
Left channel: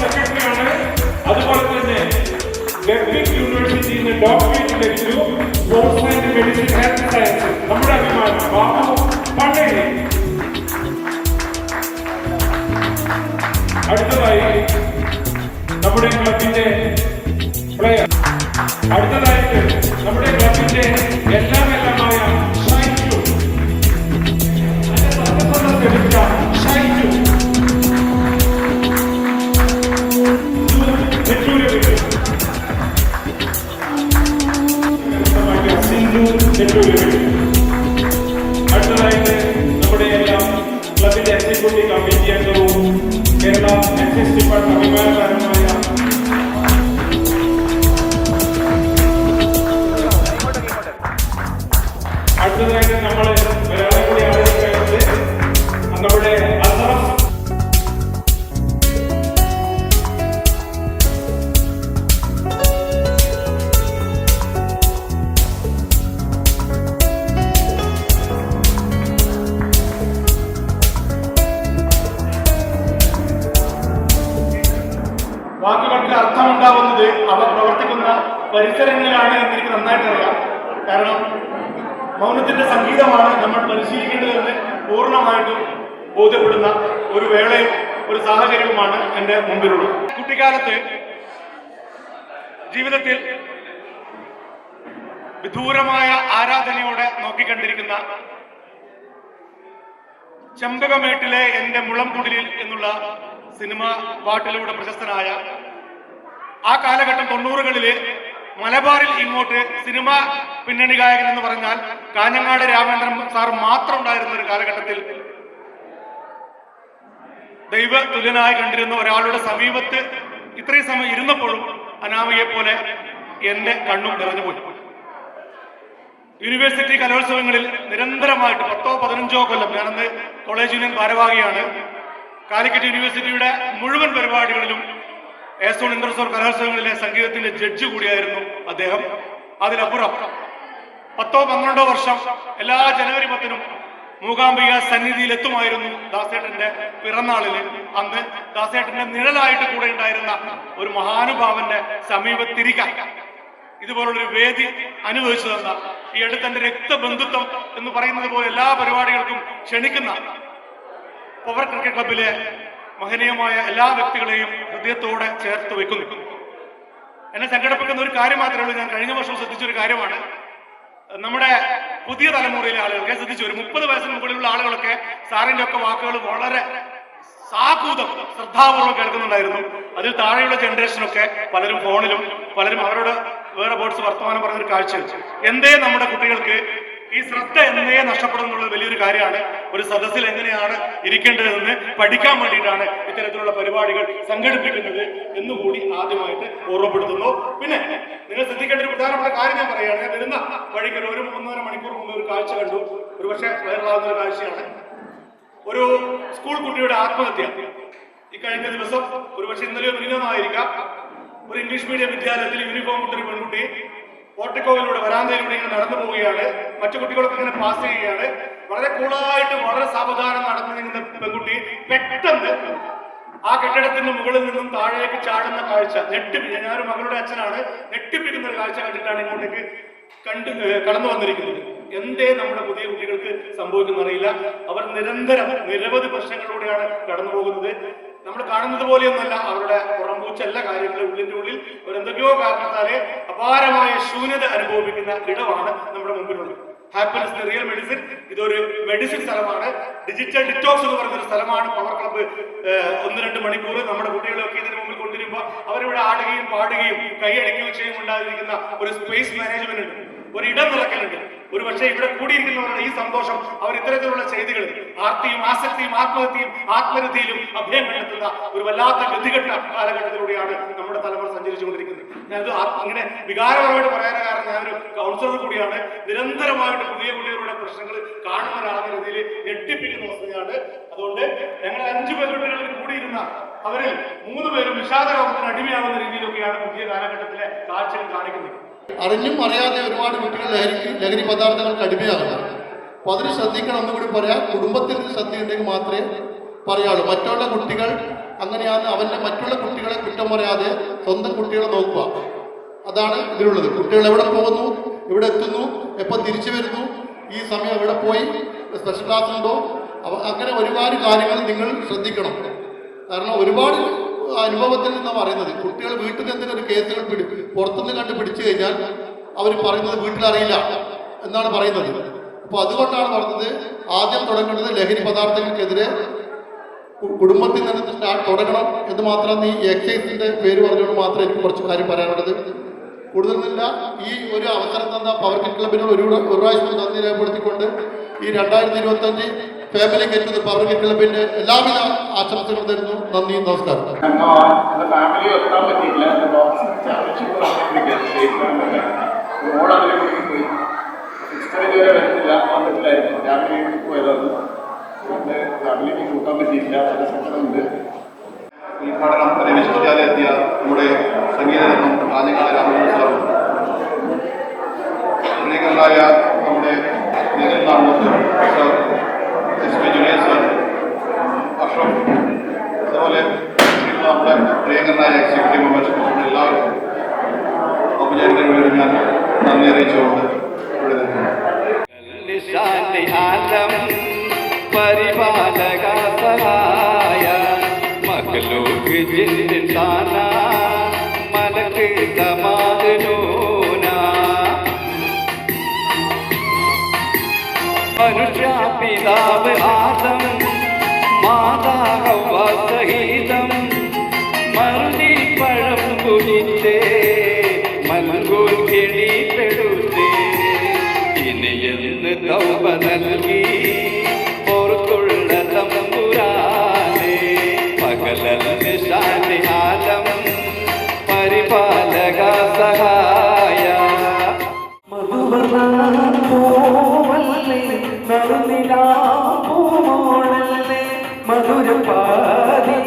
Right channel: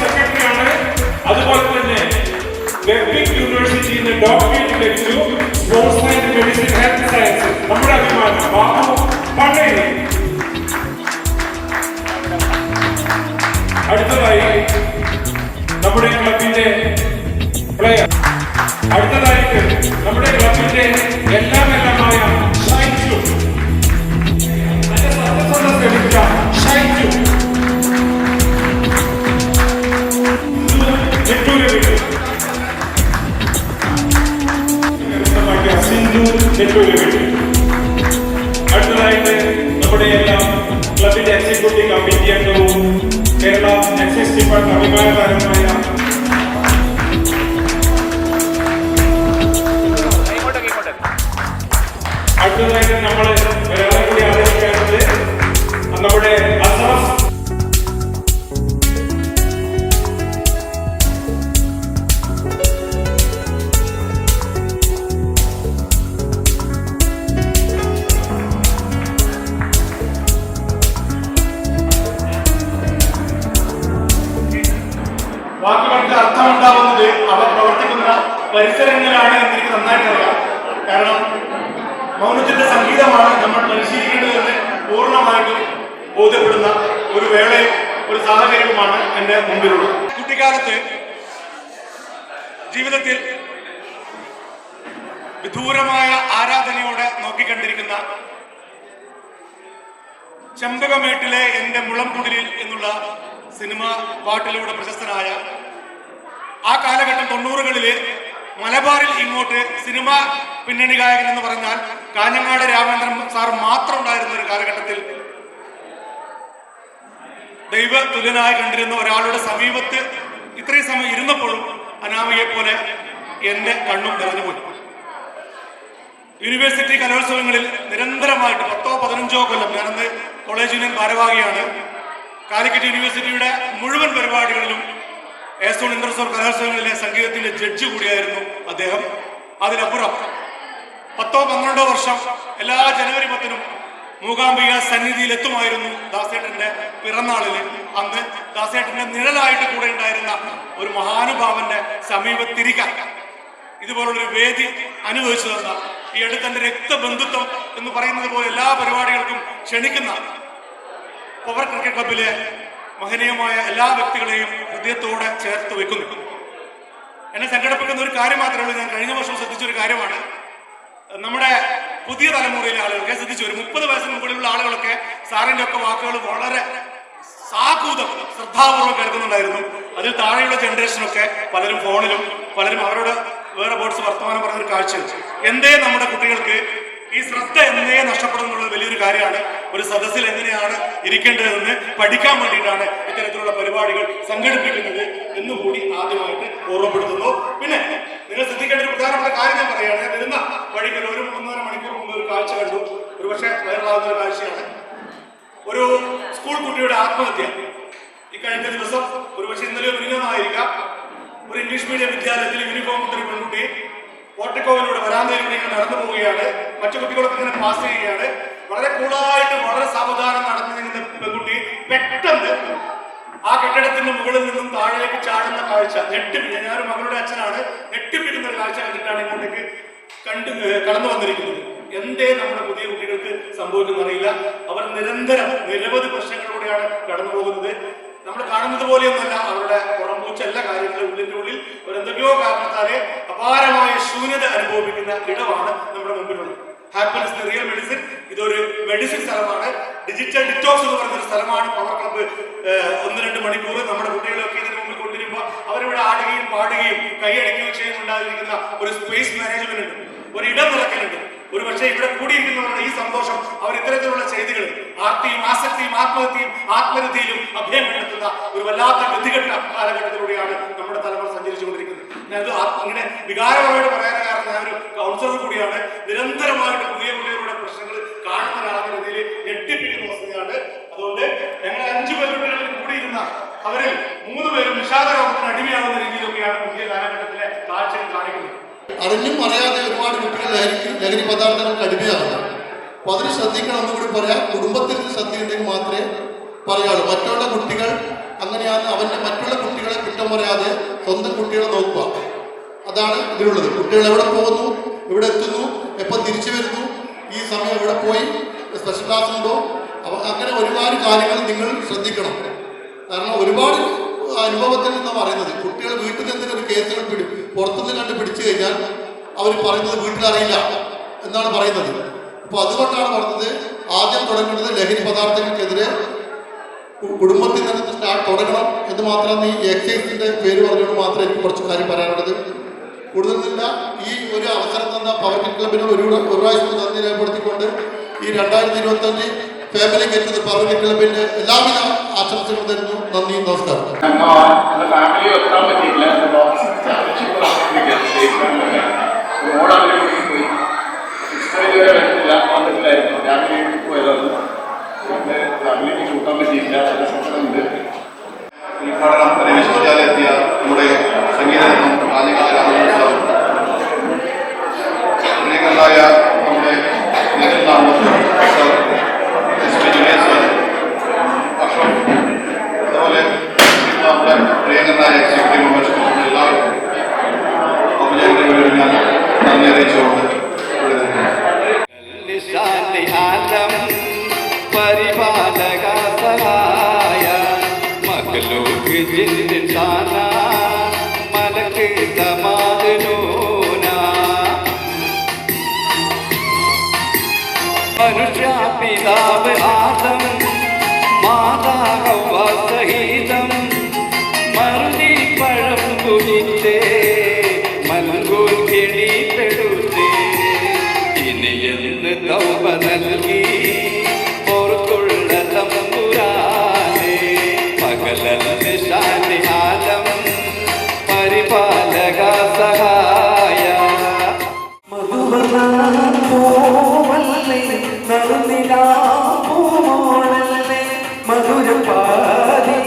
സെക്രട്ടറിയാണ്. അതുപോലെ തന്നെ വെബ്ലിംഗ് യൂണിവേഴ്സിറ്റിയിൽ ഡോക്ടറേറ്റ് ലഭിച്ചു sports science, medicine, health science. നമ്മുടെ അഭിമാനം ബാബു പണ്ടേരി. അടുത്തതായി നമ്മുടെ ക്ലബിന്റെ പ്ലെയർ, അടുത്തതായിട്ട് നമ്മുടെ ക്ലബിന്റെ എല്ലാമായ ഷൈജു, ലഭിച്ച ഷൈജു അടുത്തതായിട്ട് നമ്മുടെ എല്ലാം ക്ലബിന്റെ എക്സിക്യൂട്ടീവ് കമ്മിറ്റി അംഗവും കേരള എക്സൈസ് ഡിപ്പാർട്ട്മെന്റ് അഭിമാനകരമായ അടുത്തതായിട്ട് നമ്മൾ ഒരാളെ കൂടി ആലോചിക്കേണ്ടത് നമ്മുടെ അസാഫ് വാക്കുകൾക്ക് അർത്ഥമുണ്ടാവുന്നത് അവർ പ്രവർത്തിക്കുന്ന പരിസരങ്ങളിലാണ് എന്ന് എനിക്ക് നന്നായിട്ട് അറിയാം. കാരണം മൗനത്തിന്റെ സംഗീതമാണ് നമ്മൾ പരിശീലിക്കേണ്ടതെന്ന് പൂർണ്ണമായിട്ടും ബോധ്യപ്പെടുന്ന ഒരു വേളയും ഒരു സാഹചര്യവുമാണ് എൻ്റെ മുമ്പിലുള്ളത്. കുട്ടിക്കാലത്ത് ജീവിതത്തിൽ വിദൂരമായ ആരാധനയോടെ നോക്കിക്കണ്ടിരിക്കുന്ന ചെമ്പകമേട്ടിലെ എൻ്റെ മുളംകുടിലിൽ എന്നുള്ള സിനിമ പാട്ടിലൂടെ പ്രശസ്തനായ ആ കാലഘട്ടം 90കളില് മലബാറിൽ ഇങ്ങോട്ട് സിനിമ പിന്നണി ഗായകൻ എന്ന് പറഞ്ഞാൽ കാഞ്ഞങ്ങാട് രാമേന്ദ്രൻ സാർ മാത്രം ഉണ്ടായിരുന്ന ഒരു കാലഘട്ടത്തിൽ ദൈവ തുല്യനായി കണ്ടിരുന്ന ഒരാളുടെ സമീപത്ത് ഇത്രയും സമയം ഇരുന്നപ്പോഴും അനാമയെ പോലെ എൻ്റെ കണ്ണും നിറഞ്ഞുപോയി. യൂണിവേഴ്സിറ്റി കലോത്സവങ്ങളിൽ നിരന്തരമായിട്ട് 10-15 കൊല്ലം, ഞാനന്ന് കോളേജ് യൂണിയൻ ഭാരവാഹിയാണ്, കാലിക്കറ്റ് യൂണിവേഴ്സിറ്റിയുടെ മുഴുവൻ പരിപാടികളിലും ഏസോൺ ഇന്റർസോൺ കലോത്സവങ്ങളിലെ സംഗീതത്തിന്റെ ജഡ്ജ് കൂടിയായിരുന്നു അദ്ദേഹം. അതിനപ്പുറം 10-12 വർഷം എല്ലാ ജനുവരി 10-നും മൂകാംബിക സന്നിധിയിൽ എത്തുമായിരുന്നു ദാസേട്ടന്റെ പിറന്നാളില്. അന്ന് ദാസേട്ടന്റെ നിഴലായിട്ട് കൂടെ ഉണ്ടായിരുന്ന ഒരു മഹാനുഭാവന്റെ സമീപത്തിരിക്കാൻ ഇതുപോലുള്ളൊരു വേദി അനുഭവിച്ചു തന്ന, ഈ അടുത്തെന്റെ രക്തബന്ധുത്വം എന്ന് പറയുന്നത് പോലെ എല്ലാ പരിപാടികൾക്കും ക്ഷണിക്കുന്ന പവർ ക്രിക്കറ്റ് ക്ലബിലെ മഹനീയമായ എല്ലാ വ്യക്തികളെയും ഹൃദയത്തോടെ ചേർത്ത് വെക്കുന്നു. എന്നെ സംഘടിപ്പിക്കുന്ന ഒരു കാര്യം മാത്രമേ ഉള്ളൂ. ഞാൻ കഴിഞ്ഞ വർഷം ശ്രദ്ധിച്ചൊരു കാര്യമാണ്, നമ്മുടെ പുതിയ തലമുറയിലെ ആളുകൾക്ക് ശ്രദ്ധിച്ചു, ഒരു 30 വയസ്സിന് മുകളിലുള്ള ആളുകളൊക്കെ സാറിന്റെ ഒക്കെ വാക്കുകൾ വളരെ സാഹൂതം ശ്രദ്ധാപൂർവ്വം കേൾക്കുന്നുണ്ടായിരുന്നു. അതിൽ താഴെയുള്ള ജനറേഷനൊക്കെ പലരും ഫോണിലും, പലരും അവരോട് വേറെ ബോർഡ്സ് വർത്തമാനം പറഞ്ഞൊരു കാഴ്ച. എന്തേ നമ്മുടെ കുട്ടികൾക്ക് ഈ ശ്രദ്ധ എന്നേ നഷ്ടപ്പെടുന്നുള്ള വലിയൊരു കാര്യമാണ്. ഒരു സദസ്സിൽ എങ്ങനെയാണ് ഇരിക്കേണ്ടതെന്ന് പഠിക്കാൻ വേണ്ടിയിട്ടാണ് ഇത്തരത്തിലുള്ള പരിപാടികൾ സംഘടിപ്പിക്കുന്നത് എന്നുകൂടി ആദ്യമായിട്ട് ഓർമ്മപ്പെടുത്തുന്നു. പിന്നെ നിങ്ങൾ ശ്രദ്ധിക്കേണ്ട ഒരു പ്രധാനപ്പെട്ട കാര്യം ഞാൻ പറയുകയാണ്. ഞാൻ വരുന്ന വഴിക്ക് ഒരു 1.5 മണിക്കൂർ മുമ്പ് ഒരു കാഴ്ച കണ്ടു. ഒരു പക്ഷേ വൈറലാകുന്ന ഒരു കാഴ്ചയാണ്. ഒരു സ്കൂൾ കുട്ടിയുടെ ആത്മഹത്യ ഈ കഴിഞ്ഞ ദിവസം, ഒരു പക്ഷേ ഇന്നലെ മിനിഞ്ഞാന്നായിരിക്കാം, ഒരു ഇംഗ്ലീഷ് മീഡിയം വിദ്യാലയത്തിൽ യൂണിഫോം ഇട്ടൊരു പെൺകുട്ടി പോർട്ടിക്കോവിലൂടെ വരാന്തയിലൂടെ ഇങ്ങനെ നടന്നു പോവുകയാണ്. മറ്റു കുട്ടികളൊക്കെ ഇങ്ങനെ പാസ് ചെയ്യുകയാണ്. വളരെ കൂളായിട്ട് വളരെ സാവധാനം നടന്നു നീങ്ങുന്ന പെൺകുട്ടി പെട്ടെന്ന് ആ കെട്ടിടത്തിന്റെ മുകളിൽ നിന്നും താഴേക്ക് ചാടുന്ന കാഴ്ച ഞെട്ടിപ്പിക്കുക. ഞാനൊരു മകളുടെ അച്ഛനാണ്, ഞെട്ടിപ്പിക്കുന്ന ഒരു കാഴ്ച കണ്ടിട്ടാണ് ഇങ്ങോട്ടേക്ക് കടന്നു വന്നിരിക്കുന്നത്. എന്തേ നമ്മുടെ പുതിയ കുട്ടികൾക്ക് സംഭവിക്കുന്നറിയില്ല. അവർ നിരന്തരം നിരവധി പ്രശ്നങ്ങളിലൂടെയാണ് കടന്നു പോകുന്നത്. നമ്മൾ കാണുന്നത് പോലെയൊന്നുമല്ല അവരുടെ പുറംപൂച്ച എല്ലാ കാര്യങ്ങളും. ഉള്ളിന്റെ ഉള്ളിൽ എന്തൊക്കെയോ കാരണത്താലെ അപാരമായ ശൂന്യത അനുഭവിക്കുന്ന ഇടമാണ് നമ്മുടെ മുമ്പിലുള്ളത്. ഹാപ്പിനെസ് റിയൽ മെഡിസിൻ, ഇതൊരു മെഡിസിൻ സ്ഥലമാണ്. ഡിജിറ്റൽ ഡിറ്റോക്സ് എന്ന് പറയുന്ന ഒരു സ്ഥലമാണ് പവർ ക്ലബ്ബ്. 1-2 മണിക്കൂർ നമ്മുടെ കുട്ടികളെയൊക്കെ ഇതിന് മുമ്പിൽ കൊണ്ടുവരുമ്പോൾ അവരിവിടെ ആടുകയും പാടുകയും കൈയടിക്കുകയും ചെയ്യുന്നുണ്ടായിരിക്കുന്ന ഒരു സ്പേസ് മാനേജ്മെന്റ് ഉണ്ട്, ഒരു ഇടം നിറയ്ക്കലുണ്ട്. ഒരു പക്ഷേ ഇവിടെ കൂടിയിരിക്കുന്നവരുടെ ഈ സന്തോഷം അവർ ഇത്തരത്തിലുള്ള ചെയ്തികൾ ആർത്തിയും ആസക്തിയും ആത്മഹത്യയും ആത്മരതിയിലും അഭയം കണ്ടെത്തുന്ന ഒരു വല്ലാത്ത ഗതികെട്ട കാലഘട്ടത്തിലൂടെയാണ് നമ്മുടെ തലമുറ സഞ്ചരിച്ചുകൊണ്ടിരിക്കുന്നത്. ഞാനിത് ഇങ്ങനെ വികാരപരമായിട്ട് പറയാൻ കാരണം ഞാനൊരു കൗൺസിലർ കൂടിയാണ്. നിരന്തരമായിട്ട് പുതിയ കുട്ടികളുടെ പ്രശ്നങ്ങൾ കാണുന്ന രീതിയിൽ ഞെട്ടിപ്പിക്കുന്ന വസ്തുതയാണ്. അതുകൊണ്ട് ഞങ്ങൾ 5 പെൺകുട്ടികളിൽ കൂടിയിരുന്ന അവരിൽ 3 പേരും വിഷാദ രോഗത്തിന് അടിമയാവുന്ന രീതിയിലൊക്കെയാണ് പുതിയ കാലഘട്ടത്തിലെ കാഴ്ചകൾ കാണിക്കുന്നത്. അറിഞ്ഞും അറിയാതെ ഒരുപാട് കുട്ടികൾ ലഹരി പദാർത്ഥങ്ങൾക്ക് അടിമയാകുന്നു. അപ്പോൾ അതിന് ശ്രദ്ധിക്കണം എന്നും കൂടി പറയാം. കുടുംബത്തിൽ ശ്രദ്ധയുണ്ടെങ്കിൽ മാത്രമേ പറയാളൂ. മറ്റുള്ള കുട്ടികൾ അങ്ങനെയാണ്, അവൻ്റെ മറ്റുള്ള കുട്ടികളെ കുറ്റം പറയാതെ സ്വന്തം കുട്ടികളെ നോക്കുക. അതാണ് ഇതിലുള്ളത്. കുട്ടികൾ എവിടെ പോകുന്നു, എവിടെ എത്തുന്നു, എപ്പോൾ തിരിച്ചു വരുന്നു, ഈ സമയം എവിടെ പോയി, സ്പെഷ്യൽ ക്ലാസ് ഉണ്ടോ, അങ്ങനെ ഒരുപാട് കാര്യങ്ങൾ നിങ്ങൾ ശ്രദ്ധിക്കണം. കാരണം ഒരുപാട് അനുഭവത്തിൽ നിന്നാണ് പറയുന്നത്. കുട്ടികൾ വീട്ടിൽ നിന്ന് എന്തെങ്കിലും ഒരു കേസുകൾ പുറത്തുനിന്ന് കണ്ട് പിടിച്ചു കഴിഞ്ഞാൽ അവർ പറയുന്നത് വീട്ടിലറിയില്ല എന്നാണ് പറയുന്നത്. അപ്പോൾ അതുകൊണ്ടാണ് പറഞ്ഞത് ആദ്യം തുടങ്ങേണ്ടത് ലഹരി പദാർത്ഥങ്ങൾക്കെതിരെ കുടുംബത്തിൽ നിന്ന് തുടങ്ങണം എന്ന് മാത്രം. ഈ എക്സൈസിൻ്റെ പേര് പറഞ്ഞുകൊണ്ട് മാത്രമേ എനിക്ക് കുറച്ച് കാര്യം പറയാനുള്ളത്. കൂടുതലില്ല. ഈ ഒരു അവസരം തന്ന പവർ ക്ലബിനോട് ഒരു പ്രാവശ്യം നന്ദി രേഖപ്പെടുത്തിക്കൊണ്ട് ഈ 2025 ഫാമിലി ഗെറ്റ് പവർ ക്ലബിൻ്റെ എല്ലാവിധ ആശംസകളും തരുന്നു. നന്ദി, നമസ്കാരം. ഫാമിലി എത്താൻ പറ്റിയില്ല. പോയി ഇതുവരെ വരുന്നില്ല, വന്നിട്ടില്ലായിരുന്നു. രാവിലെ പോയതാണ്. ഫാമിലിക്ക് കൂട്ടാൻ പറ്റിയില്ല. ഉണ്ട് ഉദ്ഘാടനം വിശ്വവിദ്യാലയത്തിയ നമ്മുടെ സംഗീതരത്നം ആദ്യകാല പ്രിയങ്കരനായ നമ്മുടെ അതുപോലെ നമ്മുടെ പ്രിയങ്കരനായ എക്സിക്യൂട്ടീവ് മെമ്പേഴ്സ് എല്ലാവർക്കും ഔപചാരിക ഞാൻ നന്ദി അറിയിച്ചുകൊണ്ട് പരിപാലക സഹായ മഖ്ലൂഖ് ജിൻസാന മലക്ക് ദമാദനൂന മനുഷ്യ പിതാവ് ആദം മാതാ ഹവ്വ സഹിതം മറുതി പഴം കുടിത്തേ മലങ്കൂൽ കിണിത്തെടുത്തേ ഇനിയെന്ന് തൗബ നൽകി ഓർത്തുള്ള തമ്പുരാനെ പകലന് ശാന്തി ആലം പരിപാലക സഹായ മധുവല്ലേ നറുനിലാമോളല്ലേ മധുരപാതി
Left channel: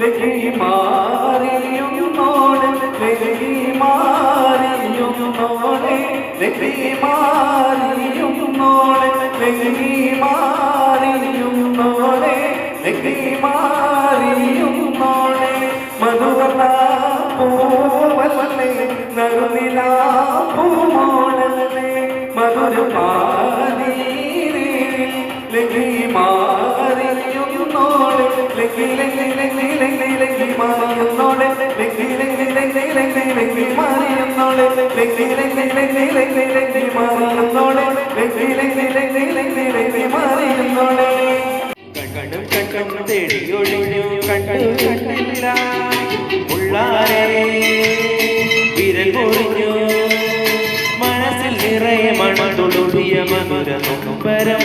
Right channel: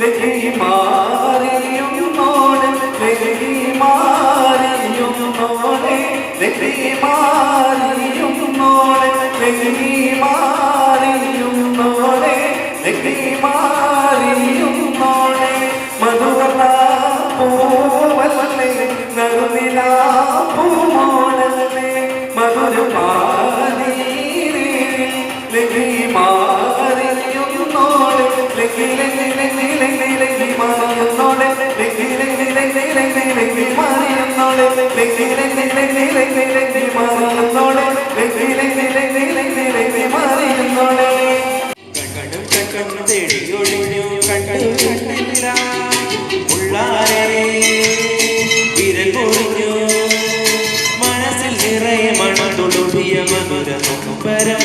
ലഹരി മാറിയും നോടെ ലഹരി മാറിയും നോടെ ലഹരി മാറിയും നോടെ ലഹരി മാറിയും നോടെ ലഹരി മാറിയും നോടെ മധുവല്ല പൂവല്ലേ നറുനിലാമോളല്ലേ മധുരപാതി ലഹരി മാറിയും നോടെ ലഹരി ലഹരി മാറിയും നോടെ ലഹരി ലഹരി മാറിയും നോടെ ലഹരി ലഹരി മാറിയും നോടെ ലഹരി ലഹരി മാറിയും നോടെ കണ്ണു തേടി ഒഴിഞ്ഞു കണ്ടു കണ്ടില്ല ഉള്ളാരെ വിരൽ പൊറിഞ്ഞു മനസ്സിൽ നിറയെ മണതുളുതിയ മധുര നൊമ്പരം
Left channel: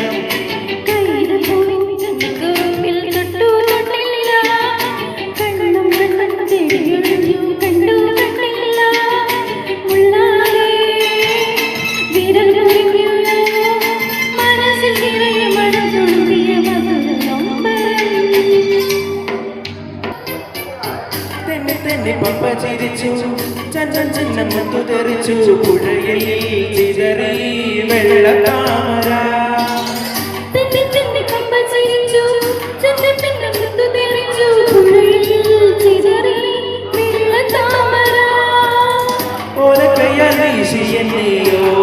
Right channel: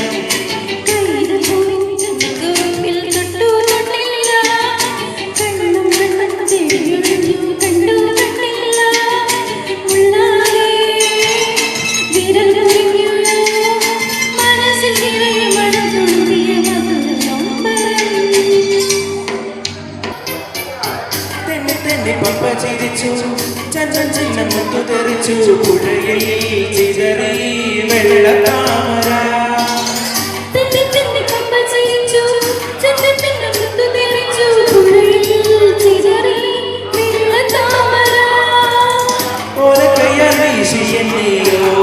ചിരിച്ചു ചന്ദൻ ചിഹ്നം മുത്തുതെറിച്ചു പുഴയിൽ ചിതറി വെള്ളത്താമര ഓലക്കയ്യാൽ വീശി എന്നെ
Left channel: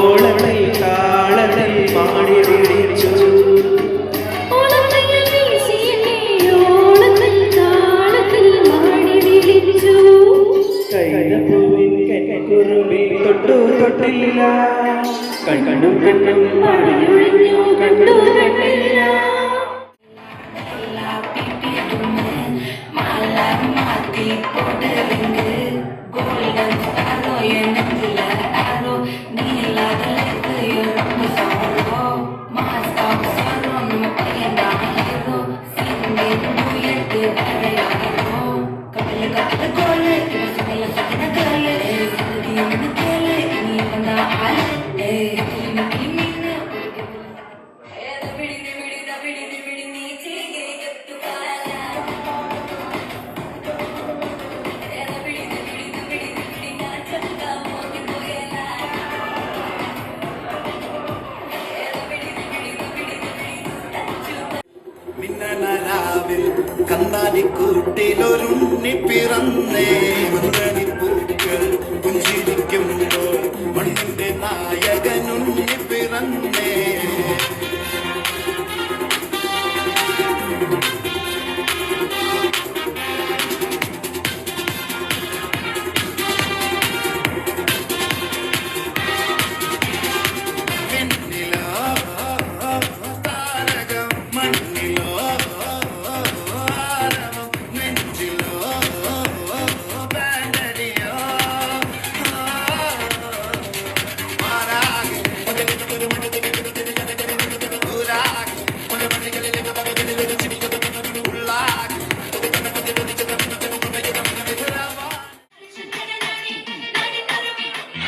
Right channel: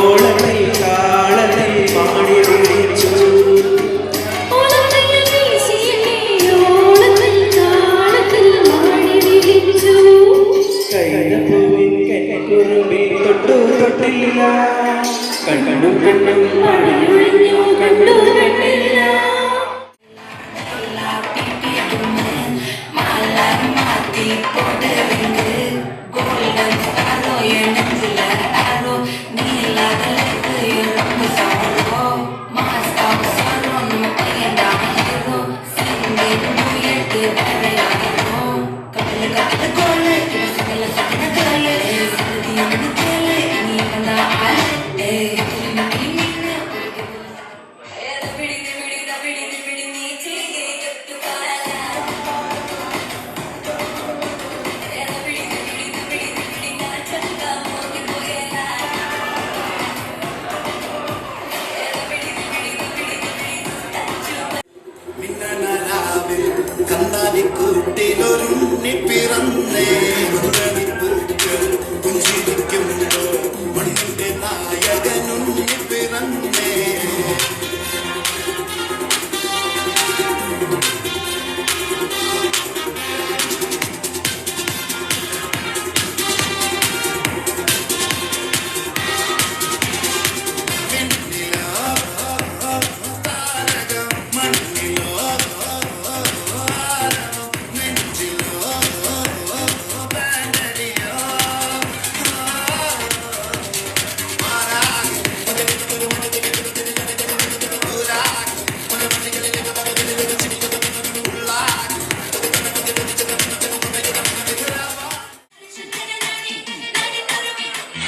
ഓളത്തിൽ താളത്തിൽ പാടി വിളിച്ചു കൈതപ്പൂവിൻ കൈക്കുറുമ്പിൽ തൊട്ടു തൊട്ടില്ല കണ്ണു കണ്ണും മണിയൊഴിഞ്ഞു കണ്ടു കണ്ടില്ല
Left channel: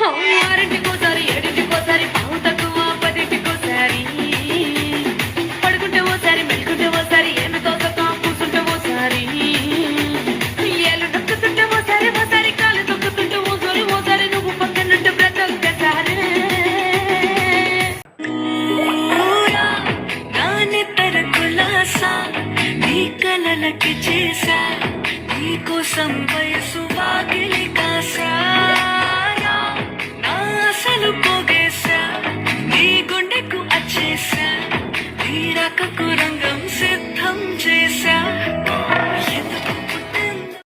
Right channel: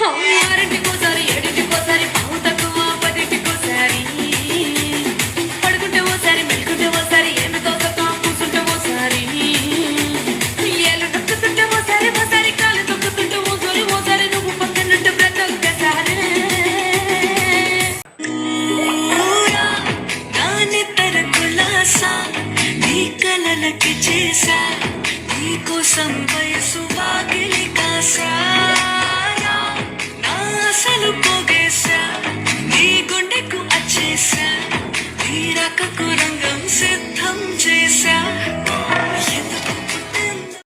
ఆరింటికోసారి ఏడింటికోసారి పావు తక్కువ పదింటికోసారి పడుకుంటే ఓసారి మెలుకుంటే ఓసారి ఏమి తోసక కూర్చుంటే ఓసారి ఏళ్ళు నొక్కుతుంటే ఓసారి ఓసారి కాలు తొక్కుతుంటే ఓసారి ఓసారి నువ్వు పక్కనుంటే బ్రతొక్కసారి దాని తరకులాసా నీ కలలకి చేసా నీ కోసం వయసు వాకిలి కాసా అసలు పోగేశా నీ గుండెకు అచ్చేసా నీ రకకు రంగం సిద్ధం చేశా ఎందుకు పుట్టిందో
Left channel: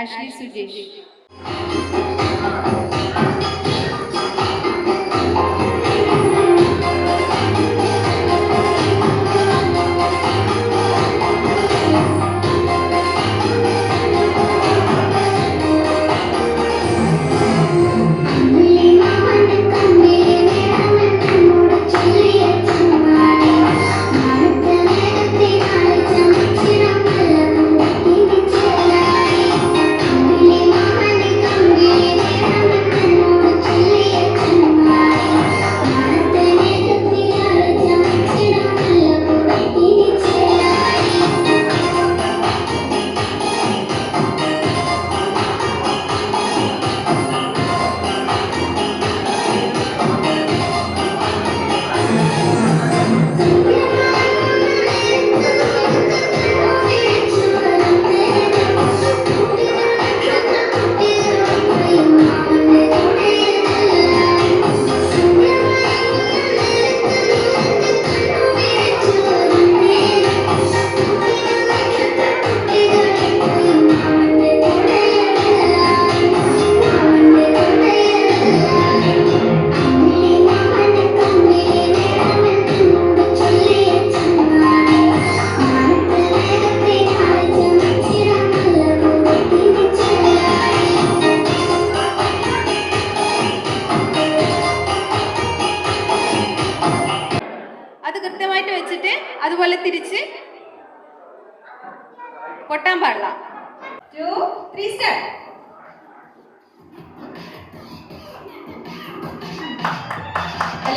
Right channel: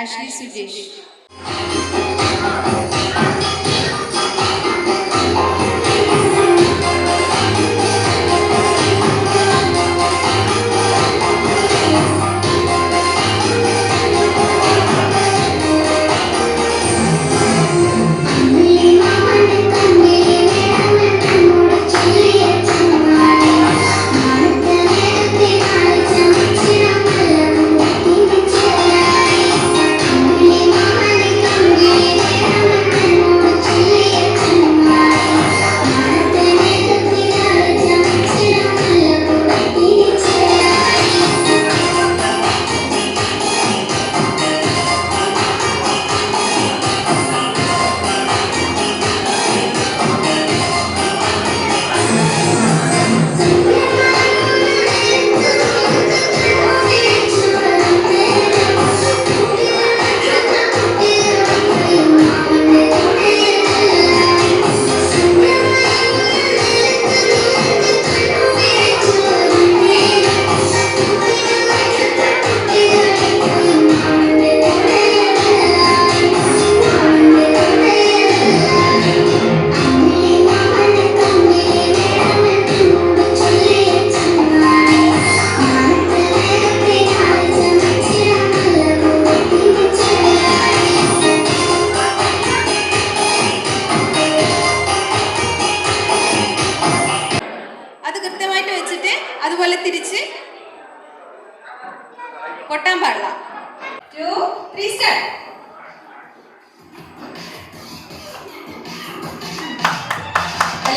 Ashley Sujesh. Thank you.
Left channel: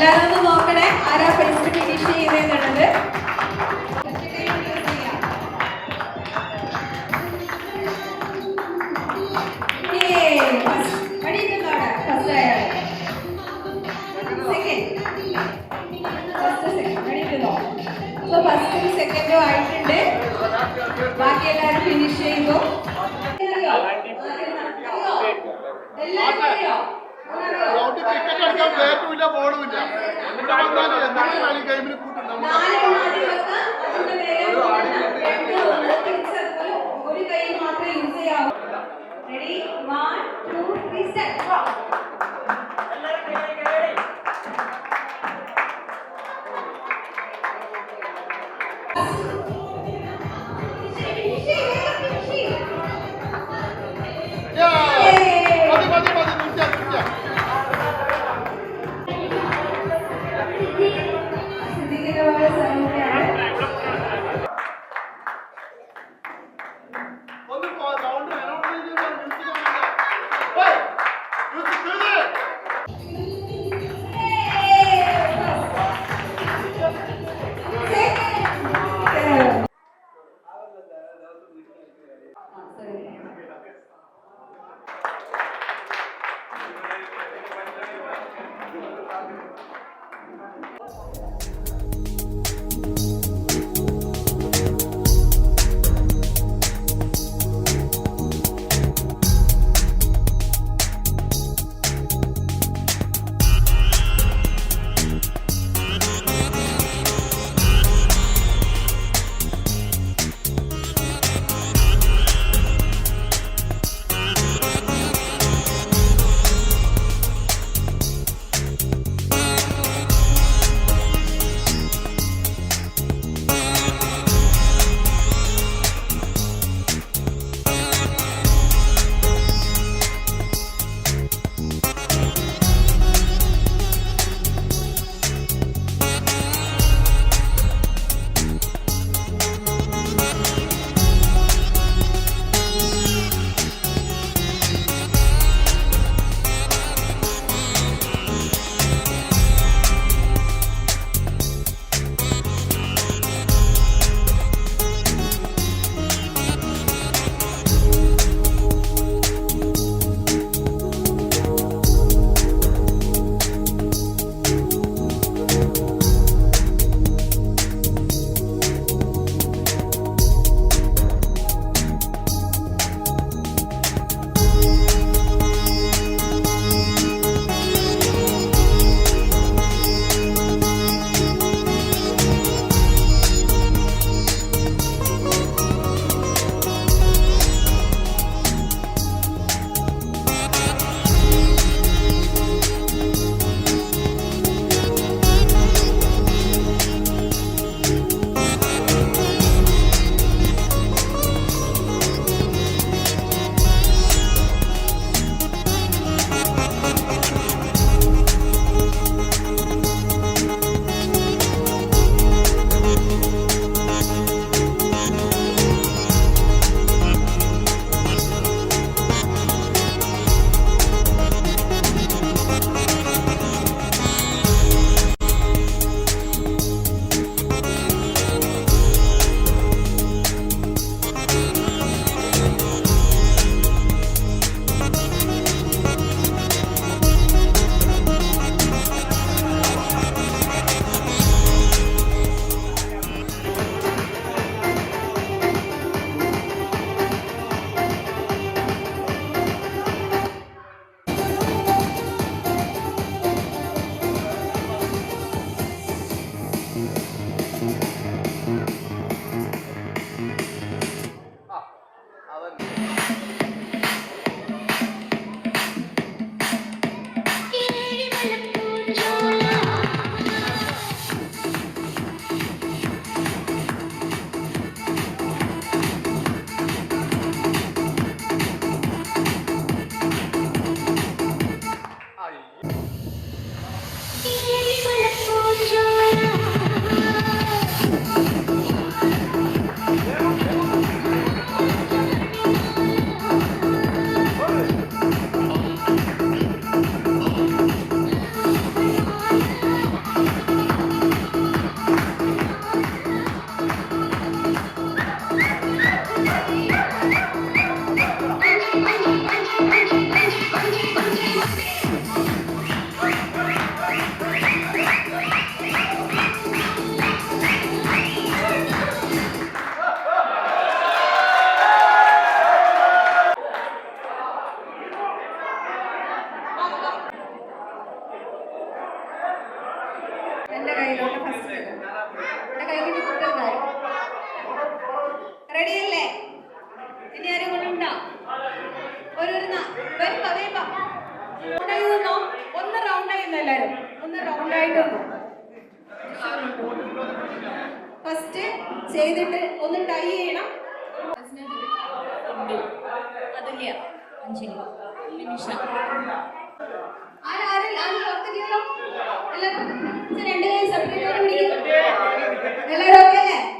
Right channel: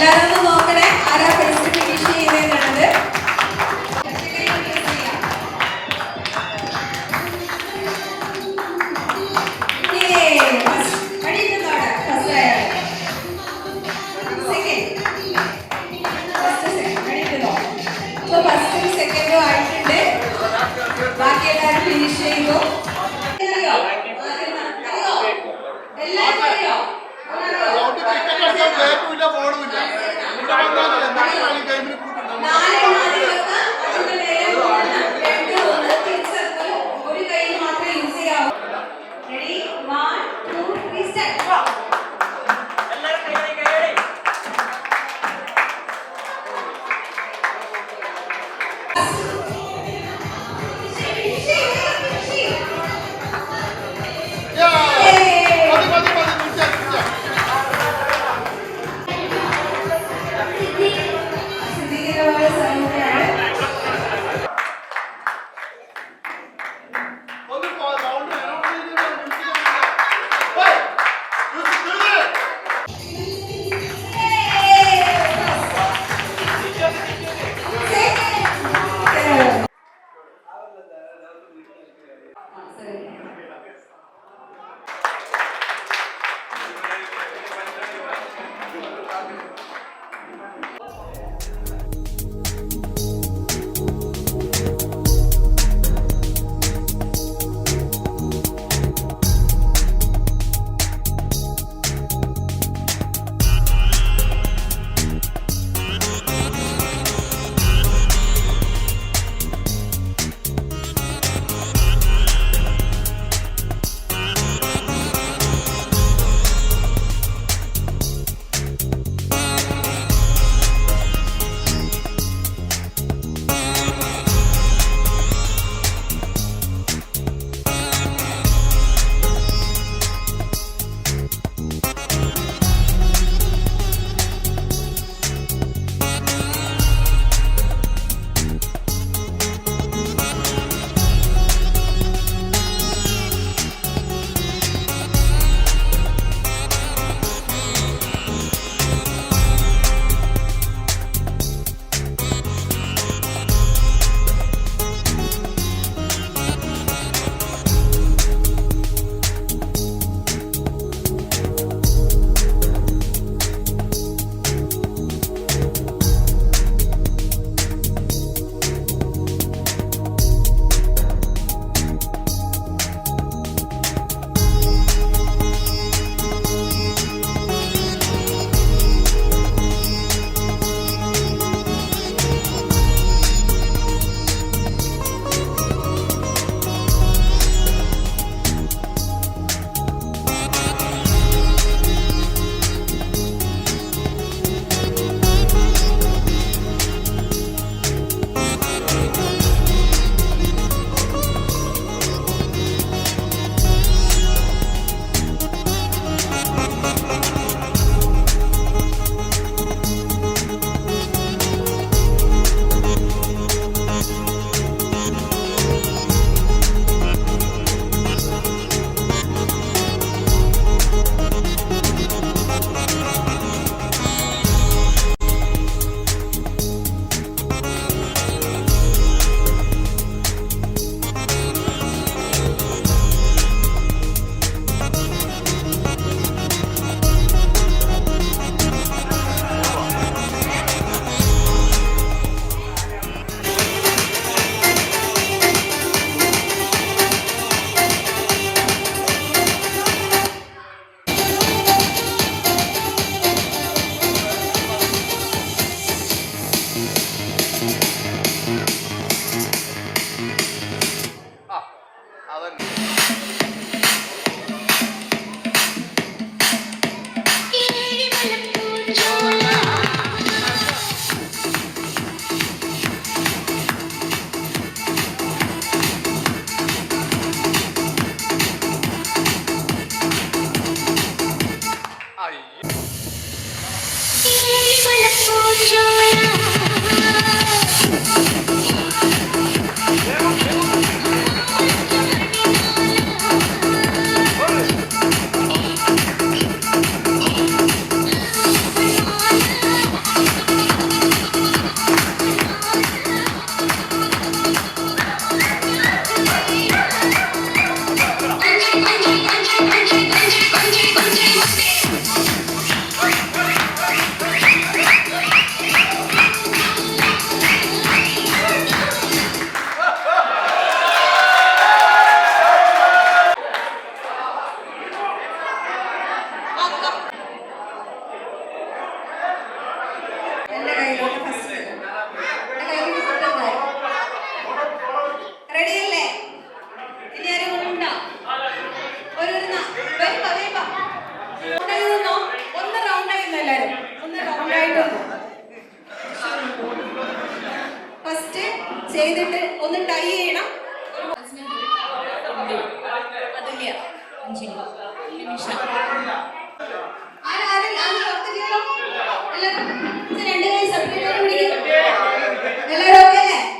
എല്ലാവരും ഒന്ന് നോക്കണേ ആരാ ഫസ്റ്റ് ഫിനിഷ് ചെയ്തേന്നുള്ളത്. ഫസ്റ്റും സെക്കൻഡും ആയിട്ടുണ്ട്. ബാക്കി എല്ലാവരും ഫിനിഷ് ചെയ്തു. അറിയോ? എല്ലാവരും അറിയോ? ഒരു കൈ മാത്രമേ യൂസ് ചെയ്യാവൂ. Ready 1 2 3 start. സിദ്ദീഖിന്റെ സൗണ്ട്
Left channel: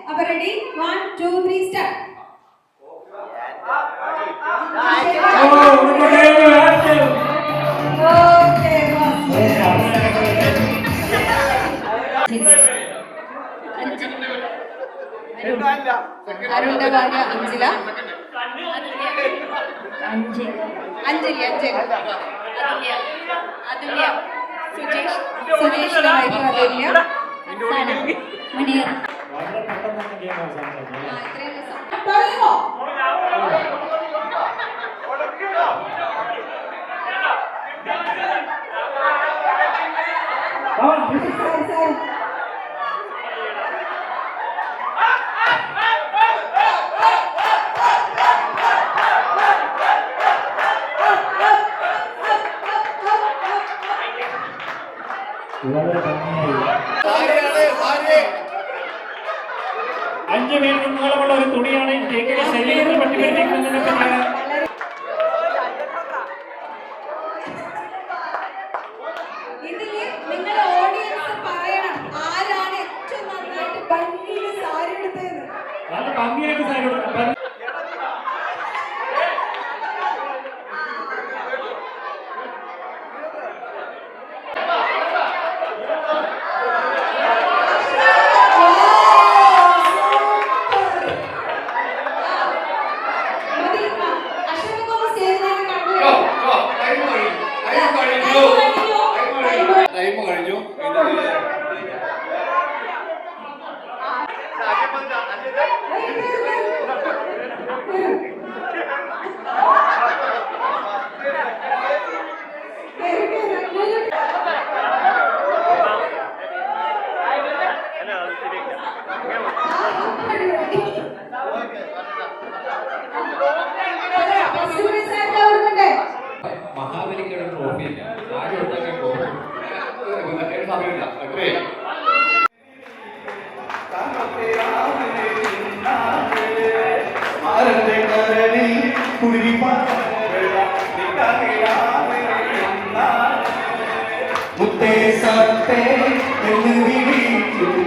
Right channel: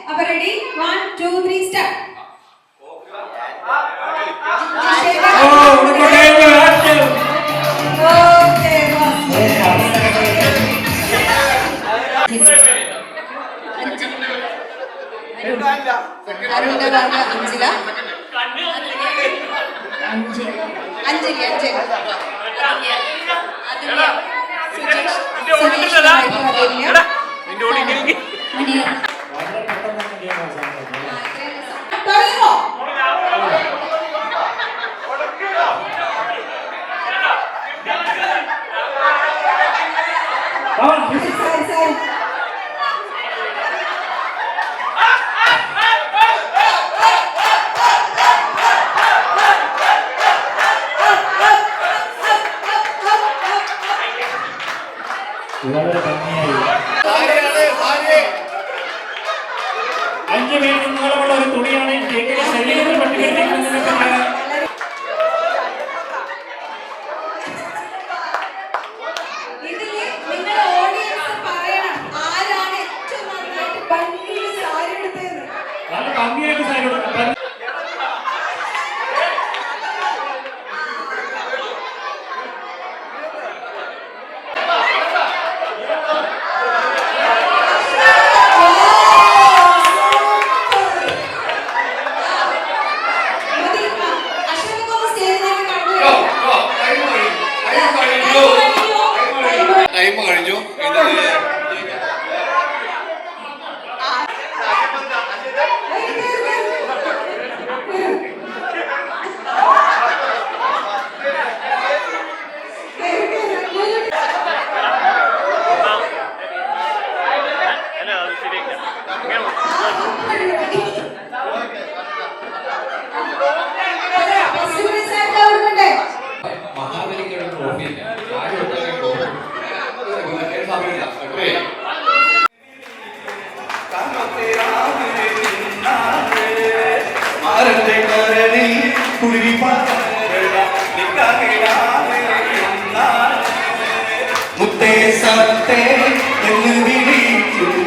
അപ്പൊ റെഡി 1 2 3 സ്റ്റാർട്ട്. അരുണിന്റെ ഭാര്യ അഞ്ജില, അഞ്ജലി സുജേഷ്, സുരേഷിന്റെ വൈഫ് അതുല്യ, മണിയ. തുടങ്ങോ? വളരെ ഭംഗിയായി 5 മീറ്റർ നീളമുള്ള ഒരു തുണിയാണ് കേക്കിന്റെ ശരീരത്തിൽ പട്ടികയിലേക്ക്. ഇതില് നിങ്ങളുടെ ഓഡിയൻസ് പറയണം ആരാണ് ഏറ്റവും നന്നായിട്ട് ഭംഗിയിൽ സാരി എടുത്തതെന്ന്. നല്ല ഭംഗിയായിട്ട് സാരി കൊടുക്കണം. ടൈം കഴിഞ്ഞു. മഹാബലിക്കുള്ള ട്രോഫി സമയമില്ല. മുത്തേ സത്തേ എന്ന് വിളിക്കും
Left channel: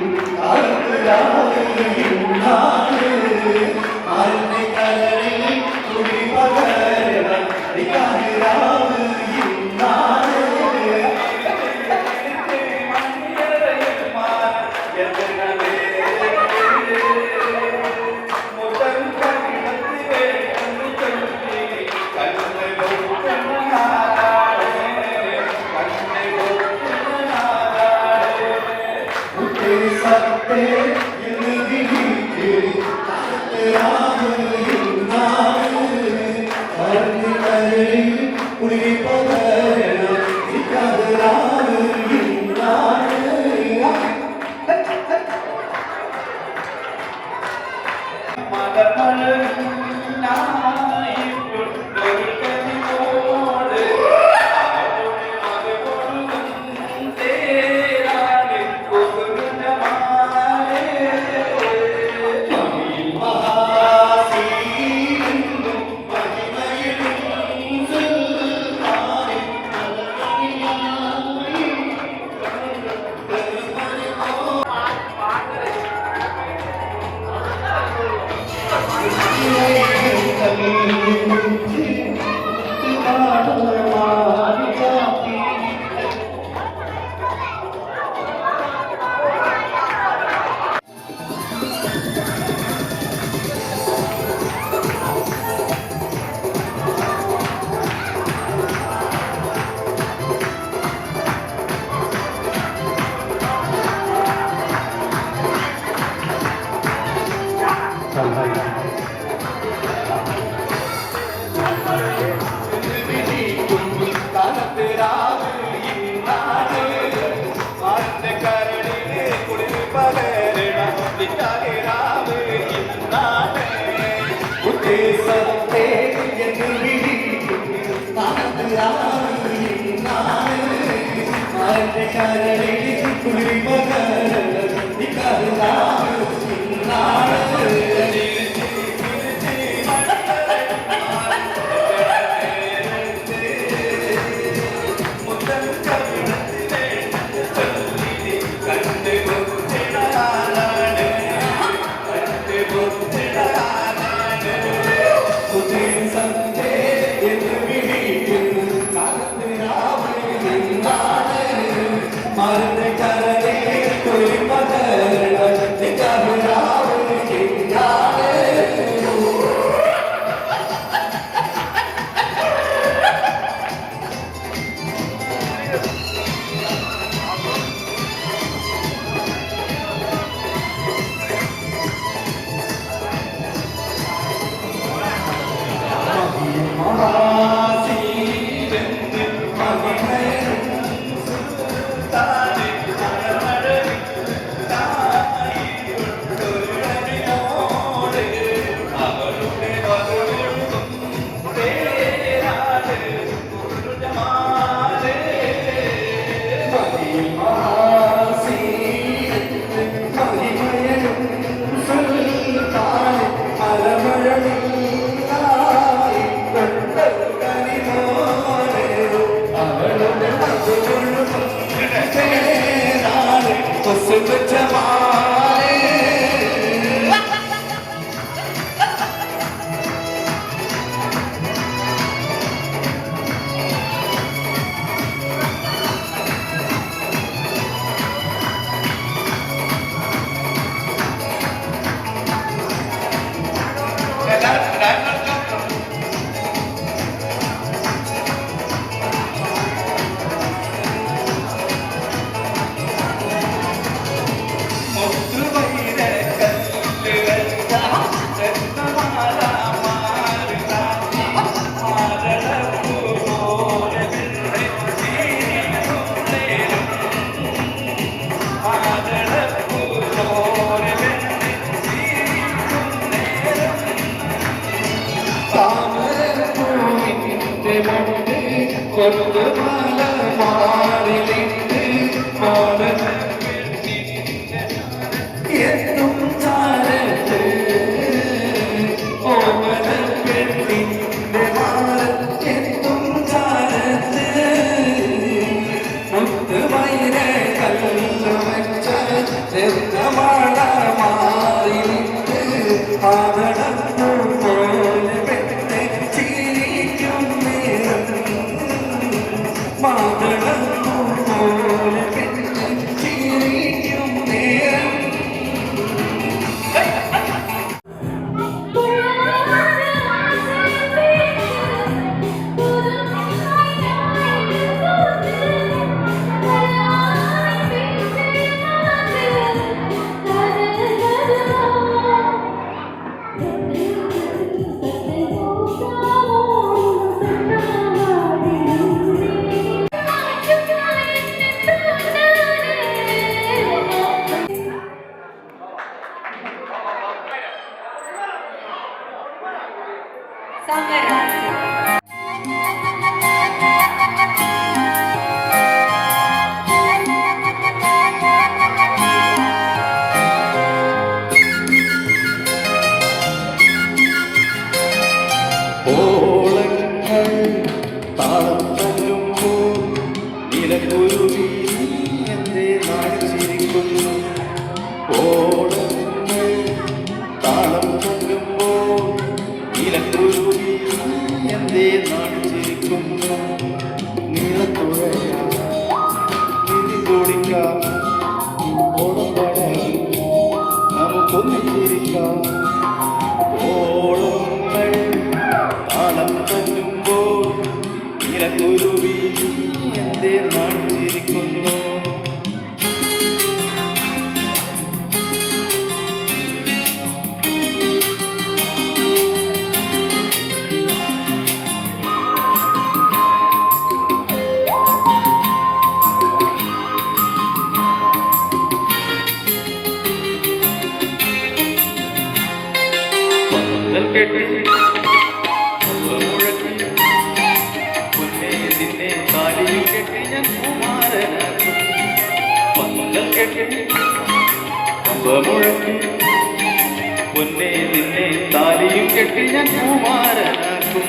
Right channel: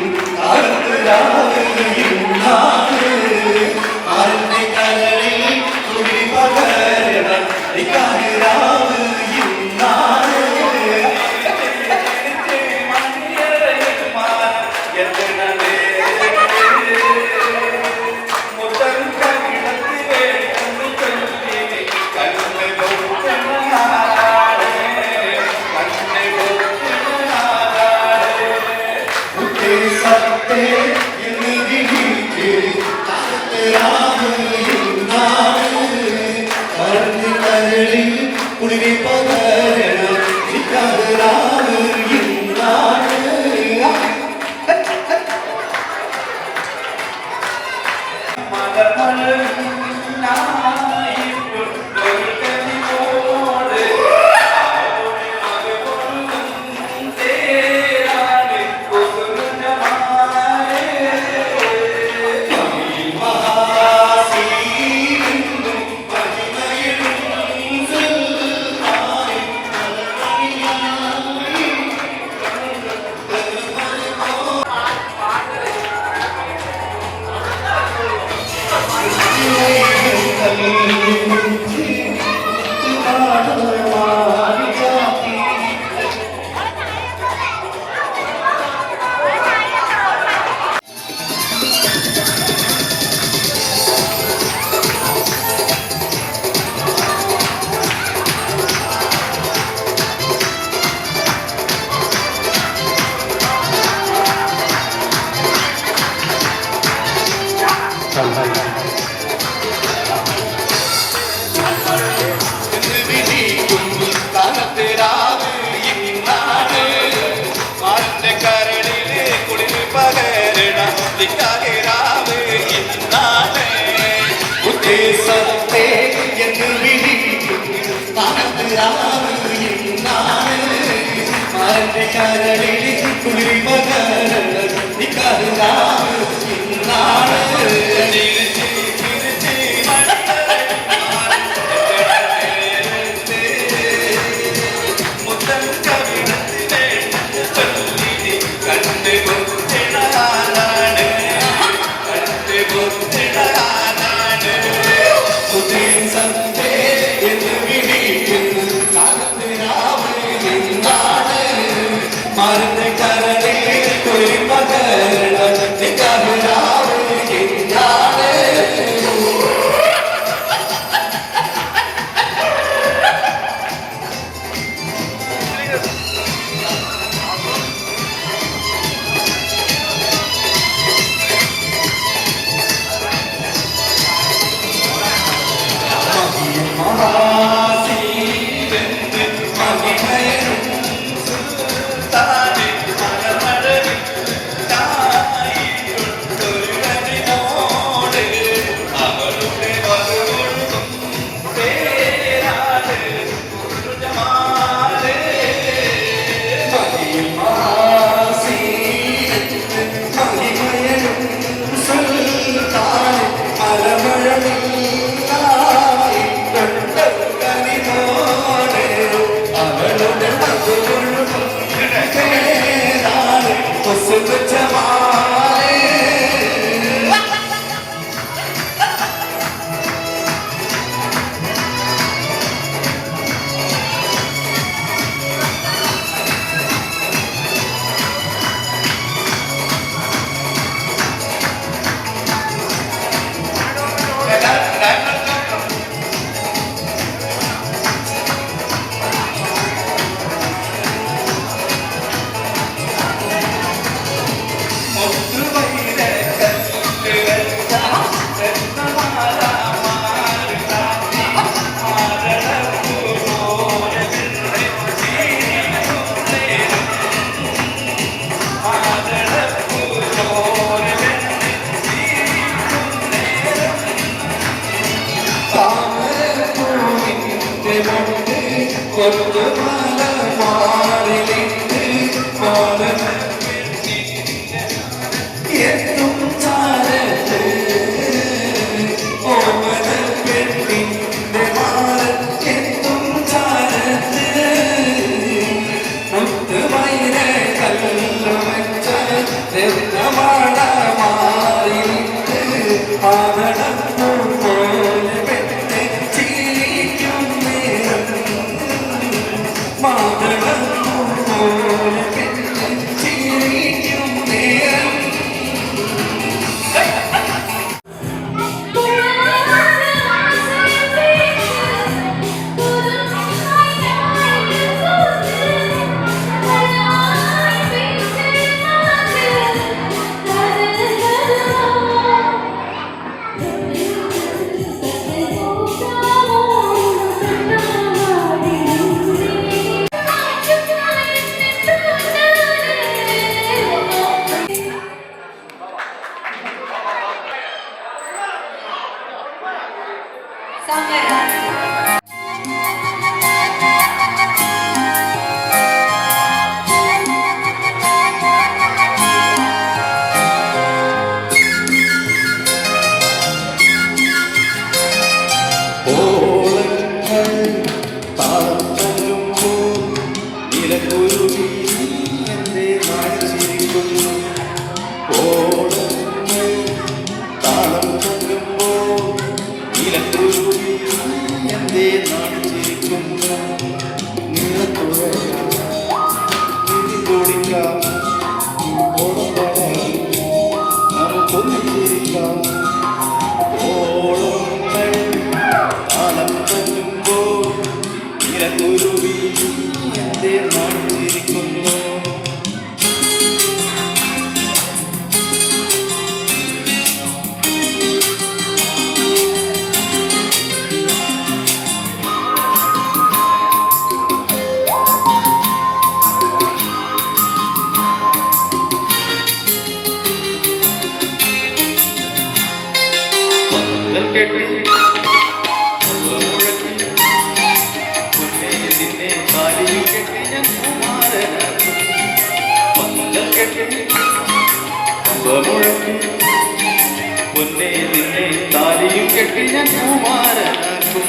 പൊന്നേ നിന്നെ താലിയും കെട്ടി ഞാൻ കുമാരനാക്കും.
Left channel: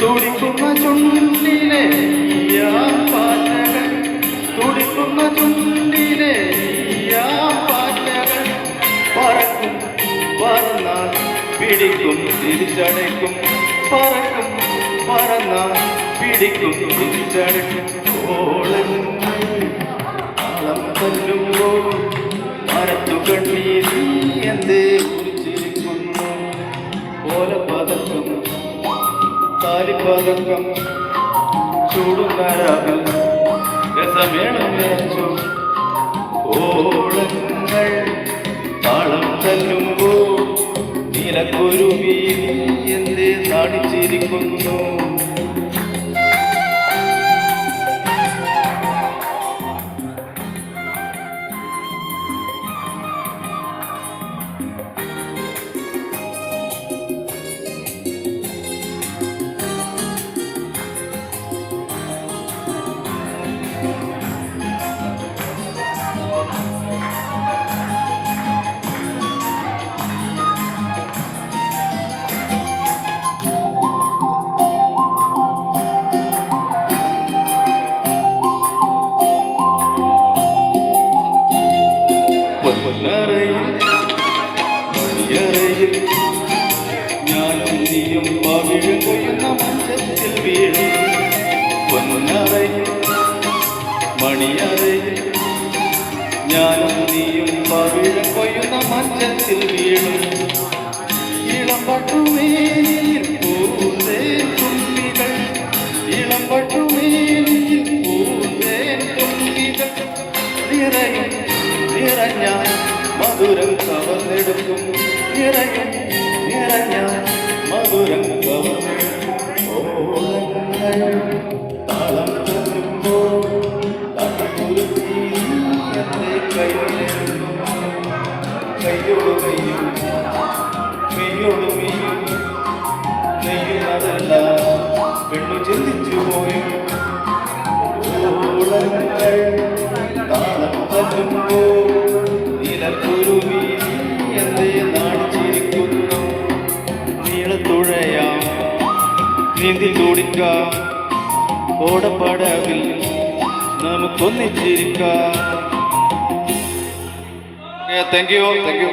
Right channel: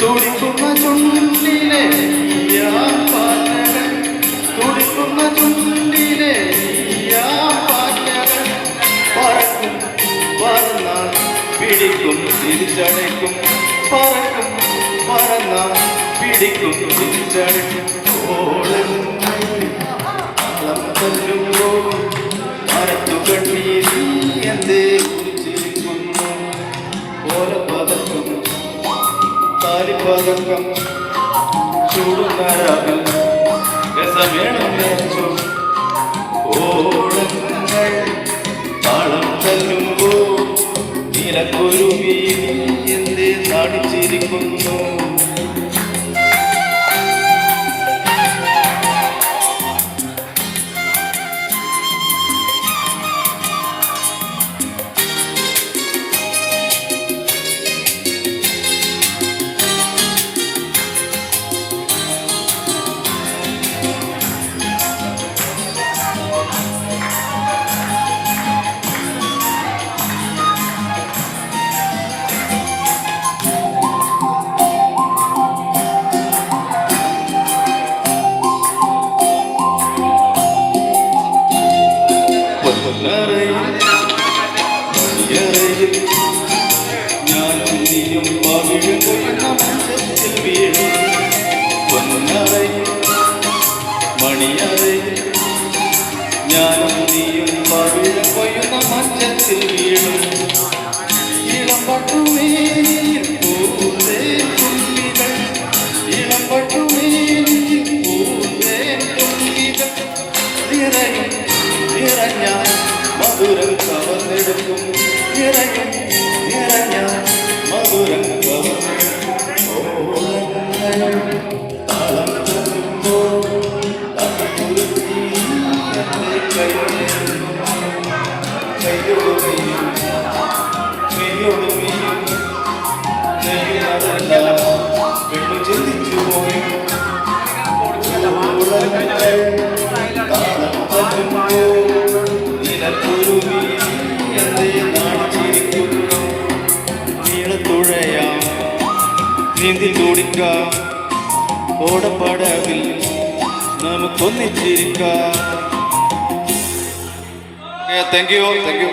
തുടിക്കുന്ന ചുണ്ടിലെ പാറ്റകൾ, തുടിക്കുന്ന ചുണ്ടിലെ പാറ്റകൾ പറക്കും, പറന്നാൽ പിടിക്കും തിരിച്ചടയ്ക്കും, പറക്കും പറന്നാൽ പിടിക്കും തിരിച്ചടയ്ക്കും. ഓളങ്ങൾ തല്ലുമ്പോൾ മരത്തുകണ്ണി നീ എന്തേ കുറിച്ചിരിക്കുന്നു ഓലപ്പതക്കം താലിപ്പതക്കം ചൂടുന്നരാവിൽ രസമേണം നേർച്ചു ഓളങ്ങൾ താളം തല്ലുമ്പോൾ നീലക്കുരുവി എന്തേ നാടിച്ചിരിക്കുന്നു മണിയറയിൽ ഞാനും നീയും പവിഴ കൊയ്യുന്ന മഞ്ചത്തിൽ വീഴും പൊന്നറയിൽ മണിയറയിൽ ഞാനും നീയും പവിഴ കൊയ്യുന്ന മഞ്ചത്തിൽ വീഴും ഇളം പട്ടുമേനിയിൽ പൂന്തേ തുള്ളികൾ ഇളം പട്ടുമേനിയിൽ പൂന്തേ തുള്ളികൾ നിറയും നിറഞ്ഞ മധുരം കവർന്നെടുക്കും നിറയും നിറഞ്ഞ മധുരം കവർന്നെടുക്കും താളം തരുമ്പോൾ തലമുറുത്തി എന്നെ കൈയോട് മെയ്യും മെയ്യോട് മെയ്യും നെയ്യുന്നതെല്ലാം പെണ്ണു ചിന്തിച്ചു പോയും താളം തരുമ്പോൾ നിലക്കുരുവി എന്തേ നാടിച്ചിരിക്കുന്നു നീളത്തുഴയാം നീന്തി തുടിക്കാം ഓടപ്പടവിൽ നമുക്കൊന്നിച്ചിരിക്കാം. Thank you thank you.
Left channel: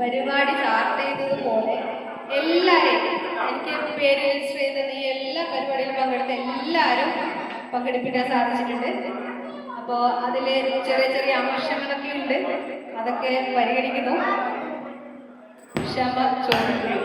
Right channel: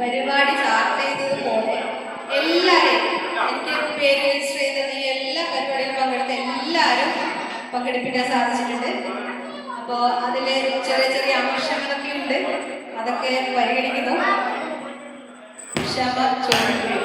പരിപാടി സ്റ്റാർട്ട് ചെയ്തതുപോലെ എല്ലാവരെയും എനിക്ക് പേര് രജിസ്റ്റർ ചെയ്തത് ഈ എല്ലാ പരിപാടിയിലും പങ്കെടുത്ത എല്ലാവരും പങ്കെടുപ്പിക്കാൻ സാധിച്ചിട്ടുണ്ട്. അപ്പോൾ അതിൽ ചെറിയ ചെറിയ അംശങ്ങളൊക്കെ ഉണ്ട്, അതൊക്കെ പരിഗണിക്കുന്നു. ക്ഷമ ചോദിക്കുന്നു.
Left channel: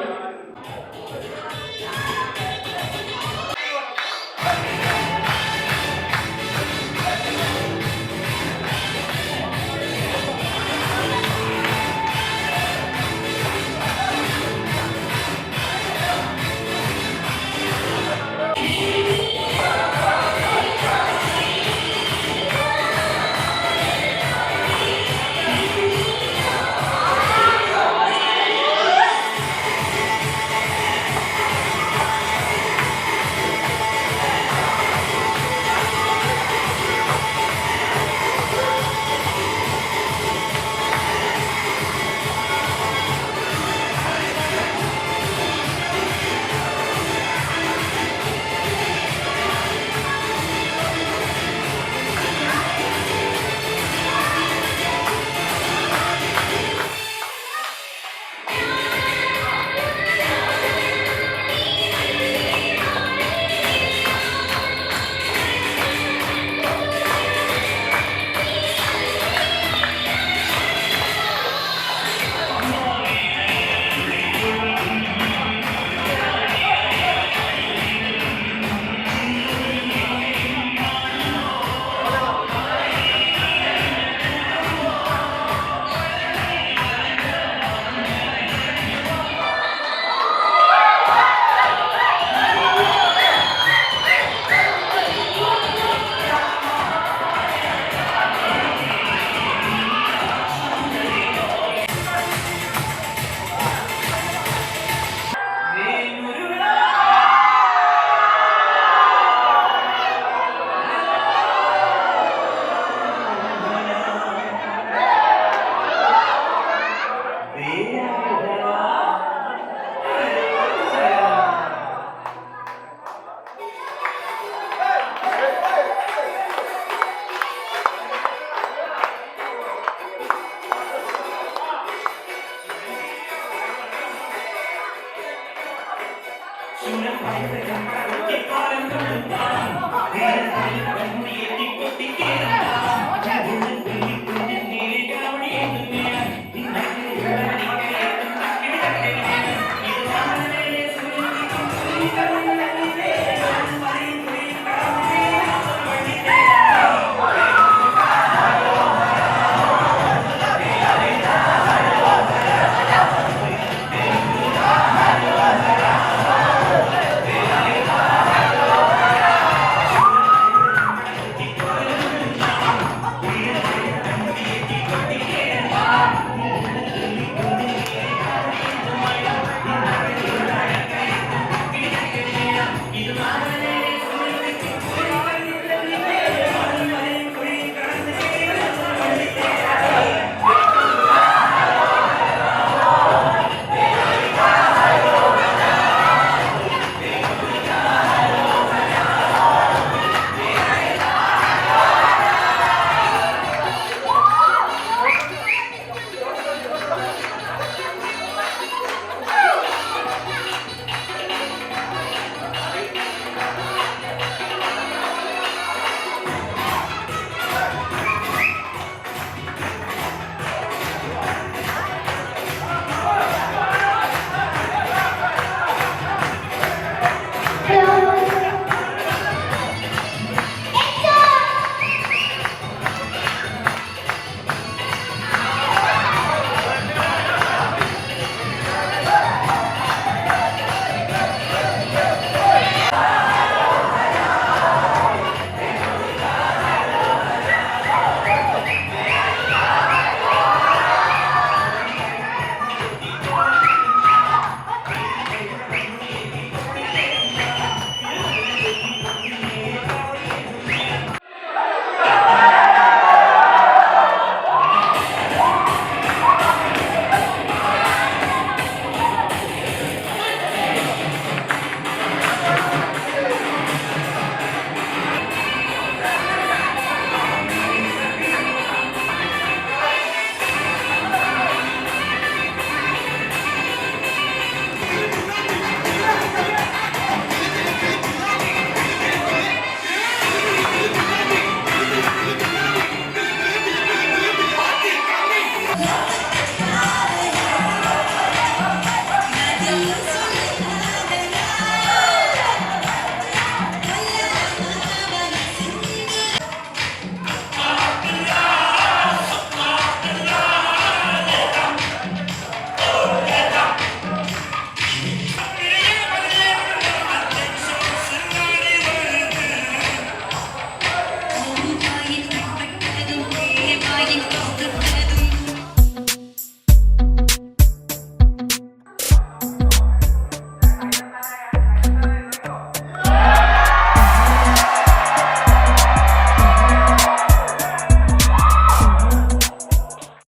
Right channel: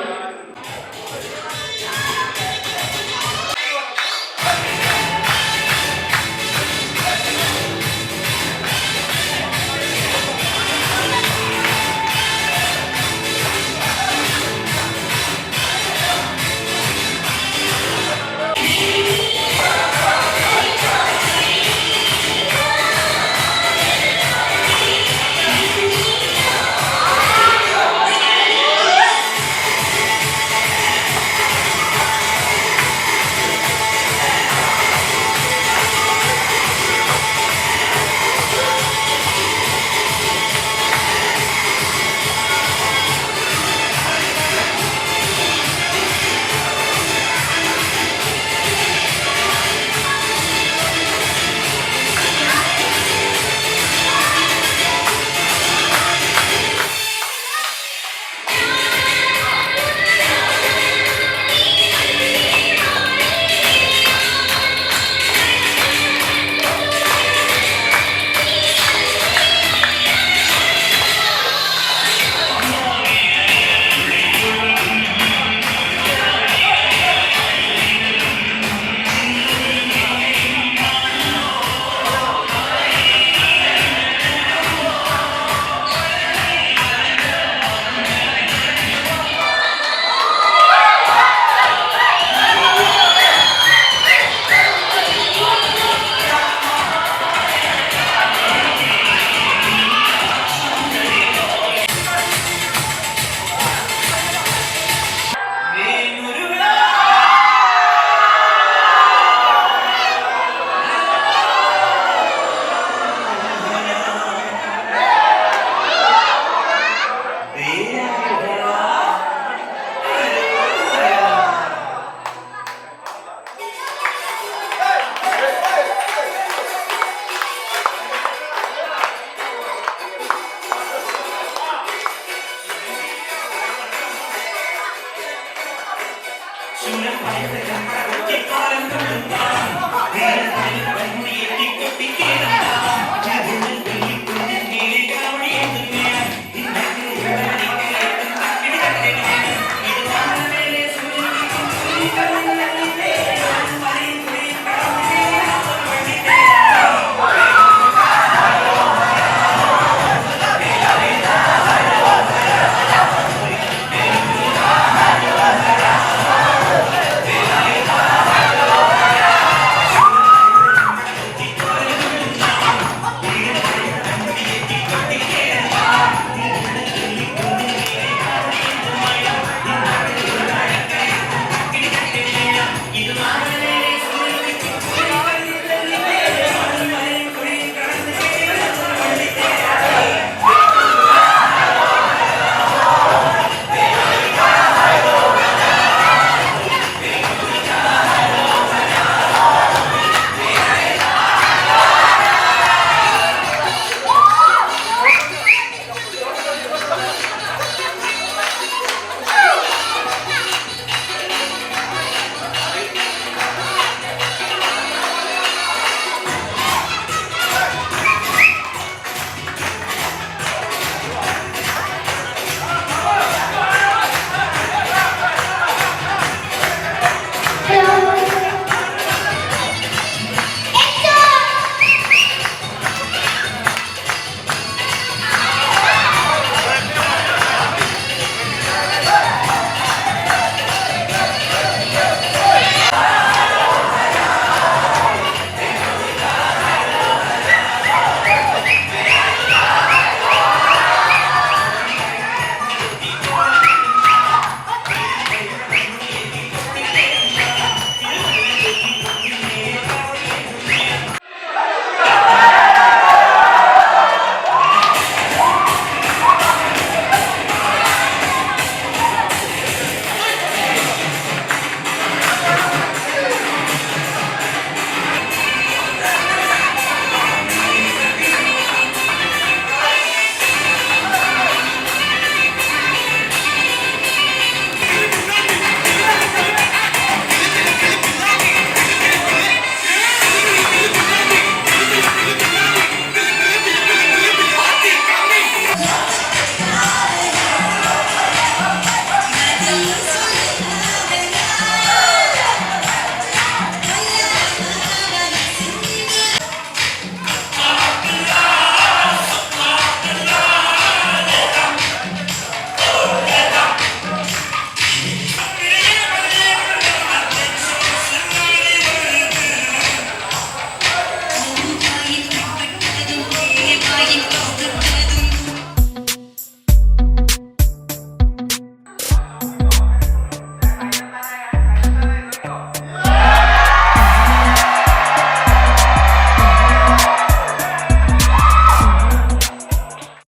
ചിങ്ങം പയറ് ചമ്പട കുറ്റിക്കാലം